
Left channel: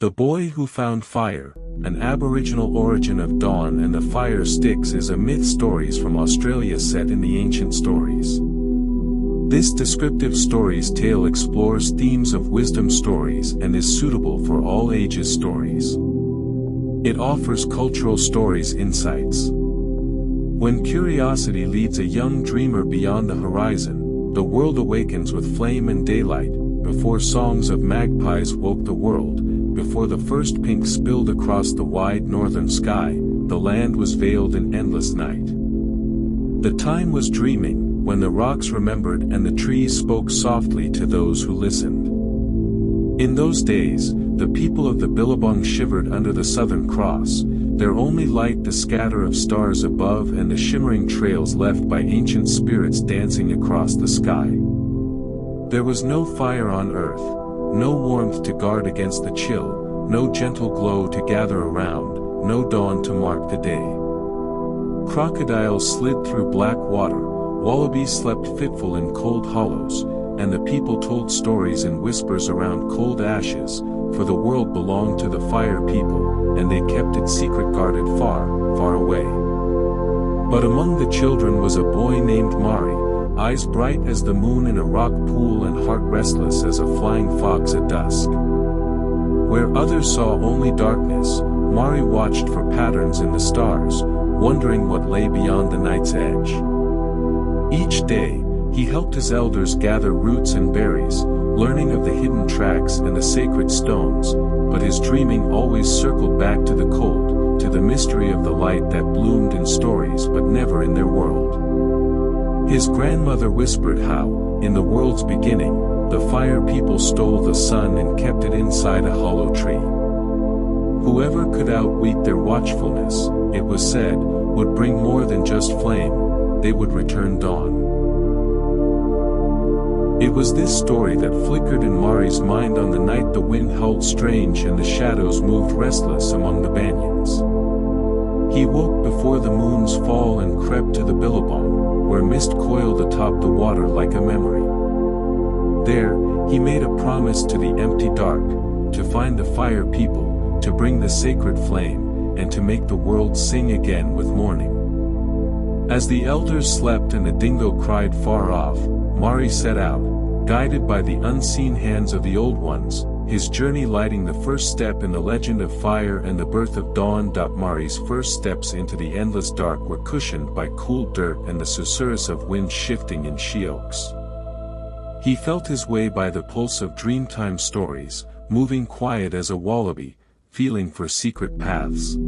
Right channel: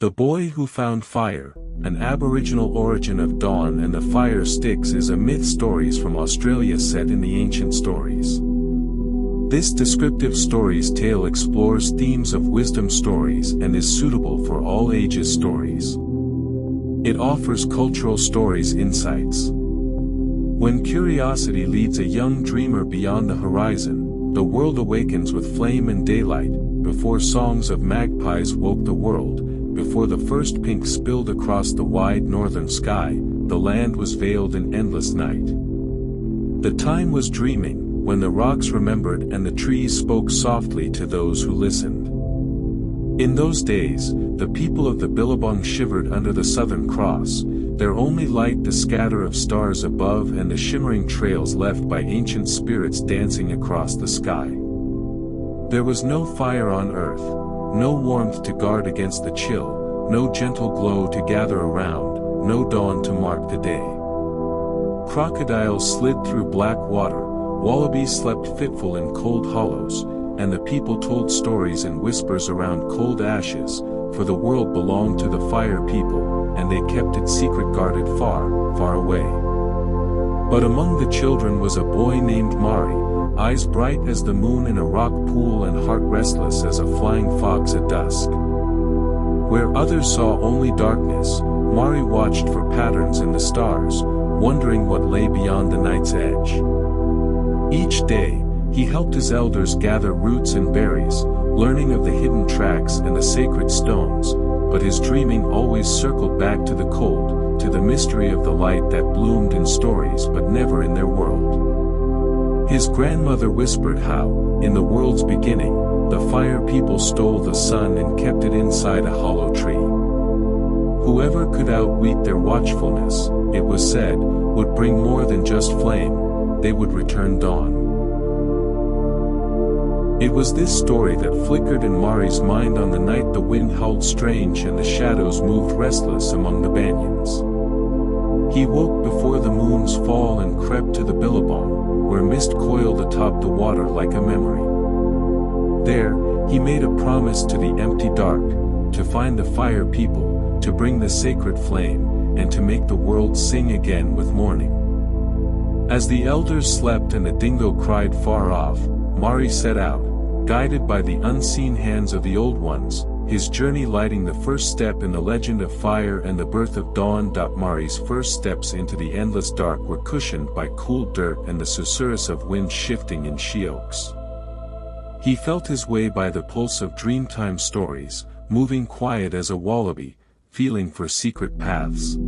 The Boy Who Found Fire, an Aboriginal origin of dawn and the fire sticks is a myth stories from Australia set in the ancient stories. This descriptive stories tale explores themes of wisdom stories and is suitable for all ages stories. It offers cultural stories insights. When curiosity leads a young dreamer beyond the horizon, the world awakens with flame and daylight, before songs of magpies woke the world. Before the first pink spilled across the wide northern sky, the land was veiled in endless night. The time was dreaming, when the rocks remembered and the trees spoke softly to those who listened. In those days, the people of the Billabong shivered under the Southern Cross, their only light the scatter of stars above and the shimmering trails left by ancient spirits dancing across the sky. There was no fire on earth, no warmth to guard against the chill, no gentle glow to gather around, no dawn to mark the day. Crocodiles slid through black water, wallabies slept fitful in cold hollows, and the people told stories in whispers around cold ashes, for the world belonged to the fire people, and they kept its secret guarded far, far away. But among the children was a boy named Mari, eyes bright as the moon in a rock pool and heart restless as a flying fox at dusk. Where others saw only darkness, Mari watched for patterns in the stars, wondering what lay beyond the night's edge. Each day, he helped his elders gather roots and berries, learning of the hidden tracks and the sacred stones, but his dreaming always circled back to the cold, to the mystery of the light that bloomed in stories but never in their world. His grandmother whispered how, in the world's beginning, the fire people stole the sun and kept it inside a hollow tree. Whoever could outwit their watchfulness, it was said, would bring more than just flame, they would return dawn. It was this story that flickered in Mari's mind on the night the wind howled strange and the shadows moved restless among the banyans. He woke before the moon's fall and crept to the billabong, where mist coiled atop the water like a memory. There, he made a promise to the empty dark, to find the fire people, to bring the sacred flame, and to make the world sing again with morning. As the elders slept and the dingo cried far off, Mari set out, guided by the unseen hands of the old ones, his journey lighting the first step in the legend of fire and the birth of dawn. Mari's first steps into the endless dark were cushioned by cool dirt and the susurrus of wind shifting in she-oaks. He felt his way by the pulse of dreamtime stories, moving quiet as a wallaby, feeling for secret paths.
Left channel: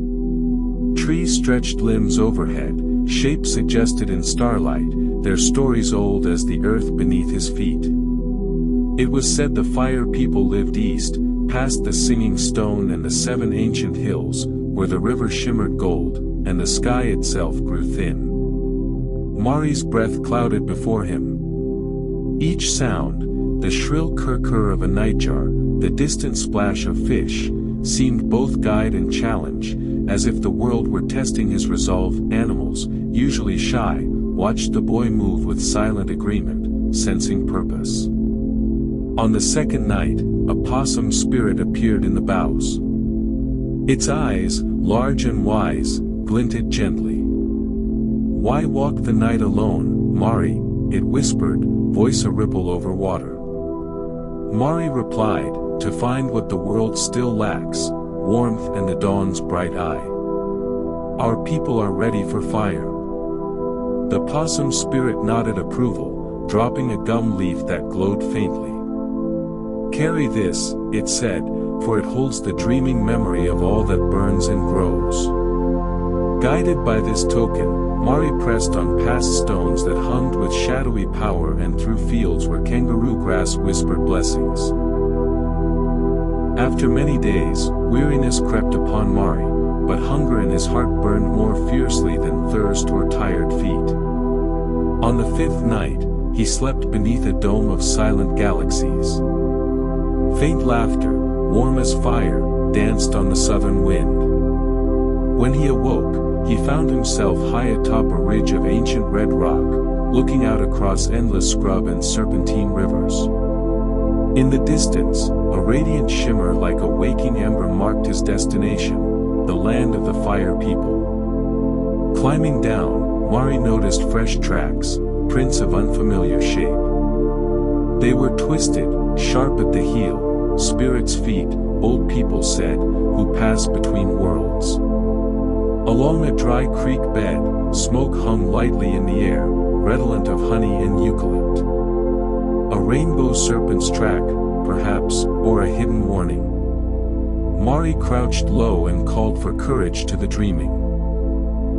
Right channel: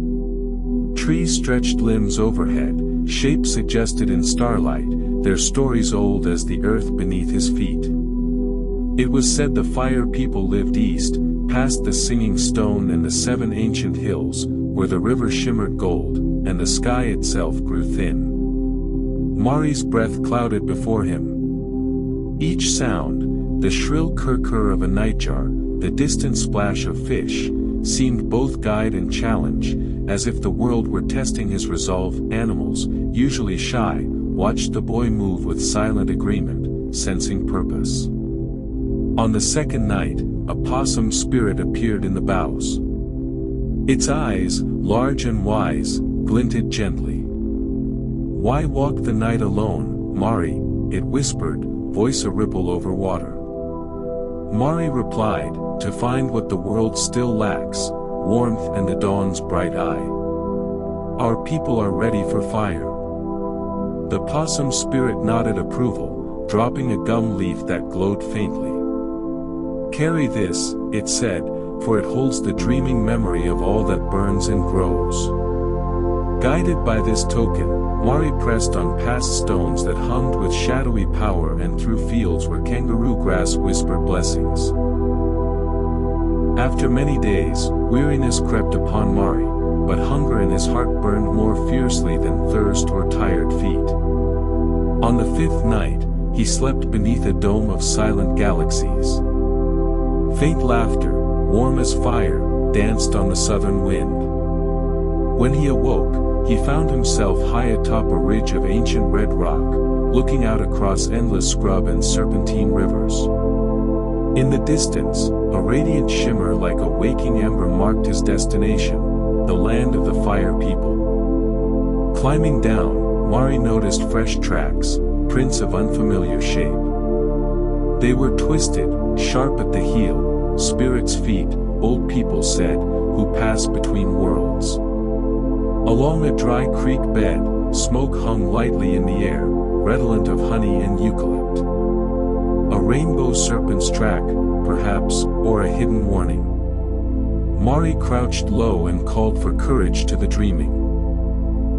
Trees stretched limbs overhead, shapes suggested in starlight, their stories old as the earth beneath his feet. It was said the fire people lived east, past the singing stone and the 7 ancient hills, where the river shimmered gold, and the sky itself grew thin. Mari's breath clouded before him. Each sound, the shrill kurr-kurr of a nightjar, the distant splash of fish, seemed both guide and challenge, as if the world were testing his resolve. Animals, usually shy, watched the boy move with silent agreement, sensing purpose. On the second night, a possum spirit appeared in the boughs. Its eyes, large and wise, glinted gently. "Why walk the night alone, Mari?" it whispered, voice a ripple over water. Mari replied, "To find what the world still lacks, warmth and the dawn's bright eye. Our people are ready for fire." The possum spirit nodded approval, dropping a gum leaf that glowed faintly. "Carry this," it said, "for it holds the dreaming memory of all that burns and grows." Guided by this token, Mari pressed on past stones that hummed with shadowy power and through fields where kangaroo grass whispered blessings. After many days, weariness crept upon Mari, but hunger in his heart burned more fiercely than thirst or tired feet. On the 5th night, he slept beneath a dome of silent galaxies. Faint laughter, warm as fire, danced on the southern wind. When he awoke, he found himself high atop a ridge of ancient red rock, looking out across endless scrub and serpentine rivers. In the distance, a radiant shimmer like a waking ember marked his destination, the land of the fire people. Climbing down, Mari noticed fresh tracks, prints of unfamiliar shape. They were twisted, sharp at the heel, spirits' feet, old people said, who passed between worlds. Along a dry creek bed, smoke hung lightly in the air, redolent of honey and eucalypt. A rainbow serpent's track, perhaps, or a hidden warning. Mari crouched low and called for courage to the dreaming.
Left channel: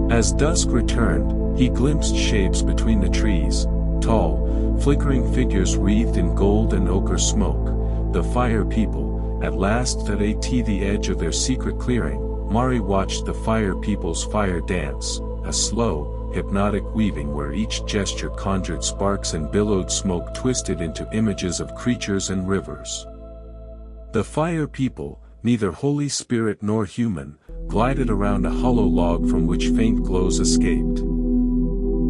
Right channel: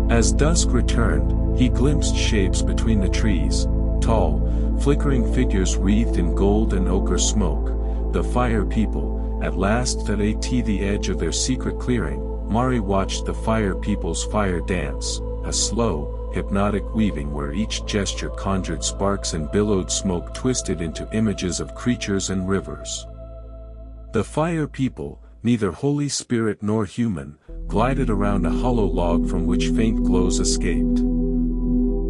As dusk returned, he glimpsed shapes between the trees, tall, flickering figures wreathed in gold and ochre smoke, the fire people. At last, at the edge of their secret clearing, Mari watched the fire people's fire dance, a slow, hypnotic weaving where each gesture conjured sparks and billowed smoke twisted into images of creatures and rivers. The fire people, neither Holy Spirit nor human, glided around a hollow log from which faint glows escaped.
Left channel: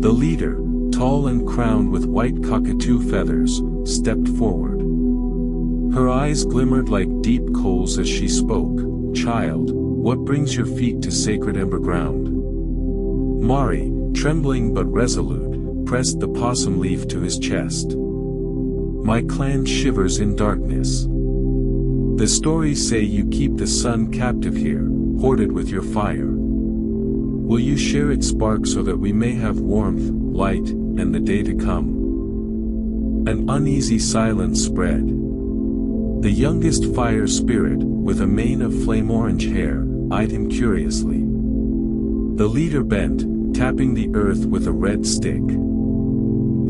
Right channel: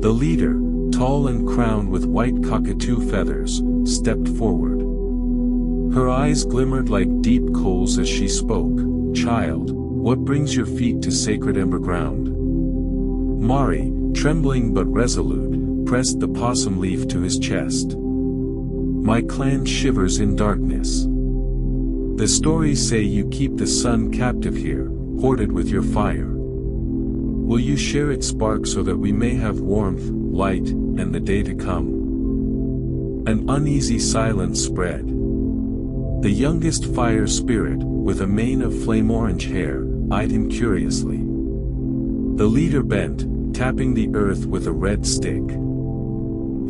The leader, tall and crowned with white cockatoo feathers, stepped forward. Her eyes glimmered like deep coals as she spoke. "Child, what brings your feet to sacred ember ground?" Mari, trembling but resolute, pressed the possum leaf to his chest. "My clan shivers in darkness. The stories say you keep the sun captive here, hoarded with your fire. Will you share its spark so that we may have warmth, light, and the day to come?" An uneasy silence spread. The youngest fire spirit, with a mane of flame-orange hair, eyed him curiously. The leader bent, tapping the earth with a red stick.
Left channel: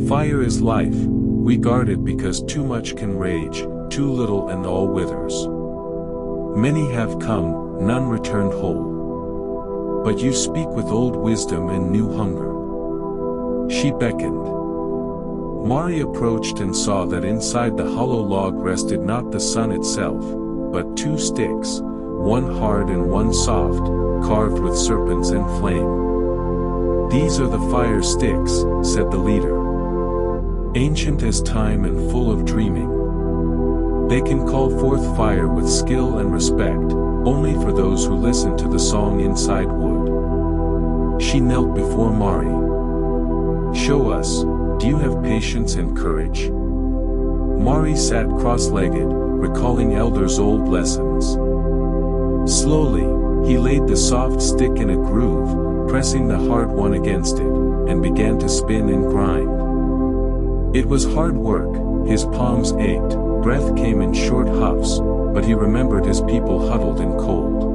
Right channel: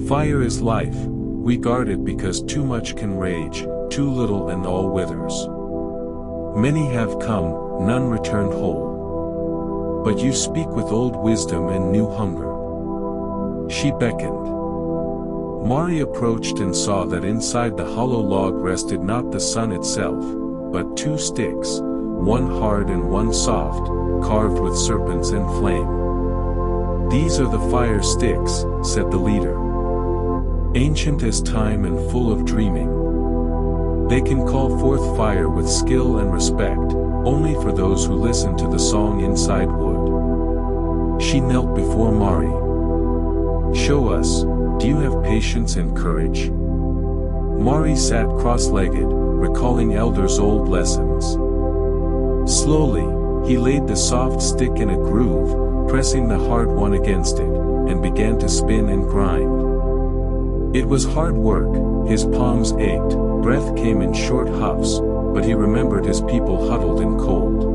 "Fire is life, we guard it because too much can rage, too little and all withers. Many have come, none returned whole. But you speak with old wisdom and new hunger." She beckoned. Mari approached and saw that inside the hollow log rested not the sun itself, but two sticks, one hard and one soft, carved with serpents and flame. "These are the fire sticks," said the leader. "Ancient as time and full of dreaming. They can call forth fire with skill and respect, only for those who listen to the song inside wood." She knelt before Mari. "Show us, do you have patience and courage?" Mari sat cross-legged, recalling elders' old lessons. Slowly, he laid the soft stick in a groove, pressing the hard one against it, and began to spin and grind. It was hard work, his palms ached, breath came in short huffs, but he remembered his people huddled in cold.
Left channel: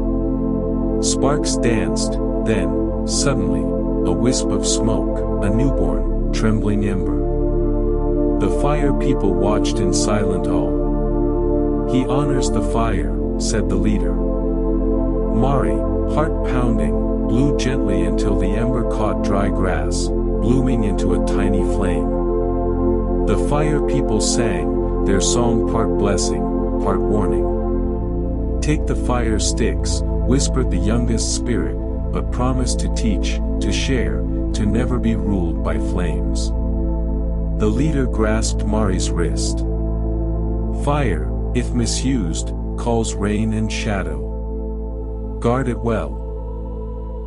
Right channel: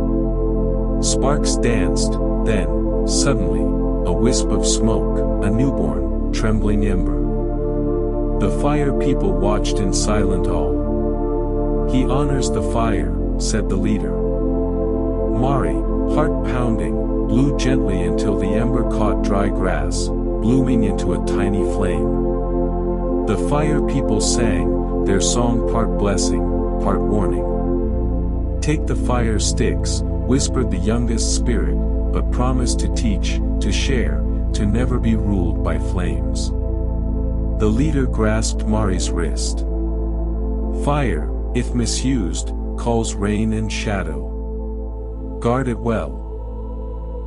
Sparks danced, then, suddenly, a wisp of smoke, a newborn, trembling ember. The fire people watched in silent awe. "He honors the fire," said the leader. Mari, heart pounding, blew gently until the ember caught dry grass, blooming into a tiny flame. The fire people sang, their song part blessing, part warning. "Take the fire sticks," whispered the youngest spirit, "but promise to teach, to share, to never be ruled by flames." The leader grasped Mari's wrist. "Fire, if misused, calls rain and shadow. Guard it well."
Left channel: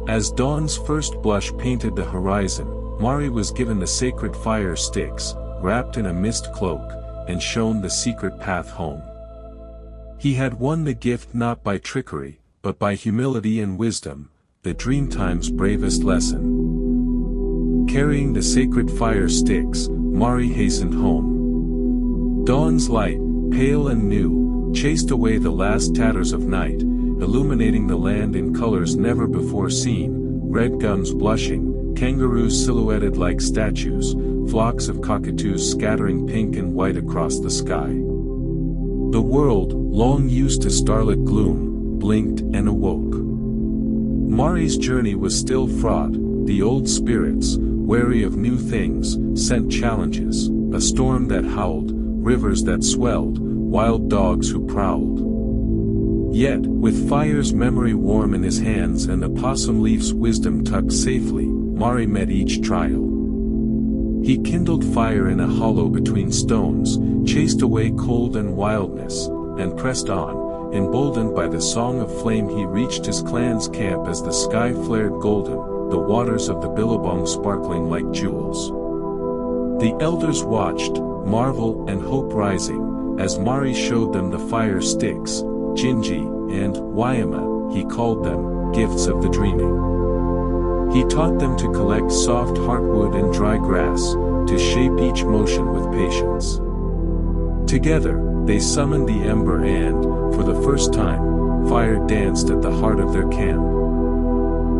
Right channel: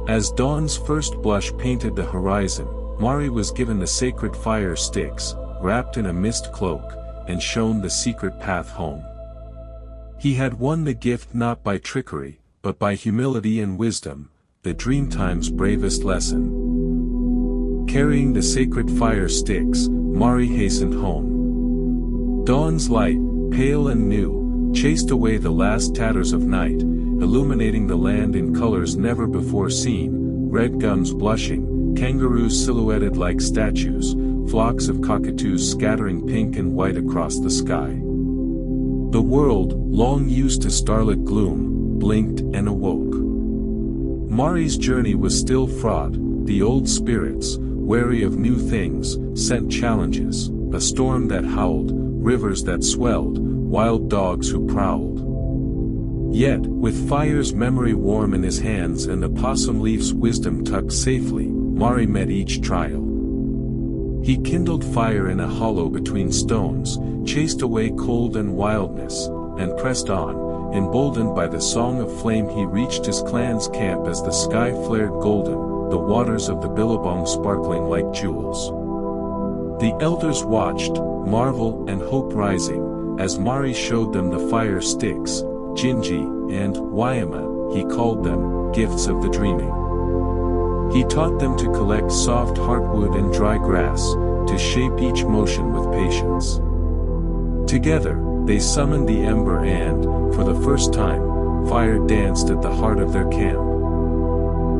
As dawn's first blush painted the horizon, Mari was given the sacred fire sticks, wrapped in a mist cloak, and shown the secret path home. He had won the gift not by trickery, but by humility and wisdom, the Dreamtime's bravest lesson. Carrying the sacred fire sticks, Mari hastened home. Dawn's light, pale and new, chased away the last tatters of night, illuminating the land in colors never before seen, red gums blushing, kangaroos silhouetted like statues, flocks of cockatoos scattering pink and white across the sky. The world, long used to starlit gloom, blinked and awoke. Mari's journey was still fraught, the old spirits, wary of new things, sent challenges, a storm that howled, rivers that swelled, wild dogs who prowled. Yet, with fire's memory warm in his hands and the possum leaf's wisdom tucked safely, Mari met each trial. He kindled fire in a hollow between stones, chased away cold and wildness, and pressed on, emboldened by the song of flame. He reached his clan's camp as the sky flared golden, the waters of the billabong sparkling like jewels. The elders watched, marvel and hope rising, as Mari showed them the fire sticks, Jinji, and Wayama, he called them, gifts of the dreaming. He taught them to collect soft heartwood and dry grass, to shape each motion with patience. Together, they summoned the ember and, for the first time, fire danced at the heart of their camp.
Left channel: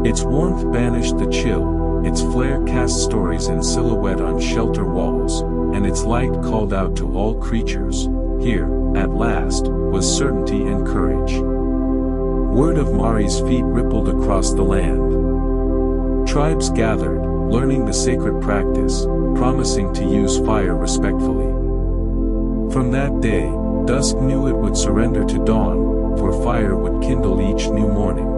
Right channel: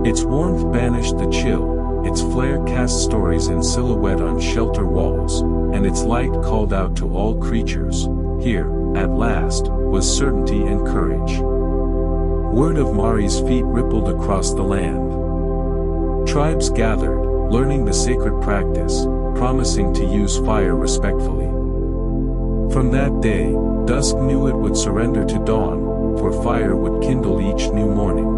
Its warmth banished the chill, its flare cast stories in silhouette on shelter walls, and its light called out to all creatures, here, at last, was certainty and courage. Word of Mari's feet rippled across the land. Tribes gathered, learning the sacred practice, promising to use fire respectfully. From that day, dusk knew it would surrender to dawn, for fire would kindle each new morning.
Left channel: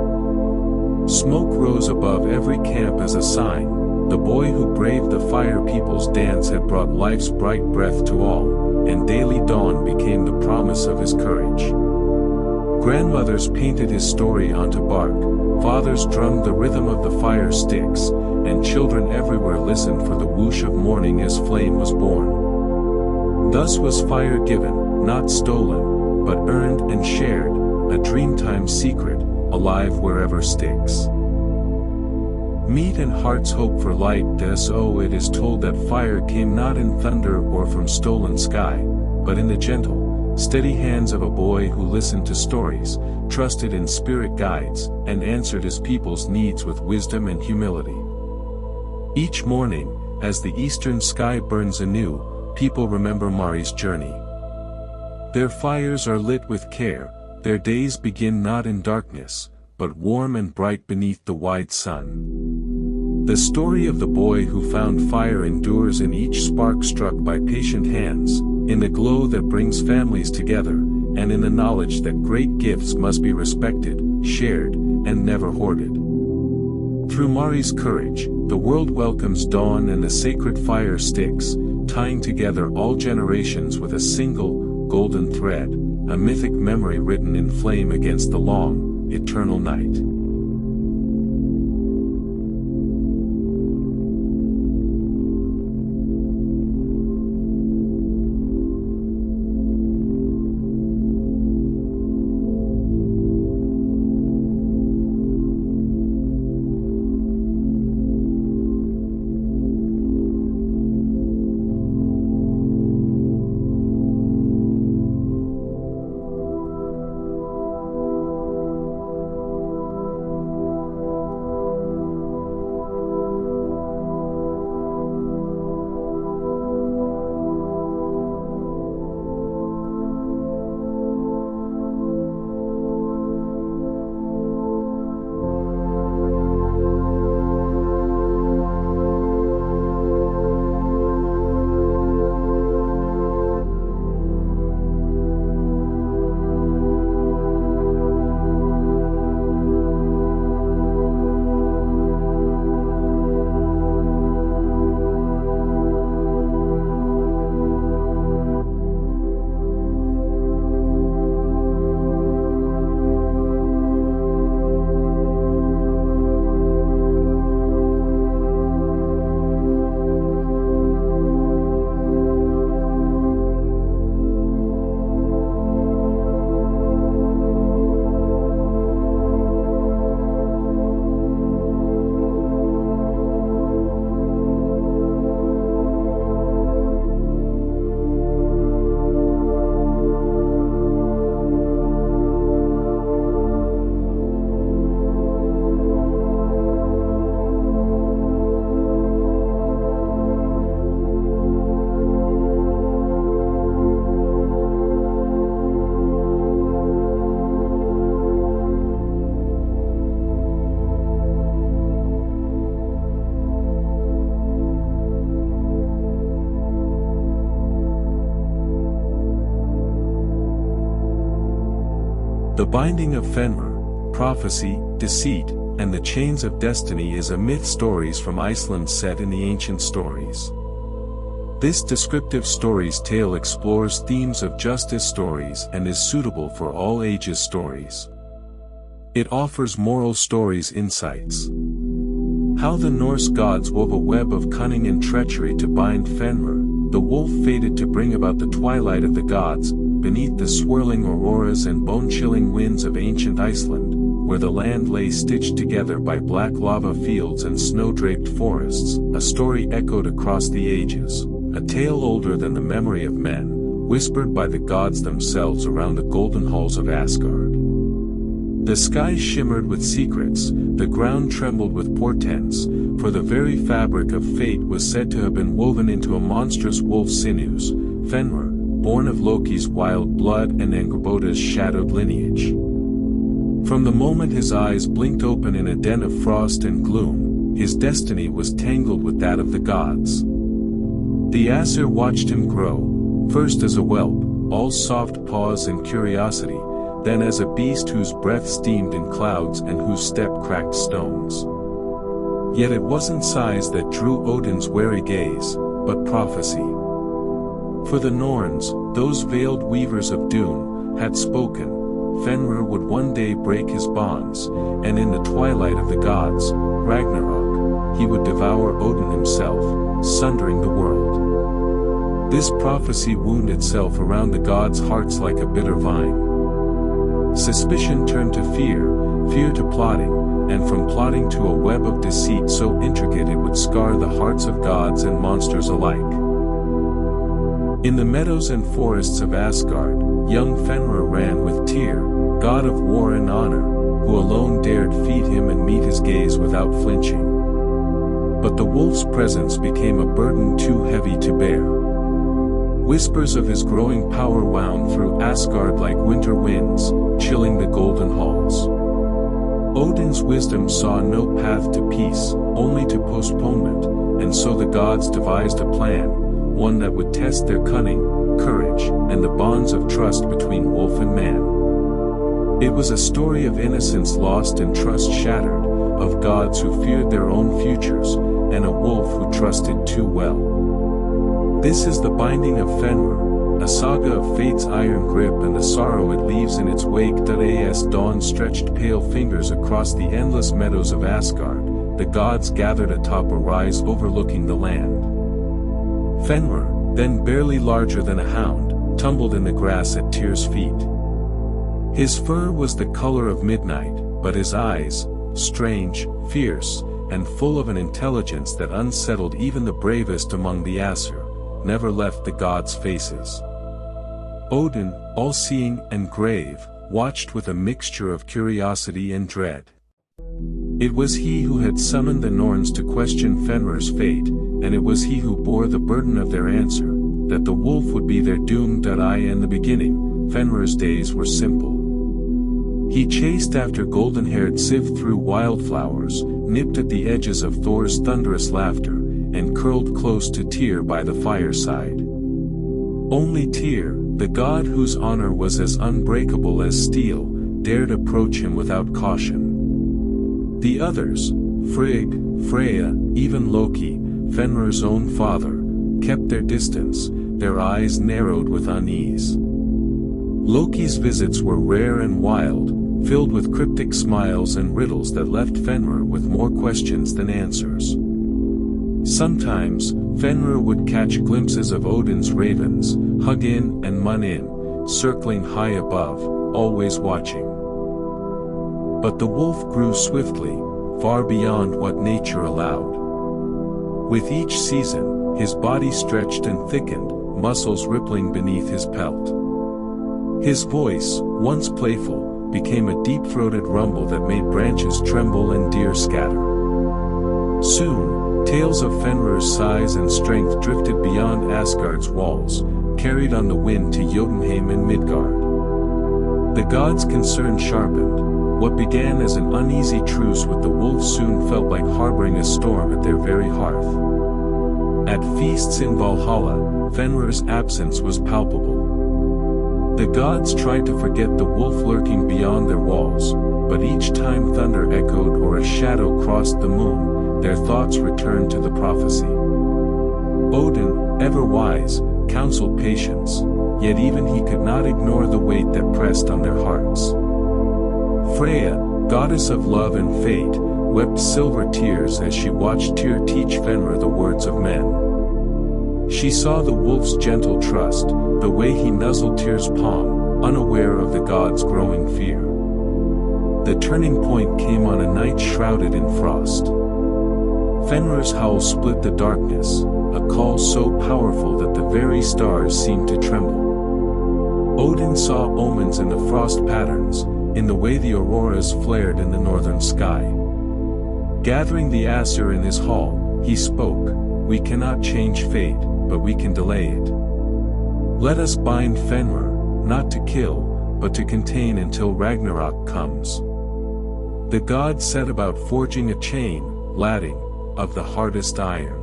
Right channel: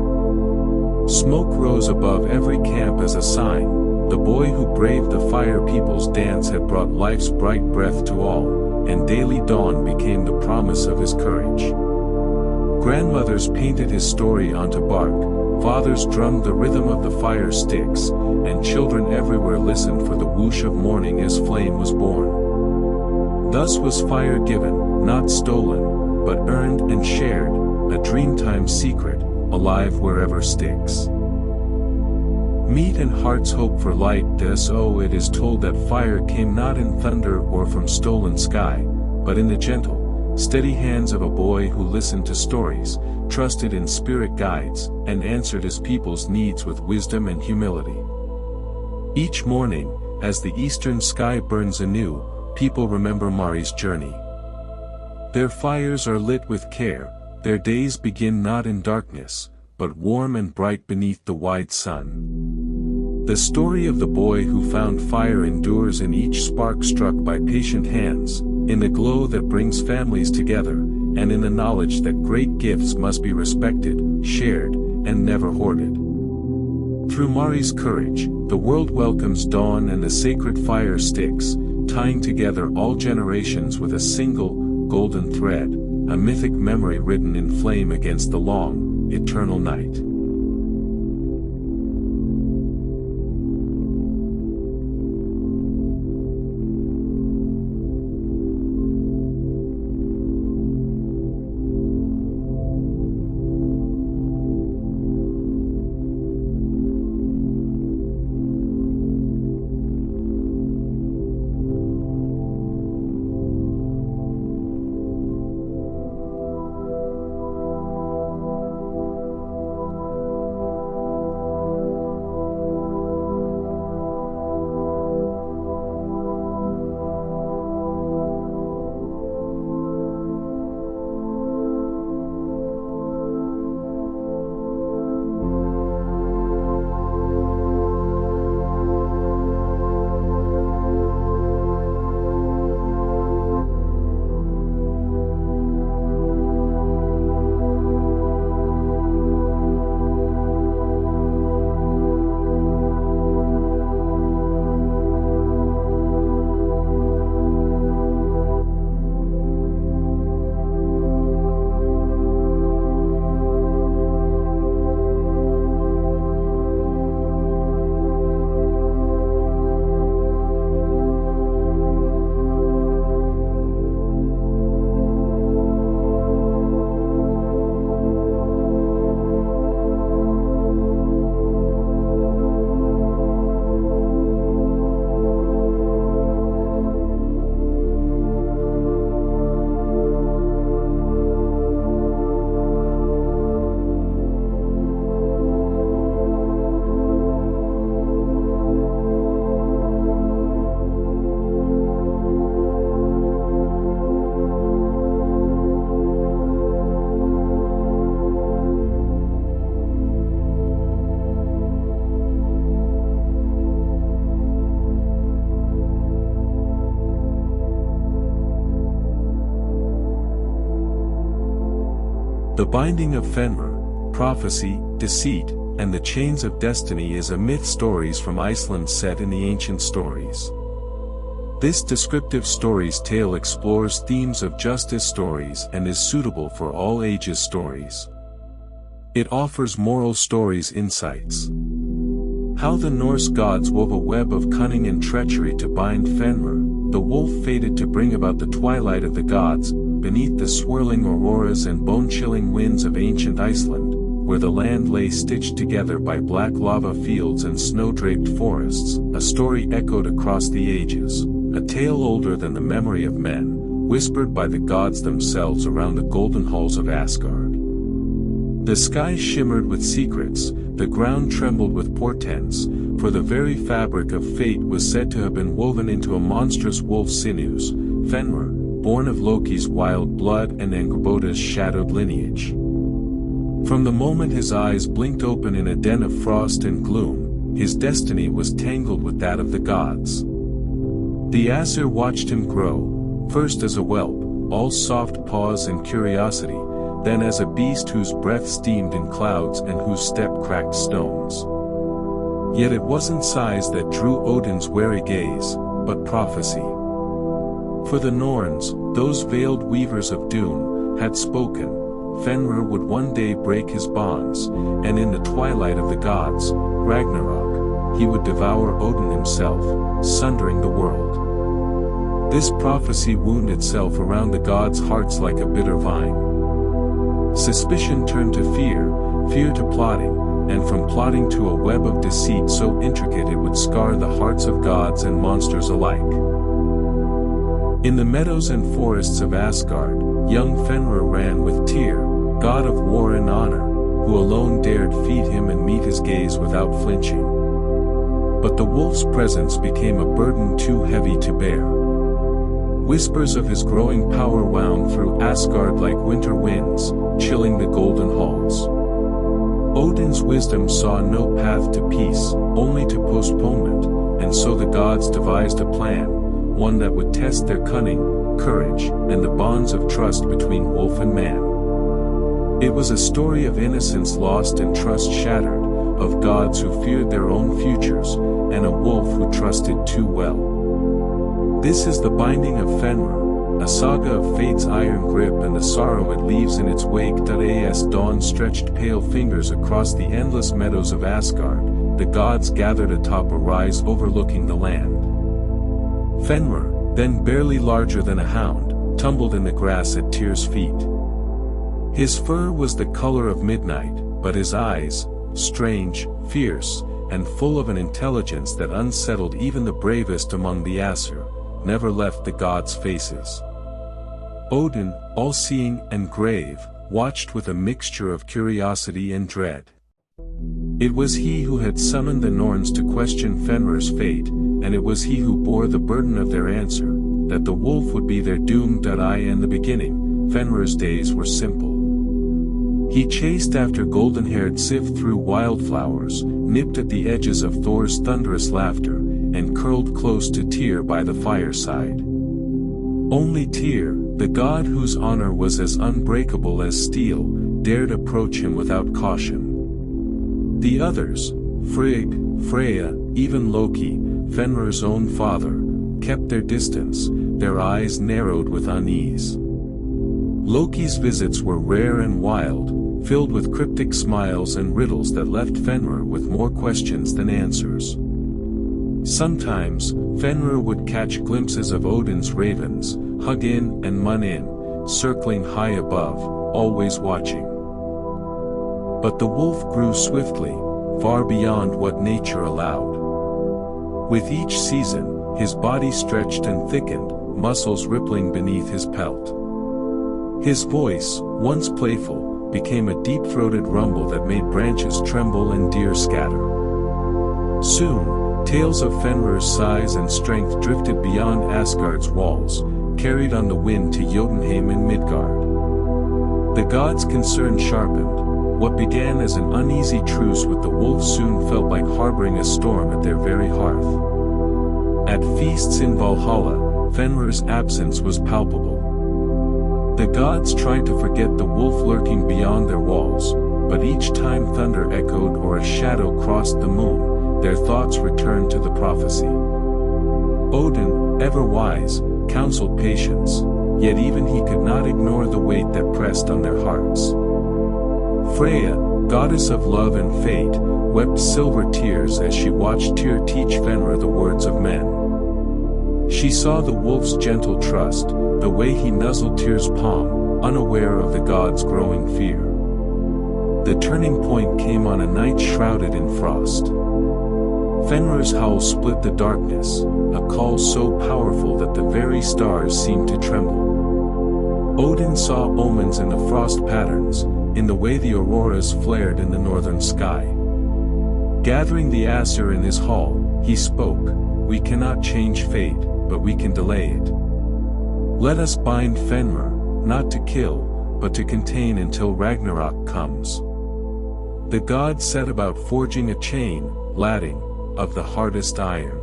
Smoke rose above every camp as a sign, the boy who braved the fire people's dance had brought life's bright breath to all, and daily dawn became the promise of his courage. Grandmothers painted his story onto bark, fathers drummed the rhythm of the fire sticks, and children everywhere listened for the whoosh of morning as flame was born. Thus was fire given, not stolen, but earned and shared, a dreamtime secret, alive wherever sticks. Meet and heart's hope for light. So it is told that fire came not in thunder or from stolen sky, but in the gentle, steady hands of a boy who listened to stories, trusted in spirit guides, and answered his people's needs with wisdom and humility. Each morning, as the eastern sky burns anew, people remember Mari's journey. Their fires are lit with care, their days begin not in darkness, but warm and bright beneath the wide sun. The story of the boy who found fire endures in each spark struck by patient hands, in the glow that brings families together, and in the knowledge that great gifts must be respected, shared, and never hoarded. Through Mari's courage, the world welcomes dawn and the sacred fire sticks, tying together all generations with a single, golden thread, a mythic memory written in flame against the long, eternal night. The binding of Fenrir, prophecy, deceit, and the chains of destiny is a myth stories from Iceland set in the ancient stories. This descriptive stories tale explores themes of justice stories and is suitable for all ages stories. It offers moral stories insights. How the Norse gods wove a web of cunning and treachery to bind Fenrir, the wolf fated to bring about the twilight of the gods, beneath the swirling auroras and bone-chilling winds of ancient Iceland, where the land lay stitched together by black lava fields and snow-draped forests, a story echoed across the ages, a tale older than the memory of men, whispered by the gods themselves around the golden halls of Asgard. The sky shimmered with secrets, the ground trembled with portents, for the very fabric of fate was said to have been woven into a monstrous wolf's sinews, Fenrir, born of Loki's wild blood and Angrboda's shadowed lineage. From the moment his eyes blinked open in a den of frost and gloom, his destiny was tangled with that of the gods. The Aesir watched him grow, first as a whelp, all soft paws and curiosity, then as a beast whose breath steamed in clouds and whose step cracked stones. Yet it wasn't size that drew Odin's wary gaze, but prophecy. For the Norns, those veiled weavers of doom, had spoken, Fenrir would one day break his bonds, and in the twilight of the gods, Ragnarok, he would devour Odin himself, sundering the world. This prophecy wound itself around the gods' hearts like a bitter vine. Suspicion turned to fear, fear to plotting, and from plotting to a web of deceit so intricate it would scar the hearts of gods and monsters alike. In the meadows and forests of Asgard, young Fenrir ran with Tyr, god of war and honor, who alone dared feed him and meet his gaze without flinching. But the wolf's presence became a burden too heavy to bear. Whispers of his growing power wound through Asgard like winter winds, chilling the golden halls. Odin's wisdom saw no path to peace, only to postponement, and so the gods devised a plan, one that would test their cunning, courage, and the bonds of trust between wolf and man. It was a story of innocence lost and trust shattered, of gods who feared their own futures, and a wolf who trusted too well. This is the binding of Fenrir, a saga of fate's iron grip and the sorrow it leaves in its wake. As dawn stretched pale fingers across the endless meadows of Asgard, the gods gathered atop a rise overlooking the land. Fenrir, then barely larger than a hound, tumbled in the grass at Tyr's feet. His fur was the color of midnight, but his eyes, strange, fierce, and full of an intelligence that unsettled even the bravest among the Aesir, never left the gods' faces. Odin, all-seeing and grave, watched with a mixture of curiosity and dread. It was he who had summoned the Norns to question Fenrir's fate, and it was he who bore the burden of their answer, that the wolf would be their doom. In the beginning, Fenrir's days were simple. He chased after golden-haired Sif through wildflowers, nipped at the edges of Thor's thunderous laughter, and curled close to Tyr by the fireside. Only Tyr, the god whose honor was as unbreakable as steel, dared approach him without caution. The others, Frigg, Freya, even Loki, Fenrir's own father, kept their distance, their eyes narrowed with unease. Loki's visits were rare and wild, filled with cryptic smiles and riddles that left Fenrir with more questions than answers. Sometimes, Fenrir would catch glimpses of Odin's ravens, Hug in and Mun in, circling high above, always watching. But the wolf grew swiftly, far beyond what nature allowed. With each season, his body stretched and thickened, muscles rippling beneath his pelt. His voice, once playful, became a deep-throated rumble that made branches tremble and deer scatter. Soon, tales of Fenrir's size and strength drifted beyond Asgard's walls, carried on the wind to Jotunheim and Midgard. The gods' concern sharpened. What began as an uneasy truce with the wolf soon felt like harboring a storm at their very hearth. At feasts in Valhalla, Fenrir's absence was palpable. The gods tried to forget the wolf lurking beyond their walls, but each time thunder echoed or a shadow crossed the moon, their thoughts returned to the prophecy. Odin, ever wise, counseled patience, yet even he could not ignore the weight that pressed on their hearts. Freya, goddess of love and fate, wept silver tears as she watched Tyr teach Fenrir the words of men. She saw the wolf's gentle trust, the way he nuzzled Tyr's palm, unaware of the god's growing fear. The turning point came on a night shrouded in frost. Fenrir's howl split the darkness, a call so powerful that the very stars seemed to tremble. Odin saw omens in the frost patterns, in the way the auroras flared in the northern sky. Gathering the Aesir in his hall, he spoke, "We cannot change fate, but we can delay it. Let us bind Fenrir, not to kill, but to contain until Ragnarok comes." The gods set about forging a chain, lading, of the hardest iron.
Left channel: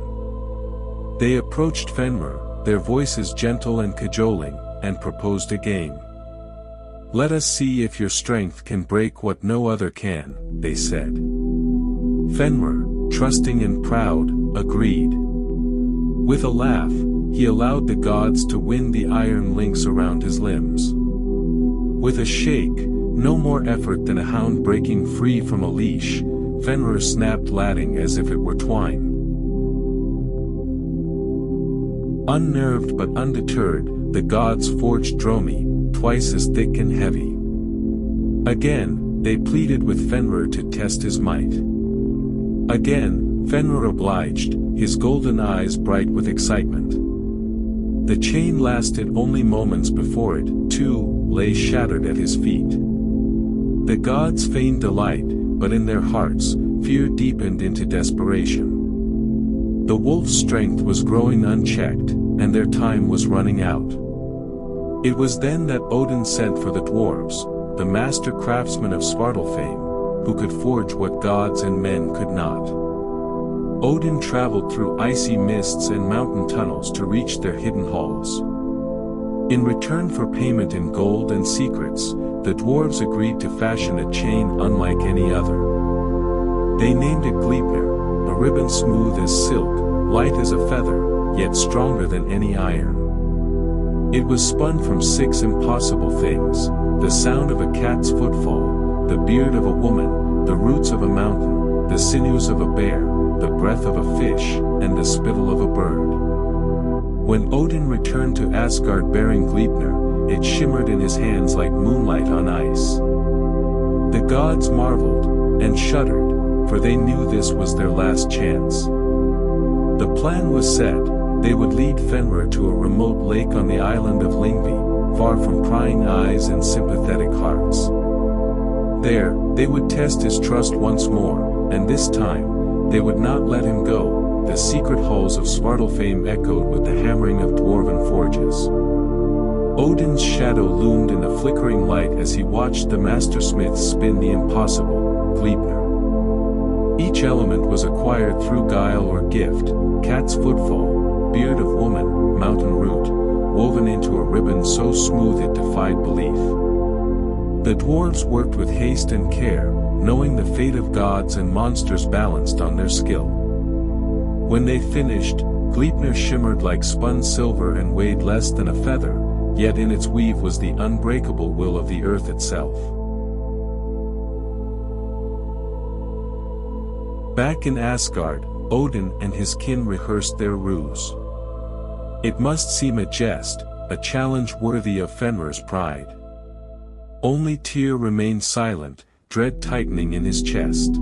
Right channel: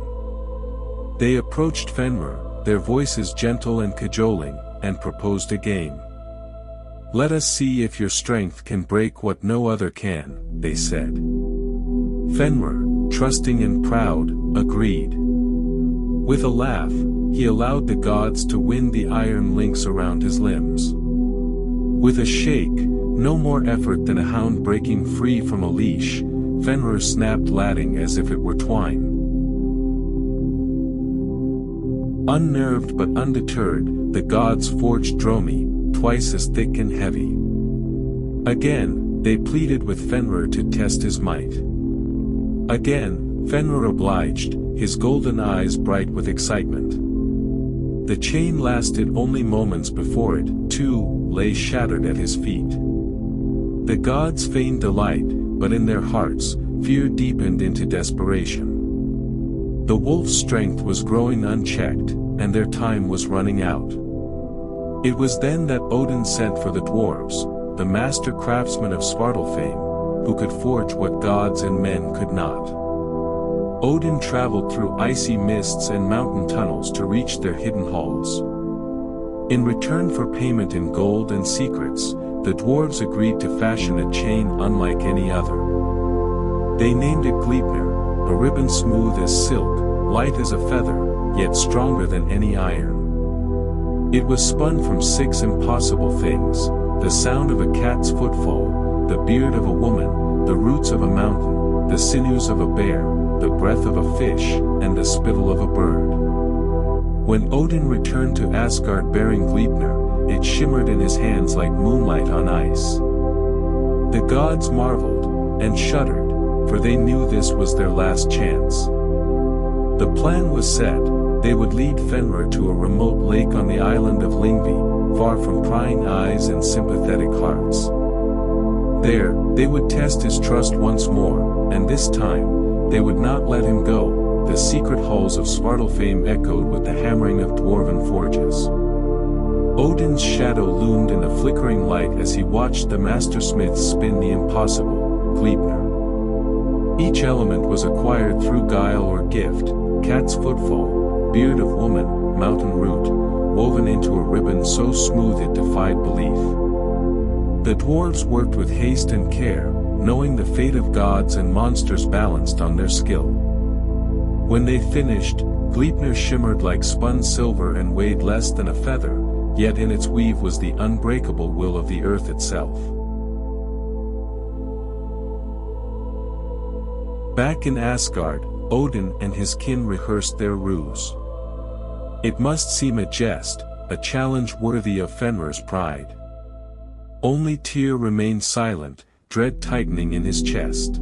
They approached Fenrir, their voices gentle and cajoling, and proposed a game. "Let us see if your strength can break what no other can," they said. Fenrir, trusting and proud, agreed. With a laugh, he allowed the gods to wind the iron links around his limbs. With a shake, no more effort than a hound breaking free from a leash, Fenrir snapped latting as if it were twine. Unnerved but undeterred, the gods forged Dromi, twice as thick and heavy. Again, they pleaded with Fenrir to test his might. Again, Fenrir obliged, his golden eyes bright with excitement. The chain lasted only moments before it, too, lay shattered at his feet. The gods feigned delight, but in their hearts, fear deepened into desperation. The wolf's strength was growing unchecked, and their time was running out. It was then that Odin sent for the dwarves, the master craftsmen of Svartalfheim, who could forge what gods and men could not. Odin traveled through icy mists and mountain tunnels to reach their hidden halls. In return for payment in gold and secrets, the dwarves agreed to fashion a chain unlike any other. They named it Gleipnir, a ribbon smooth as silk, light as a feather, yet stronger than any iron. It was spun from 6 impossible things: the sound of a cat's footfall, the beard of a woman, the roots of a mountain, the sinews of a bear, the breath of a fish, and the spittle of a bird. When Odin returned to Asgard bearing Gleipnir, it shimmered in his hands like moonlight on ice. The gods marveled, and shuddered, for they knew this was their last chance. The plan was set: they would lead Fenrir to a remote lake on the island of Lyngvi, far from prying eyes and sympathetic hearts. There, they would test his trust once more, and this time, they would not let him go. The secret halls of Svartalfheim echoed with the hammering of dwarven forges. Odin's shadow loomed in the flickering light as he watched the mastersmiths spin the impossible, Gleipnir. Each element was acquired through guile or gift: cat's footfall, beard of woman, mountain root, woven into a ribbon so smooth it defied belief. The dwarves worked with haste and care, knowing the fate of gods and monsters balanced on their skill. When they finished, Gleipnir shimmered like spun silver and weighed less than a feather, yet in its weave was the unbreakable will of the earth itself. Back in Asgard, Odin and his kin rehearsed their ruse. It must seem a jest, a challenge worthy of Fenrir's pride. Only Tyr remained silent, dread tightening in his chest.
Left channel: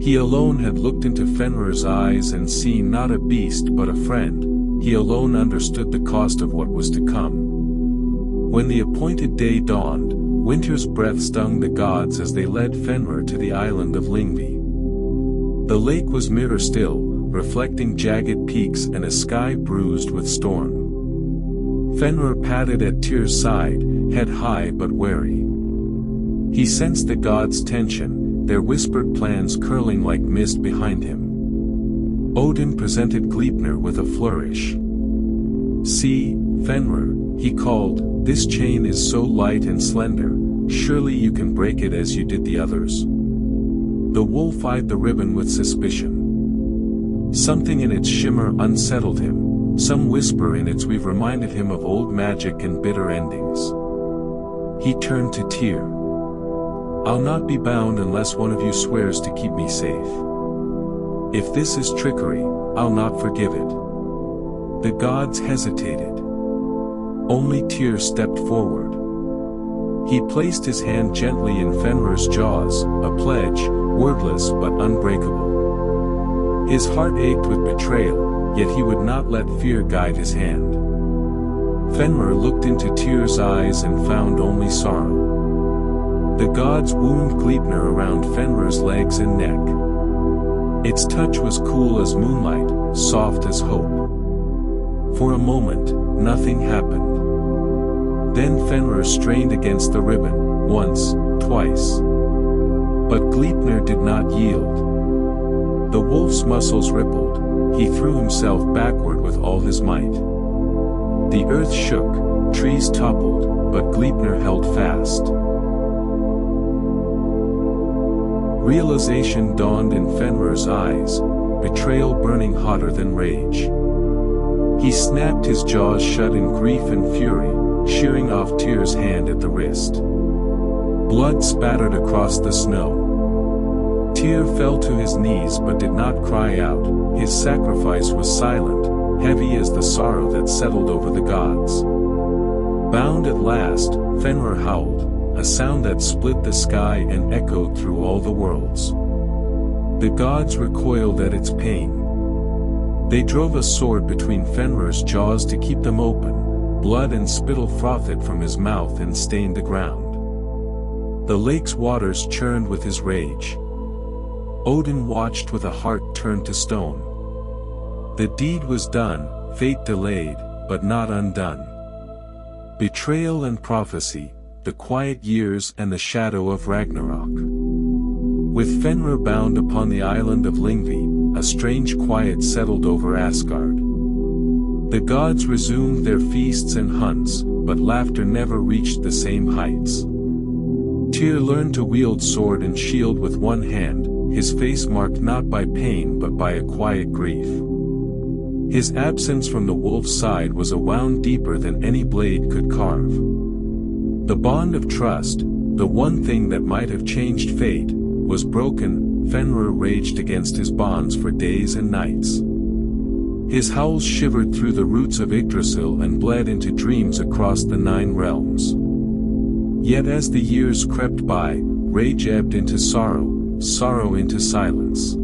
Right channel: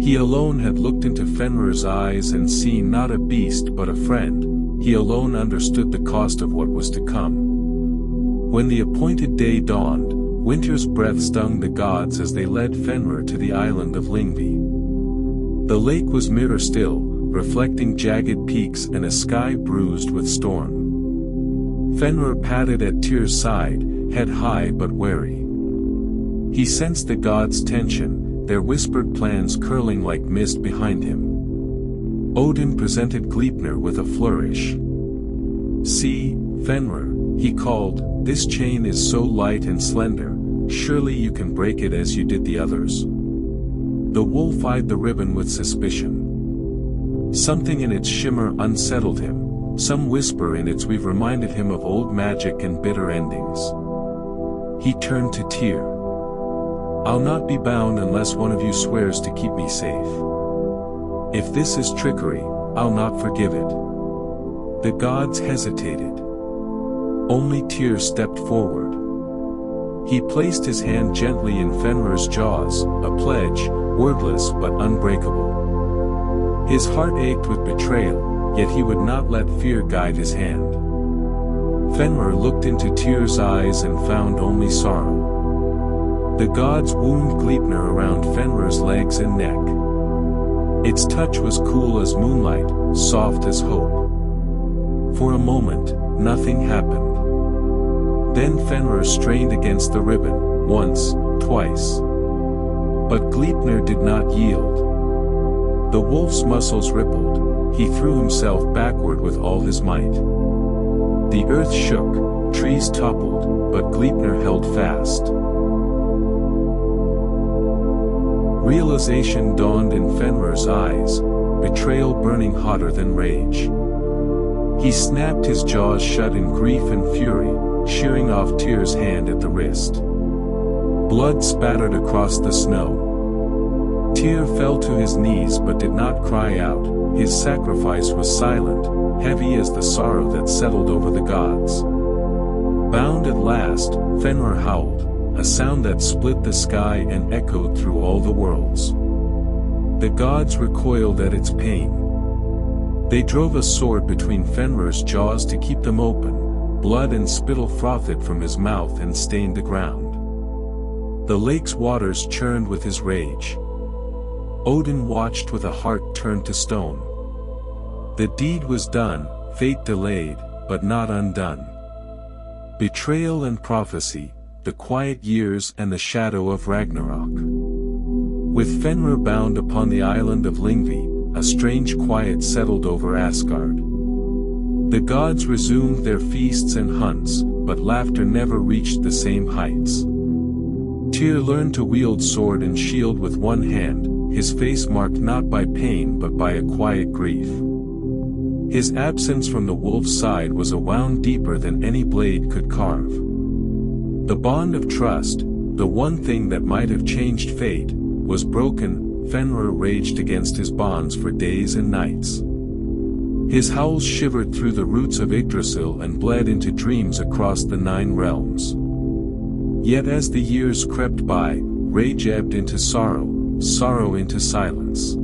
He alone had looked into Fenrir's eyes and seen not a beast but a friend. He alone understood the cost of what was to come. When the appointed day dawned, winter's breath stung the gods as they led Fenrir to the island of Lyngvi. The lake was mirror still, reflecting jagged peaks and a sky bruised with storm. Fenrir padded at Tyr's side, head high but wary. He sensed the gods' tension, their whispered plans curling like mist behind him. Odin presented Gleipnir with a flourish. "See, Fenrir," he called, "this chain is so light and slender, surely you can break it as you did the others." The wolf eyed the ribbon with suspicion. Something in its shimmer unsettled him, some whisper in its weave reminded him of old magic and bitter endings. He turned to Tyr. "I'll not be bound unless one of you swears to keep me safe. If this is trickery, I'll not forgive it." The gods hesitated. Only Tyr stepped forward. He placed his hand gently in Fenrir's jaws, a pledge, wordless but unbreakable. His heart ached with betrayal, yet he would not let fear guide his hand. Fenrir looked into Tyr's eyes and found only sorrow. The gods wound Gleipnir around Fenrir's legs and neck. Its touch was cool as moonlight, soft as hope. For a moment, nothing happened. Then Fenrir strained against the ribbon, once, twice. But Gleipnir did not yield. The wolf's muscles rippled, he threw himself backward with all his might. The earth shook, trees toppled, but Gleipnir held fast. Realization dawned in Fenrir's eyes, betrayal burning hotter than rage. He snapped his jaws shut in grief and fury, shearing off Tyr's hand at the wrist. Blood spattered across the snow. Tyr fell to his knees but did not cry out. His sacrifice was silent, heavy as the sorrow that settled over the gods. Bound at last, Fenrir howled, a sound that split the sky and echoed through all the worlds. The gods recoiled at its pain. They drove a sword between Fenrir's jaws to keep them open. Blood and spittle frothed from his mouth and stained the ground. The lake's waters churned with his rage. Odin watched with a heart turned to stone. The deed was done, fate delayed, but not undone. Betrayal and prophecy, the quiet years and the shadow of Ragnarok. With Fenrir bound upon the island of Lyngvi, a strange quiet settled over Asgard. The gods resumed their feasts and hunts, but laughter never reached the same heights. Tyr learned to wield sword and shield with one hand, his face marked not by pain but by a quiet grief. His absence from the wolf's side was a wound deeper than any blade could carve. The bond of trust, the one thing that might have changed fate, was broken. Fenrir raged against his bonds for days and nights. His howls shivered through the roots of Yggdrasil and bled into dreams across the 9 realms. Yet as the years crept by, rage ebbed into sorrow, sorrow into silence.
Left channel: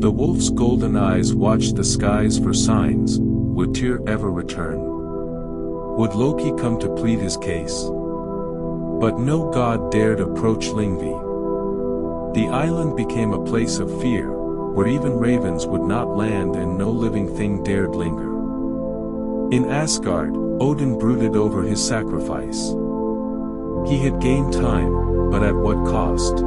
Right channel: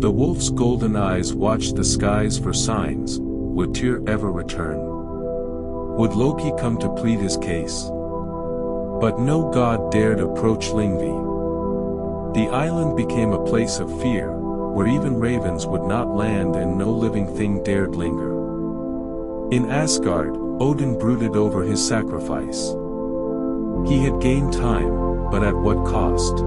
The wolf's golden eyes watched the skies for signs. Would Tyr ever return? Would Loki come to plead his case? But no god dared approach Lyngvi. The island became a place of fear, where even ravens would not land and no living thing dared linger. In Asgard, Odin brooded over his sacrifice. He had gained time, but at what cost?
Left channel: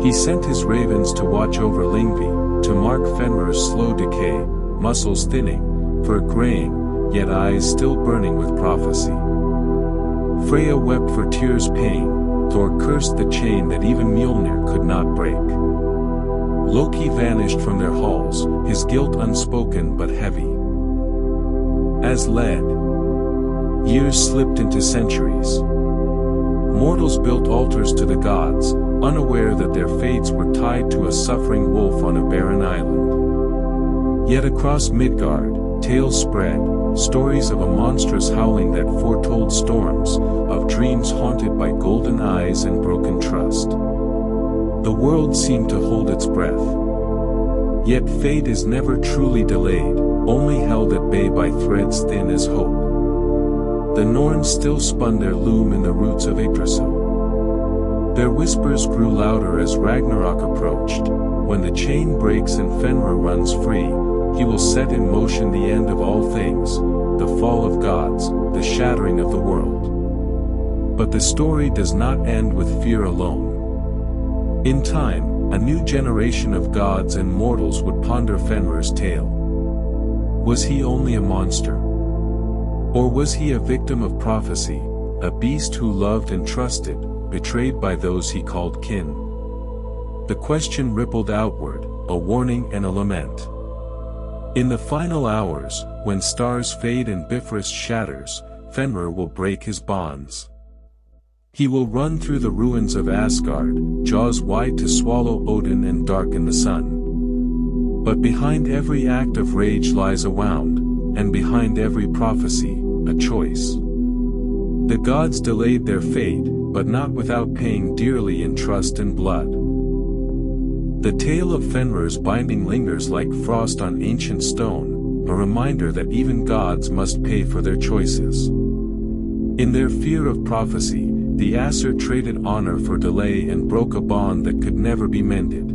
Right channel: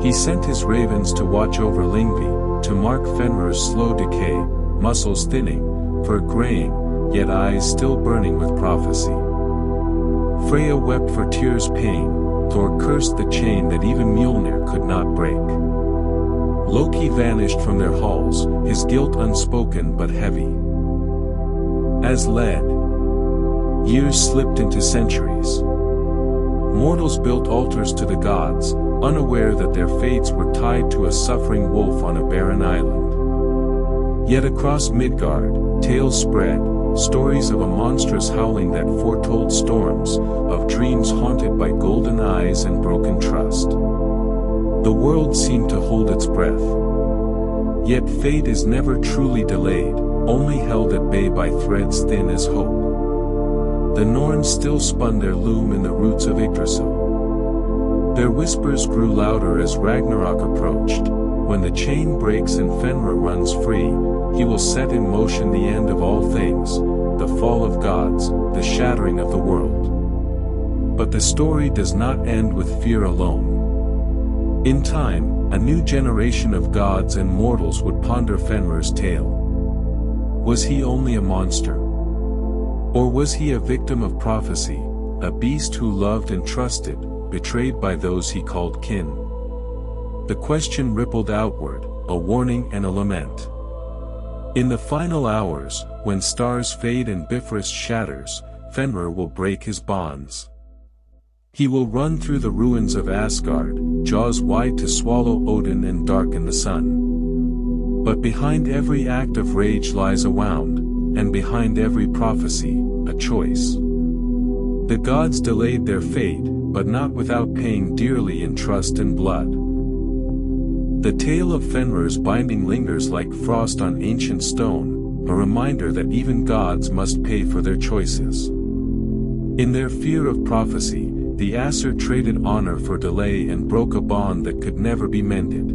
He sent his ravens to watch over Lyngvi, to mark Fenrir's slow decay, muscles thinning, fur graying, yet eyes still burning with prophecy. Freya wept for Tyr's pain, Thor cursed the chain that even Mjolnir could not break. Loki vanished from their halls, his guilt unspoken but heavy as lead. Years slipped into centuries. Mortals built altars to the gods, unaware that their fates were tied to a suffering wolf on a barren island. Yet across Midgard, tales spread, stories of a monstrous howling that foretold storms, of dreams haunted by golden eyes and broken trust. The world seemed to hold its breath. Yet fate is never truly delayed, only held at bay by threads thin as hope. The Norns still spun their loom in the roots of Yggdrasil. Their whispers grew louder as Ragnarok approached. When the chain breaks and Fenrir runs free, he will set in motion the end of all things, the fall of gods, the shattering of the world. But the story does not end with fear alone. In time, a new generation of gods and mortals would ponder Fenrir's tale. Was he only a monster? Or was he a victim of prophecy, a beast who loved and trusted, betrayed by those he called kin? The question rippled outward, a warning and a lament. In the final hours, when stars fade and Bifrost shatters, Fenrir will break his bonds. He will run through the ruins of Asgard, jaws wide to swallow Odin and darken the sun. But behind every act of rage lies a wound, and behind every prophecy, a choice. The gods delayed their fate, but not without paying dearly in trust and blood. The tale of Fenrir's binding lingers like frost on ancient stone, a reminder that even gods must pay for their choices. In their fear of prophecy, the Aesir traded honor for delay and broke a bond that could never be mended.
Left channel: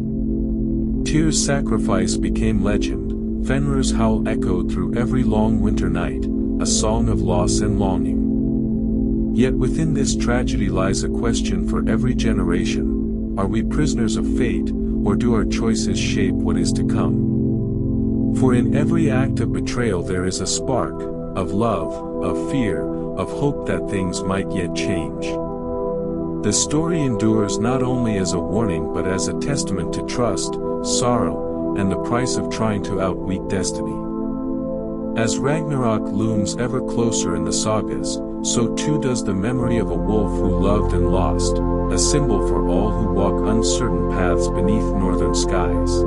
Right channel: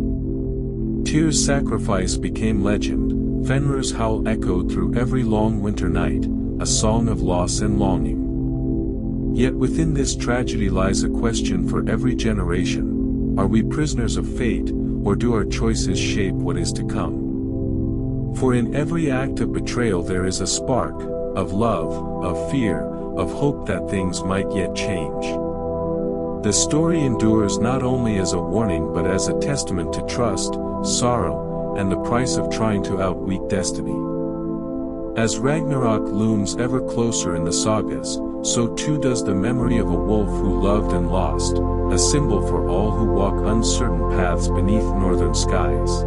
Tyr's sacrifice became legend, Fenrir's howl echoed through every long winter night, a song of loss and longing. Yet within this tragedy lies a question for every generation: are we prisoners of fate, or do our choices shape what is to come? For in every act of betrayal there is a spark, of love, of fear, of hope that things might yet change. The story endures not only as a warning but as a testament to trust, sorrow, and the price of trying to outweak destiny. As Ragnarok looms ever closer in the sagas, so too does the memory of a wolf who loved and lost, a symbol for all who walk uncertain paths beneath northern skies.